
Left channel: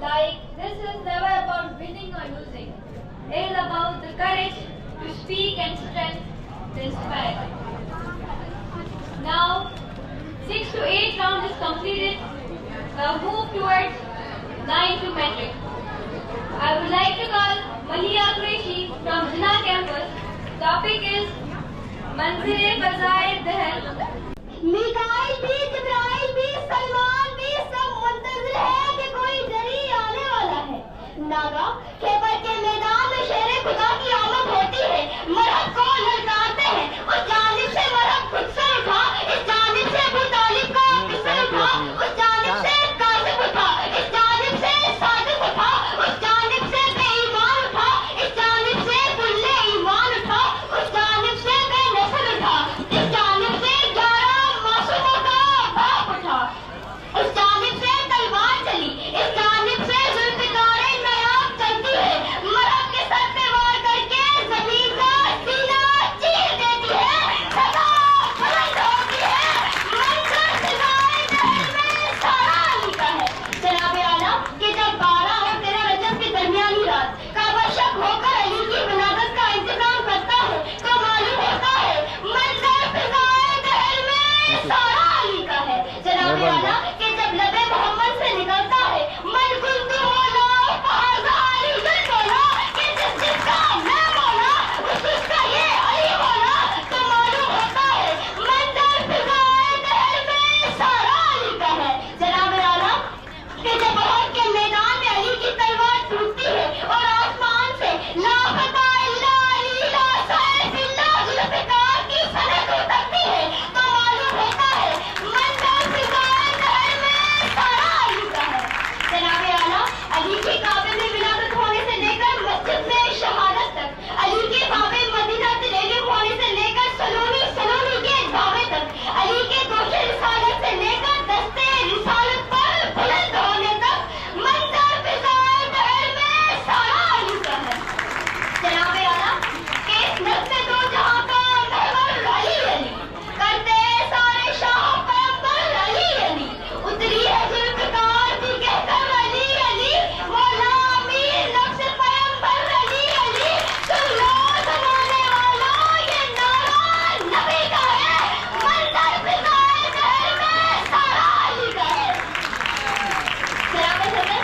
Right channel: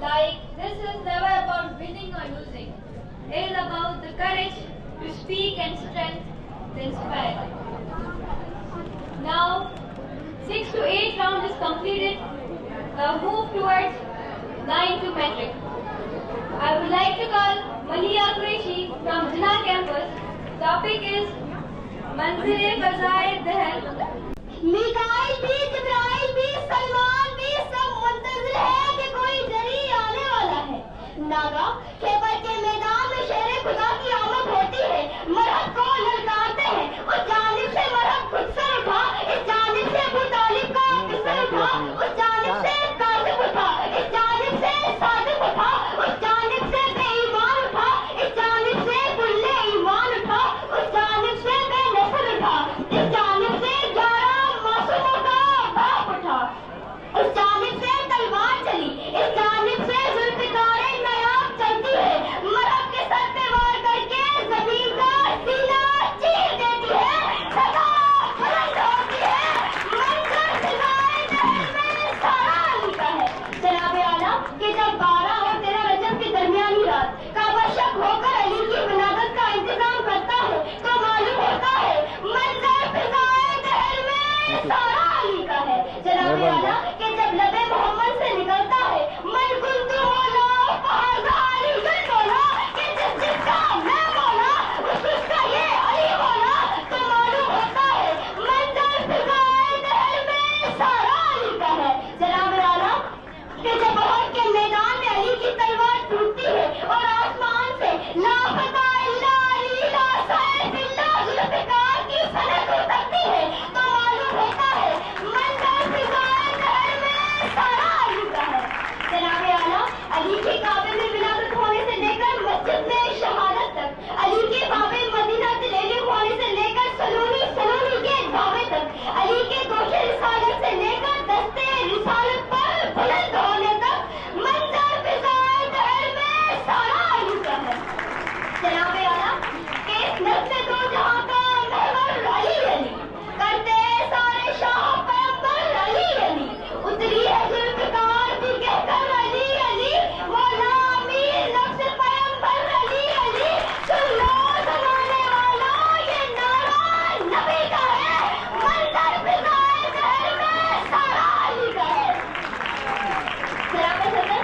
Like, this is never about winning or losing. It is about the courage to speak and strength to inspire. Now, 6 to 8 round is completed Now move towards 9 to metric. I would like to call Mahia Qureshi from Jinnah campus. Topic is Manzil-e Bazaar Dahal. Mikail भी, जिब्राइल भी, सलमान भी सब मुंतज़िर है कि कोई जरी आने वाला है। नागा खेबर के मैदान में शेर खुदा की आमद होती है। मरहब को ललकारते हैं, उस जानिब से मरहब खुद से उठा, इस जानिब से अबू तालिब का किस्सा उठा, उस जानिब से कासिम उठा, इस जानिब से सादिक उठा, उस जानिब से बेईमान उठा, इस जानिब से कुल्ले ईमान उठा, उस जानिब से बेनस्ल उठा, इस जानिब से 11 मासूमों का बाप उठा, उस जानिब से तलवार चली, इस जानिब से जुल्फ़िकारे नायाब चलती है। मरहब के सर पे वार करके जमीन का सीना चीर देती है, सदा बुलंद होती है, मंजर सिवाय दहर में सारा अली का है। जनाबे आला कि जब 12 और 13 रजब की दरमियानी रात काबा शक होकर अली की विलादत का इंतजाम करता है तो मालूम होता है मंजर फिजाए दहर में सारा अली का है। जनाबे आला कि जब लबे मोहम्मद से निकलता है मन कुंतु मौला फाज़ा अली दिल मौला कि जिसका मैं मौला उसका ये अली मौला तो मालूम होता है मंजर फिजाए दहर में सारा अली का है। जनाबे आला कि जब उहद के मैदान में अली की तलवार टूटती है और आसमान से ला फता इल्ला अली ला सैफ इल्ला जुल्फ़िकार की सनद उतरती है तो मालूम होता है मंजर फिजाए दहर में सारा अली का है। जनाबे आला अली के काबे में विलादत होने से लेकर मस्जिद में शहादत तक, अली के बाबे मदीना तलेलिम होने से लेकर सलूनी के दावे तक, अली के दोषे रिसालत से लेकर दस्ते रिसालत पर बुलंद होने तक मंजर फिजाए दहर में सारा अली का है। जनाबे आला कि इस नज़्म दो जहां का महवर अली अली करते सारे शाह पैगंबर अली अली उतरी है जुल्फ़िकार भी कहकर अली अली मौला अमीर नफ्स पैगंबर अली अली सुन लो जमाने वालों ये नारा नबी का है मंजर फिजाए दहर में सारा अली का है। सलाम सदर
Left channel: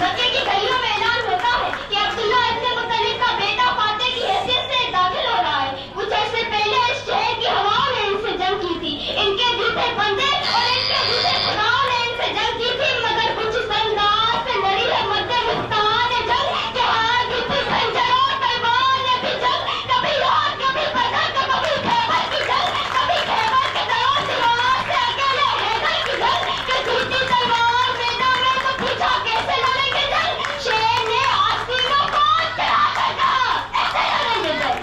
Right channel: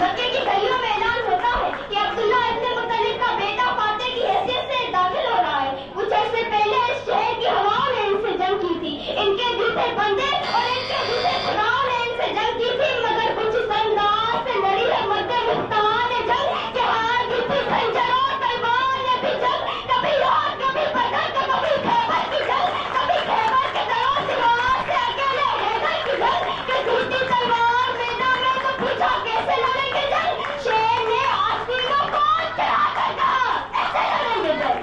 मक्के की गलियों में ऐलान होता है कि अब्दुल्ला इब्न मुत्तलिब का बेटा फाते की हैसियत से दाखिल हो रहा है। कुछ अर्से पहले इस शहर की हवाओं ने इनसे जंग की थी, इनके दिल थे बंदे और इनके दिल थे खुदाओं ने इनसे जंग की थी, मगर कुछ इस अंदाज से लड़ी है मध्य मुस्तान जंग के हार की थी खंजर और तलवार ने भी जंग, कभी और कभी बदर तो कभी खैबर की जंग, कभी खैबर के दरों दीवार से अकेले हैदर की जंग कि टूटी तलवार मैदान में तो पूछा कैसे लड़ेंगे जंग, शेर ने आस्तीनों को चढ़ा कर कहा ऐसे लड़ेंगे जंग।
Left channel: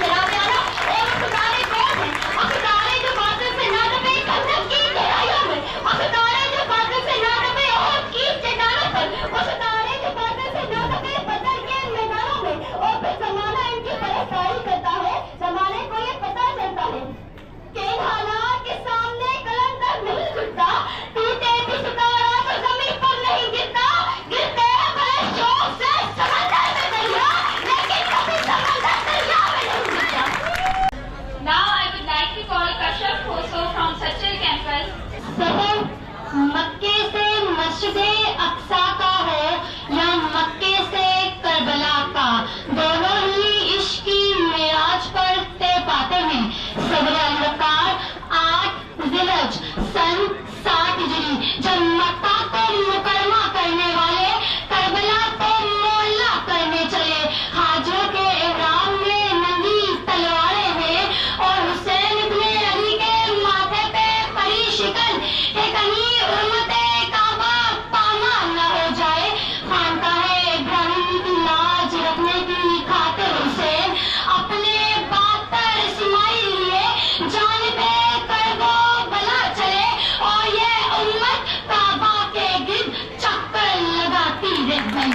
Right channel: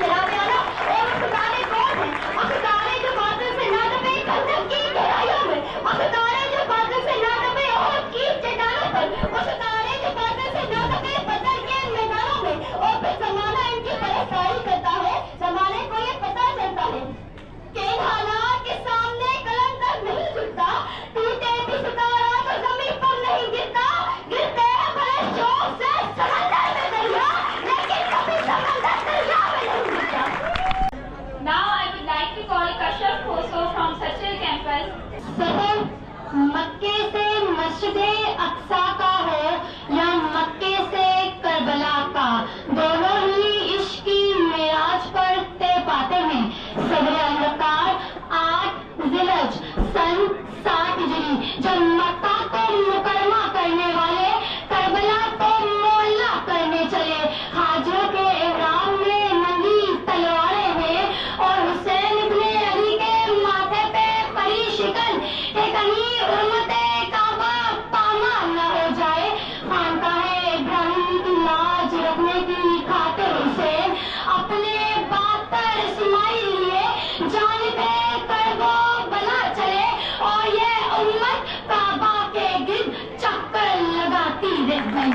जनाबे आला और सितारे कौन हैं? वो सितारे जो बादल से ना दबे खंदक की गहराइयों में, वो सितारे जो बादल से ना दबे ओहद की चट्टानों पर, वो सितारे जो बादल से ना दबे बदर के मैदानों में। और फिर ज़माना इनकी परस्ताई करता है, ज़माने को ये पता चलता है कि इन हालात के सामने कलम तक नहीं झुकता, टूटे भी सितारा तो ज़मीन पर नहीं गिरता, गिरते हैं बड़े शौक से समंदर में दरिया, लेकिन कभी समंदर दरिया में नहीं गिरता। Now I would like to call Kashyap Khoso from Sachil campus. सफर मक्के से मस्जिद अक्सा का हो या मक्के से करबला का, दोनों ही इश्क की मेराज पर तय पाते हैं। सदर अलवकार 8 ज़िलहज सन 60 हिजरी जब मक्का को मुकरमा करने वाले करबला को मोहल्ला करने चले, हाजिरों के इहराम में नंगी तलवारें हैं और हुसैन इब्ने अली के माथे पे परी शिकन है कहीं उम्मते काबा पामाल न हो जाए। खानकाहे इब्राहिम की लाज रखने की खातिर हुसैन अपने बाप पर इस्माइल लिए जानिबे करबो बला चले और ये उम्मत काबा के गिर्द चक्कर लगाती रह गई।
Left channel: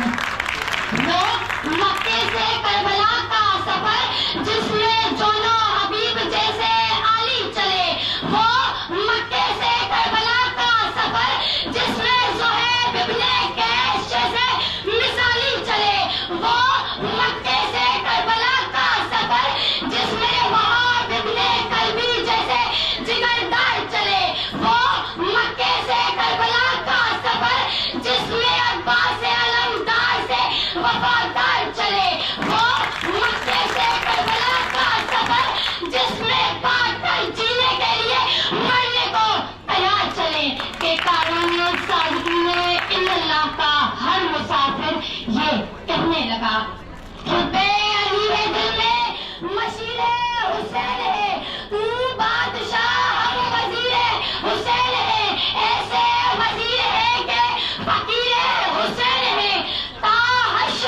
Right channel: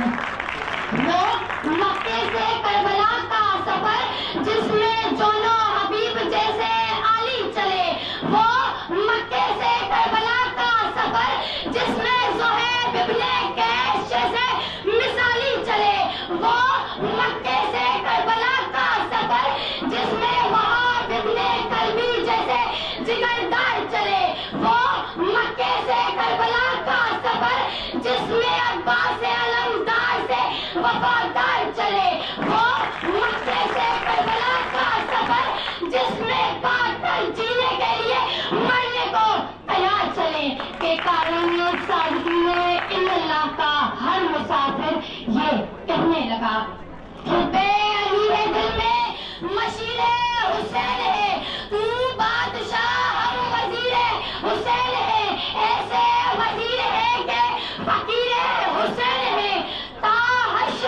वो मक्के से करबला का सफर जिसमें जोनो हबीब जैसे आली चले, वो मक्के से करबला का सफर जिसमें ज़ुहैब इब्ने कैस जैसे मिसाली चले, वो मक्के से करबला का सफर जिसमें वहाब इब्ने कल्बी जैसे जिगरदार चले, वो मक्के से करबला का हैं कि कानून सादगी में इल्लल्लाह का हर मुसाफिर ये कहने लगा, हुब्बे अली है दिल में मशीरे हुसैन है, तू बादशाह हम वजीरे हुसैन है, ऐसे वजीर है कि फकीरे हुसैन है, ताहश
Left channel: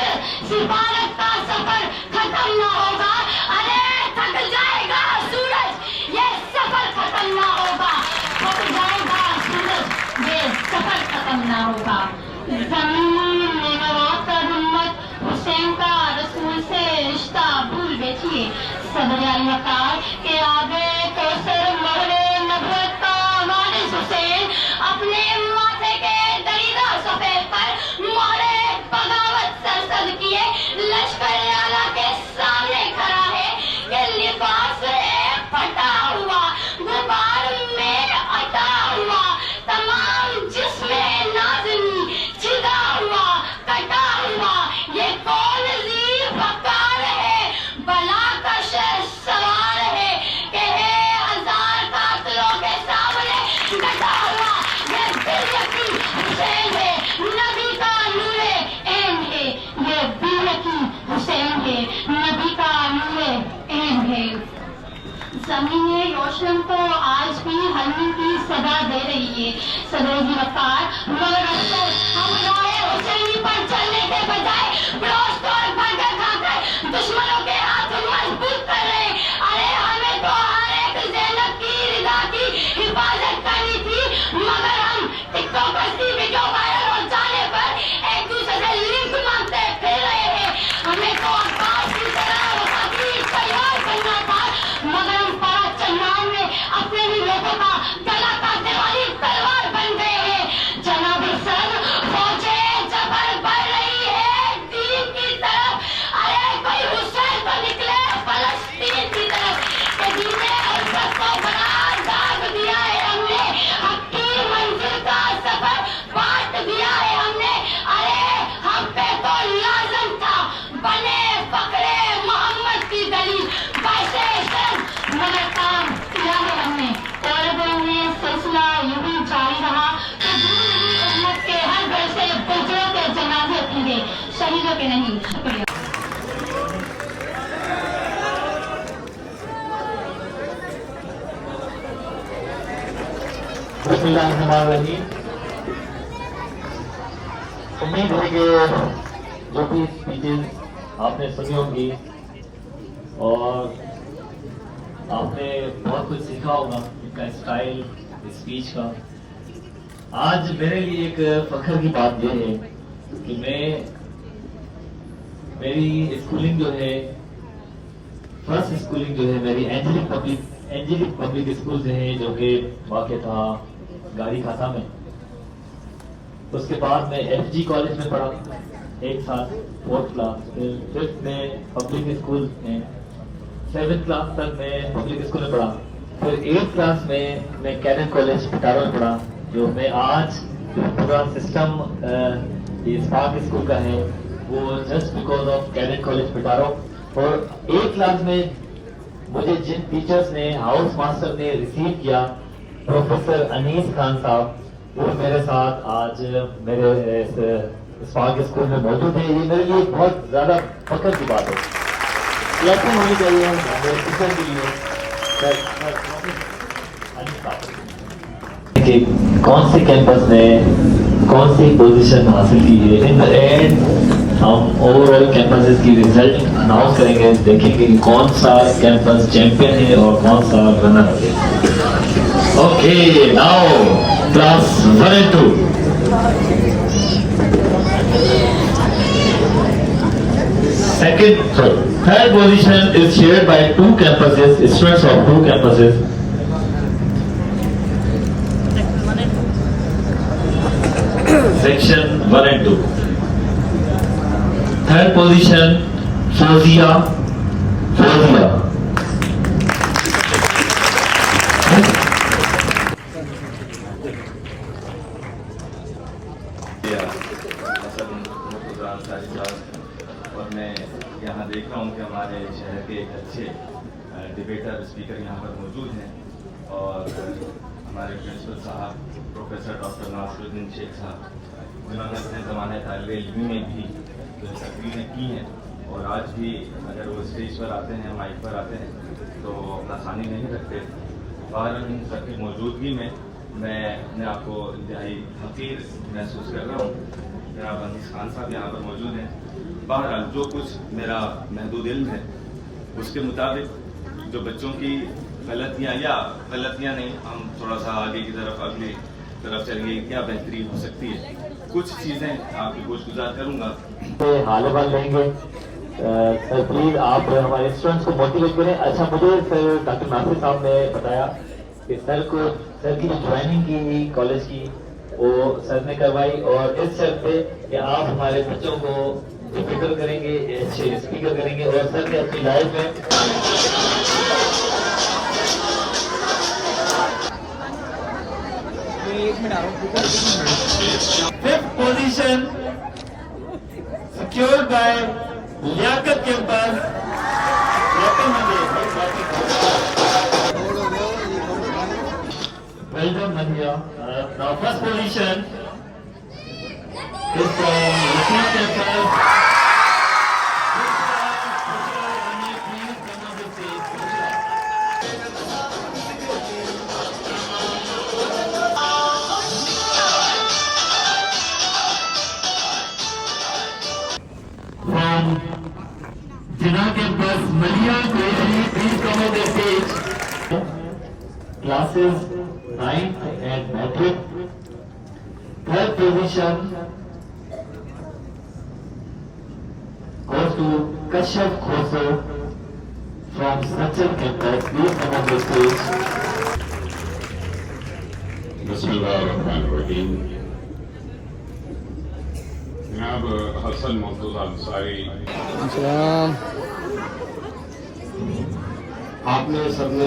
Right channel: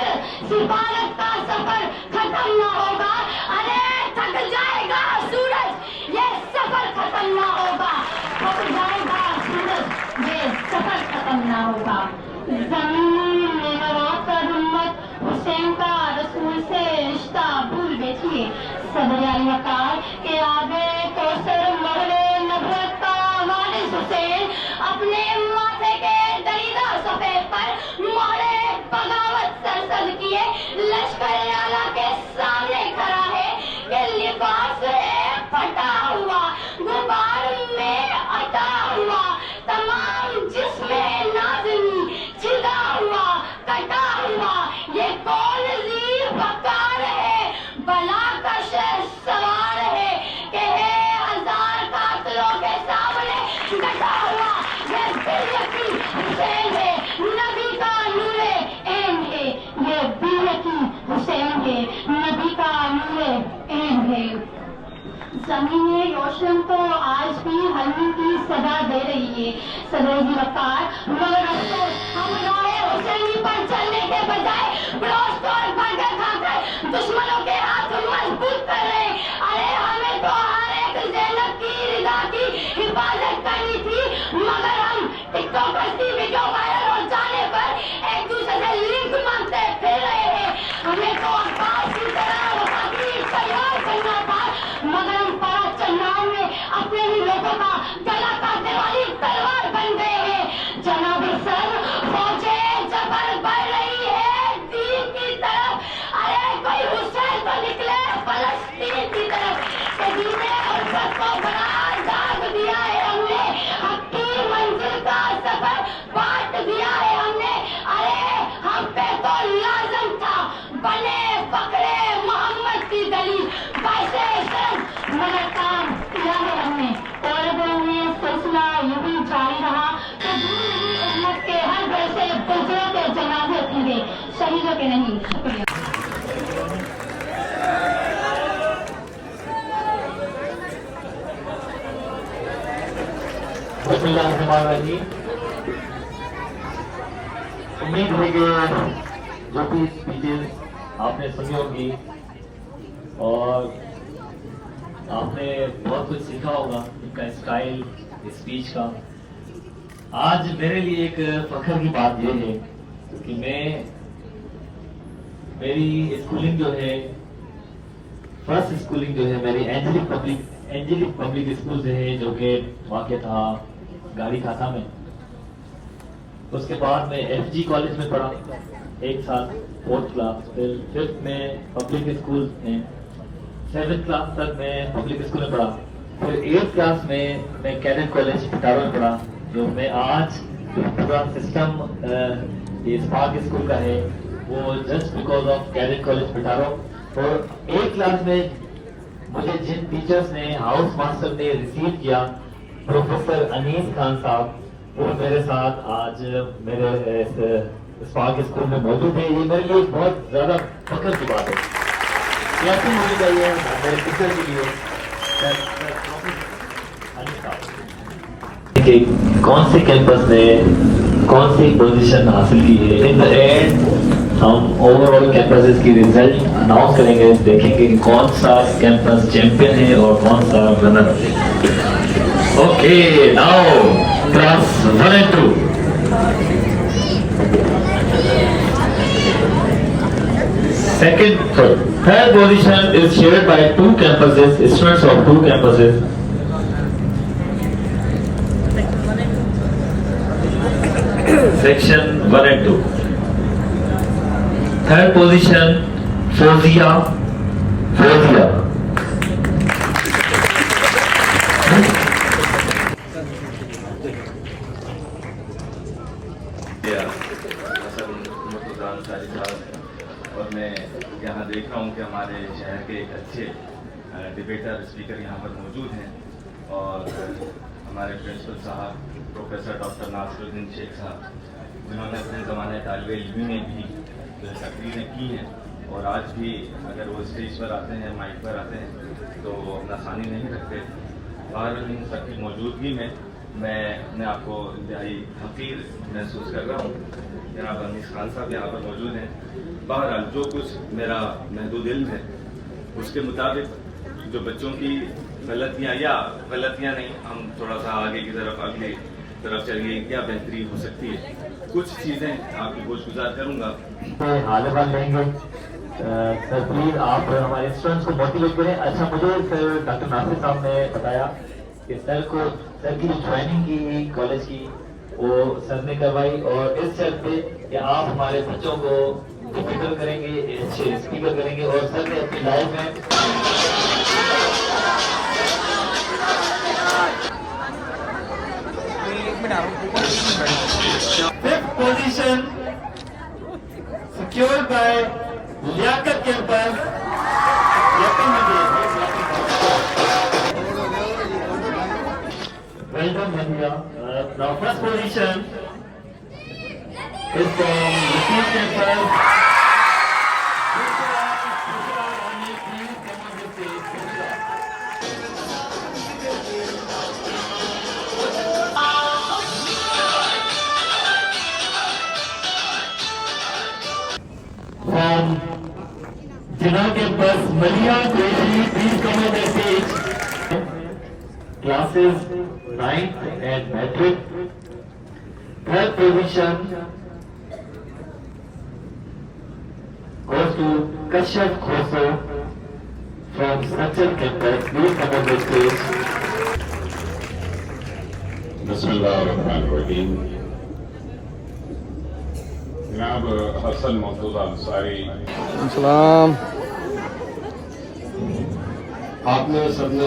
सिफारत का सफर खत्म ना होगा, अरे थक जाएगा सूरज ये सफर खत्म ना होगा, थक जाएगा सूरज ये सफर खत्म ना होगा। जमीन में नवाकर उम्मत हुसैन का रसूल से रिश्ता भूल बैठिए, सदर अलवकार के आगे कौसर महरे नबूवत का वारिस हुसैन अपने माथे के दरीदा सफेद पर मोहरे बगावत सरसद किए लश्कर आला के सामने खड़ा है कि लिबास है फटा हुआ, गुबार में अटा हुआ, तमाम जिस्में नाज़नी छिदा हुआ, कटा हुआ, ये कौन ज़ी वक़ार है, बला का शहर सवार है कि है हजार कातिलों के सामने डटा हुआ, ये बिलकी हुसैन है, नबी का नूरे ऐन है, ये बिलकी हुसैन है, नबी का नूरे ऐन है। ज़मीने रोशन तो आज भी हल्मी की सदा दे रही है, सदर वक़ार, मगर अफसोस हम राहे हुसैनी पर चलने के बजाय ब्रोस्ट और बर्गर खाकर दुश्मनों के हाथ मजबूत कर रहे हैं। अरे हमें तो हर एक ज़ैनब की रिदा की हिफाजत करनी थी, मगर हम टिकटॉक पर वीडियो वायरल हो जाने पर एक दूसरे से लिंक मांगते फिर रहे हैं। हमें तो अब्बास की तरह वफाकी तैयार करना था, मगर हम पारा चन्नान में अपने ही लोगों का गला काटने वाली तलवार बन गए हैं। जनाब सर फौजे जबर बढ़ रही है दीन की तरफ, अरे कोई हुसैन तो निकले फलस्तीन की तरफ, दीने और सबको बड़ा दाग दिया है हमने, हक की मंजिल का सफर बांट दिया है हमने, अरे हम पे तो लाजम था बने पकड़े मोहम्मद की दलील वैसे मगर काम किया है हमने, और में सिलसिला यूं ही जारी रहा तो उम्मत के हर घर से बुजुर्गों के जनाजे उठेंगे, शहीदों के नहीं। शुक्रिया। उम्मीद है कि जो भी स्पीचेस आपने सुनी होंगी और आपने बहुत कुछ सीखा होगा इनका स्टाइल स्पीच का। आज मेरे लिए एक फख्र की बात यह है कि मेरी स्कूलिंग जो है, फर्स्ट स्कूलिंग जो है मेरी एंजेलिक पब्लिक स्कूल से है, जो कि वाक़ था गाड़ी खाता में। उसके बाद मैं FG कॉलेज में पढ़ा एक साल, 4th क्लास, फिर 5th में पब्लिक स्कूल में, 7th क्लास तक मैं पब्लिक स्कूल में पढ़ा, फिर 8th क्लास में मैं कैडेट कॉलेज पिटारो में पढ़ा, जो मैं आज पूरा सिस्टम स्पार्क स्कूल का है वो just because of cadet college Petaro. और 8th क्लास में मुझे जिन टीचर्स ने, हाउस मास्टर ने रिसीव किया, प्रोफेसर अनीस खान साहब, वो मेरे साथ आज मेरे स्पार्क स्कूल में मौजूद है। ये मेरे लिए बहुत ज्यादा फख्र की बात है, ये ऐसी होनी चाहिए मेरे टीचर के लिए। कि कौन से कैंपस में कौन सी पोजीशन हासिल की है, इन द एंड हम ओवरऑल कैंपसेस की रिजल्ट अनाउंस करेंगे, देखेंगे कि कौन सा कैंपस चैंपियन है और कौन सा रनर है। Okay, now class 1 and 2. Third position is shared by two campuses, students of two campuses. Section 1 and 2. Third position, Fozia. और मैं यहाँ देख रहा हूँ कि हमारे शहर के एक अच्छे डिबेटर स्पीकर यहाँ पर मौजूद हैं और हमारे प्रिंसिपल साहब प्रोफेसर डॉक्टर नासिरुद्दीन शेख साहब, जिन्होंने अपने ज़माने तालिबे इल्मी में भी जो तकरीरें की हैं और आज भी अगर वो स्टेज पर आते हैं, माइक पर आते हैं तो अपना सानी नहीं रखते। और इन सबकी मौजूदगी में मैं अपने आप को इंतहाई हकीर महसूस कर रहा हूँ। जनाब अनीस खान साहब यहाँ पर मौजूद हैं। बहरहाल जो कुछ मेरा महदूद इल्म है उसके मुताबिक जो बच्चों की गलतियाँ या गलतियाँ नहीं, हम थोड़ा सा आगे की तरफ अगली तरफ चलिए, क्या बेहतरी हो सकती है, कुछ चीज़ें आपकी गुज़ार करूँगा। हाल बाल लेंगे। सर प्लीज आप हमारे स्टूडेंट्स को मोटिवेट करें। अच्छा, मुझे सर डॉक्टर नासिर साहब ने बताया कि सर की जो ज्वाइनिंग की कॉलेज की वो सर ने करवाई, और इस शर्त पे कि आप हमारे बच्चों को फिक्र करेंगे, अच्छे स्पीकर करेंगे, और सर ने अपनी लाइफ में fifth position secured by Liaquat campus. Well done, Madhya. Now first position is from Latif campus. Bushra, Ani, please come on the stage. Bushra. From Jinnah campus, Malia Qureshi, please come on the stage. Classes 9th and metric. Third position goes to Kashyap Khoso from Structure campus. Please come on the stage. बिस्मिल्लाहिर्रहमानिर्रहीम। जनाब हसन मौजूद अंसारी, आपने सबने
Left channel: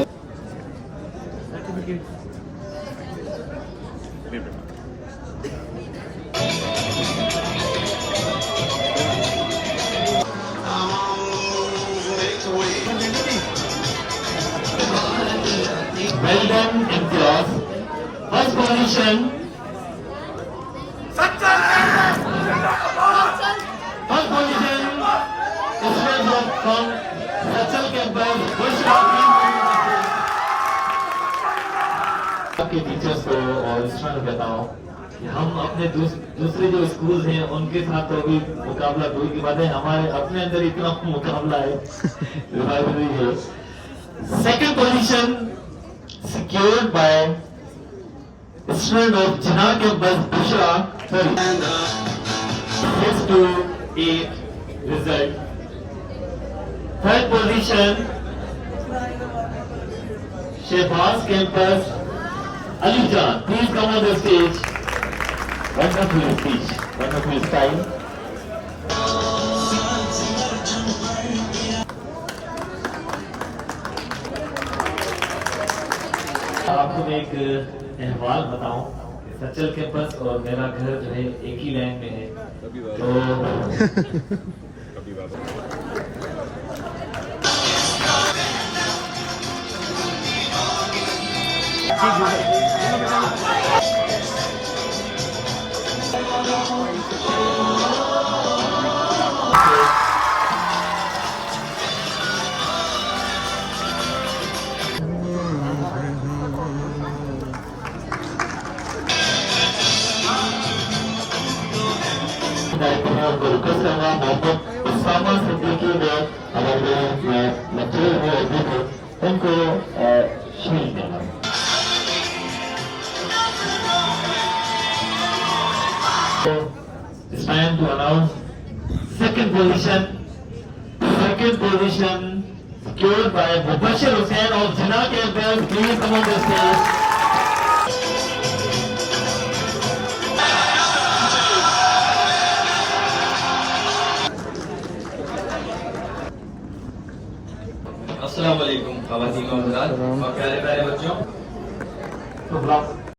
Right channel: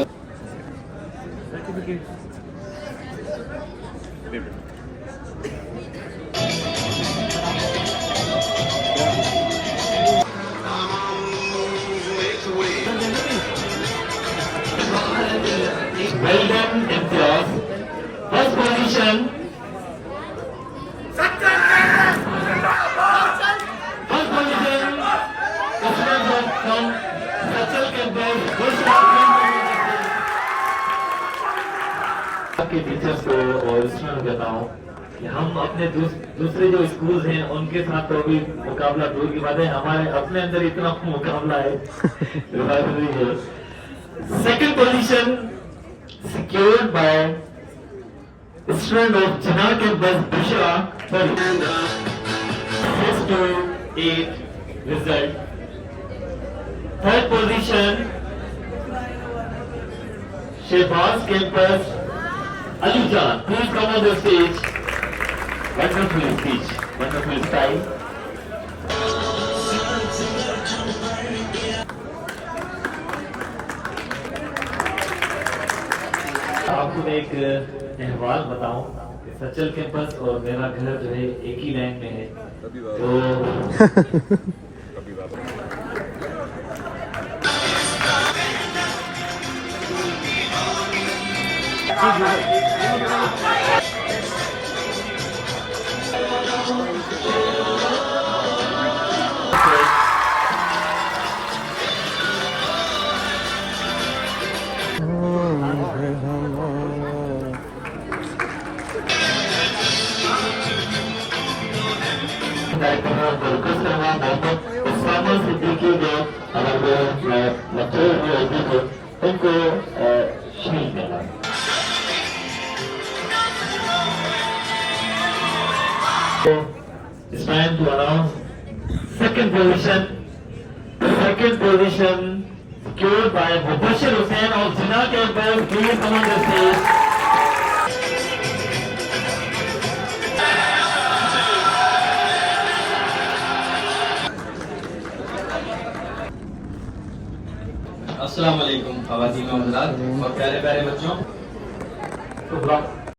Well done, Imtiaz. First position. First position is from Structure campus. आपके teachers को और student बताओ कि हम अपने दूसरे जो स्कूल्स हैं उनके साथ तो अभी मुकाबला दूर की बात है, हमारे अपने अंदर इतना मुकाबला है। Second position secured by student of Jinnah campus, Bushra. Sorry, 6 to 8 result. Third position, Shehbaz campus, Ali Jan. Please come on the stage. Wonderful speech, wonderful style. आपको मैं एक अहवाल बताऊं कि सचल कैंपस और मेरा घर जो है एक ही लाइन में है, तो उनको शहीद करना। It's time to announce second position secured by Mubashir Hussain of Jinnah campus. Please come on the stage. अस्सलाम वालेकुम ख़वातीन और हज़रात और प्यारे प्यारे बच्चों।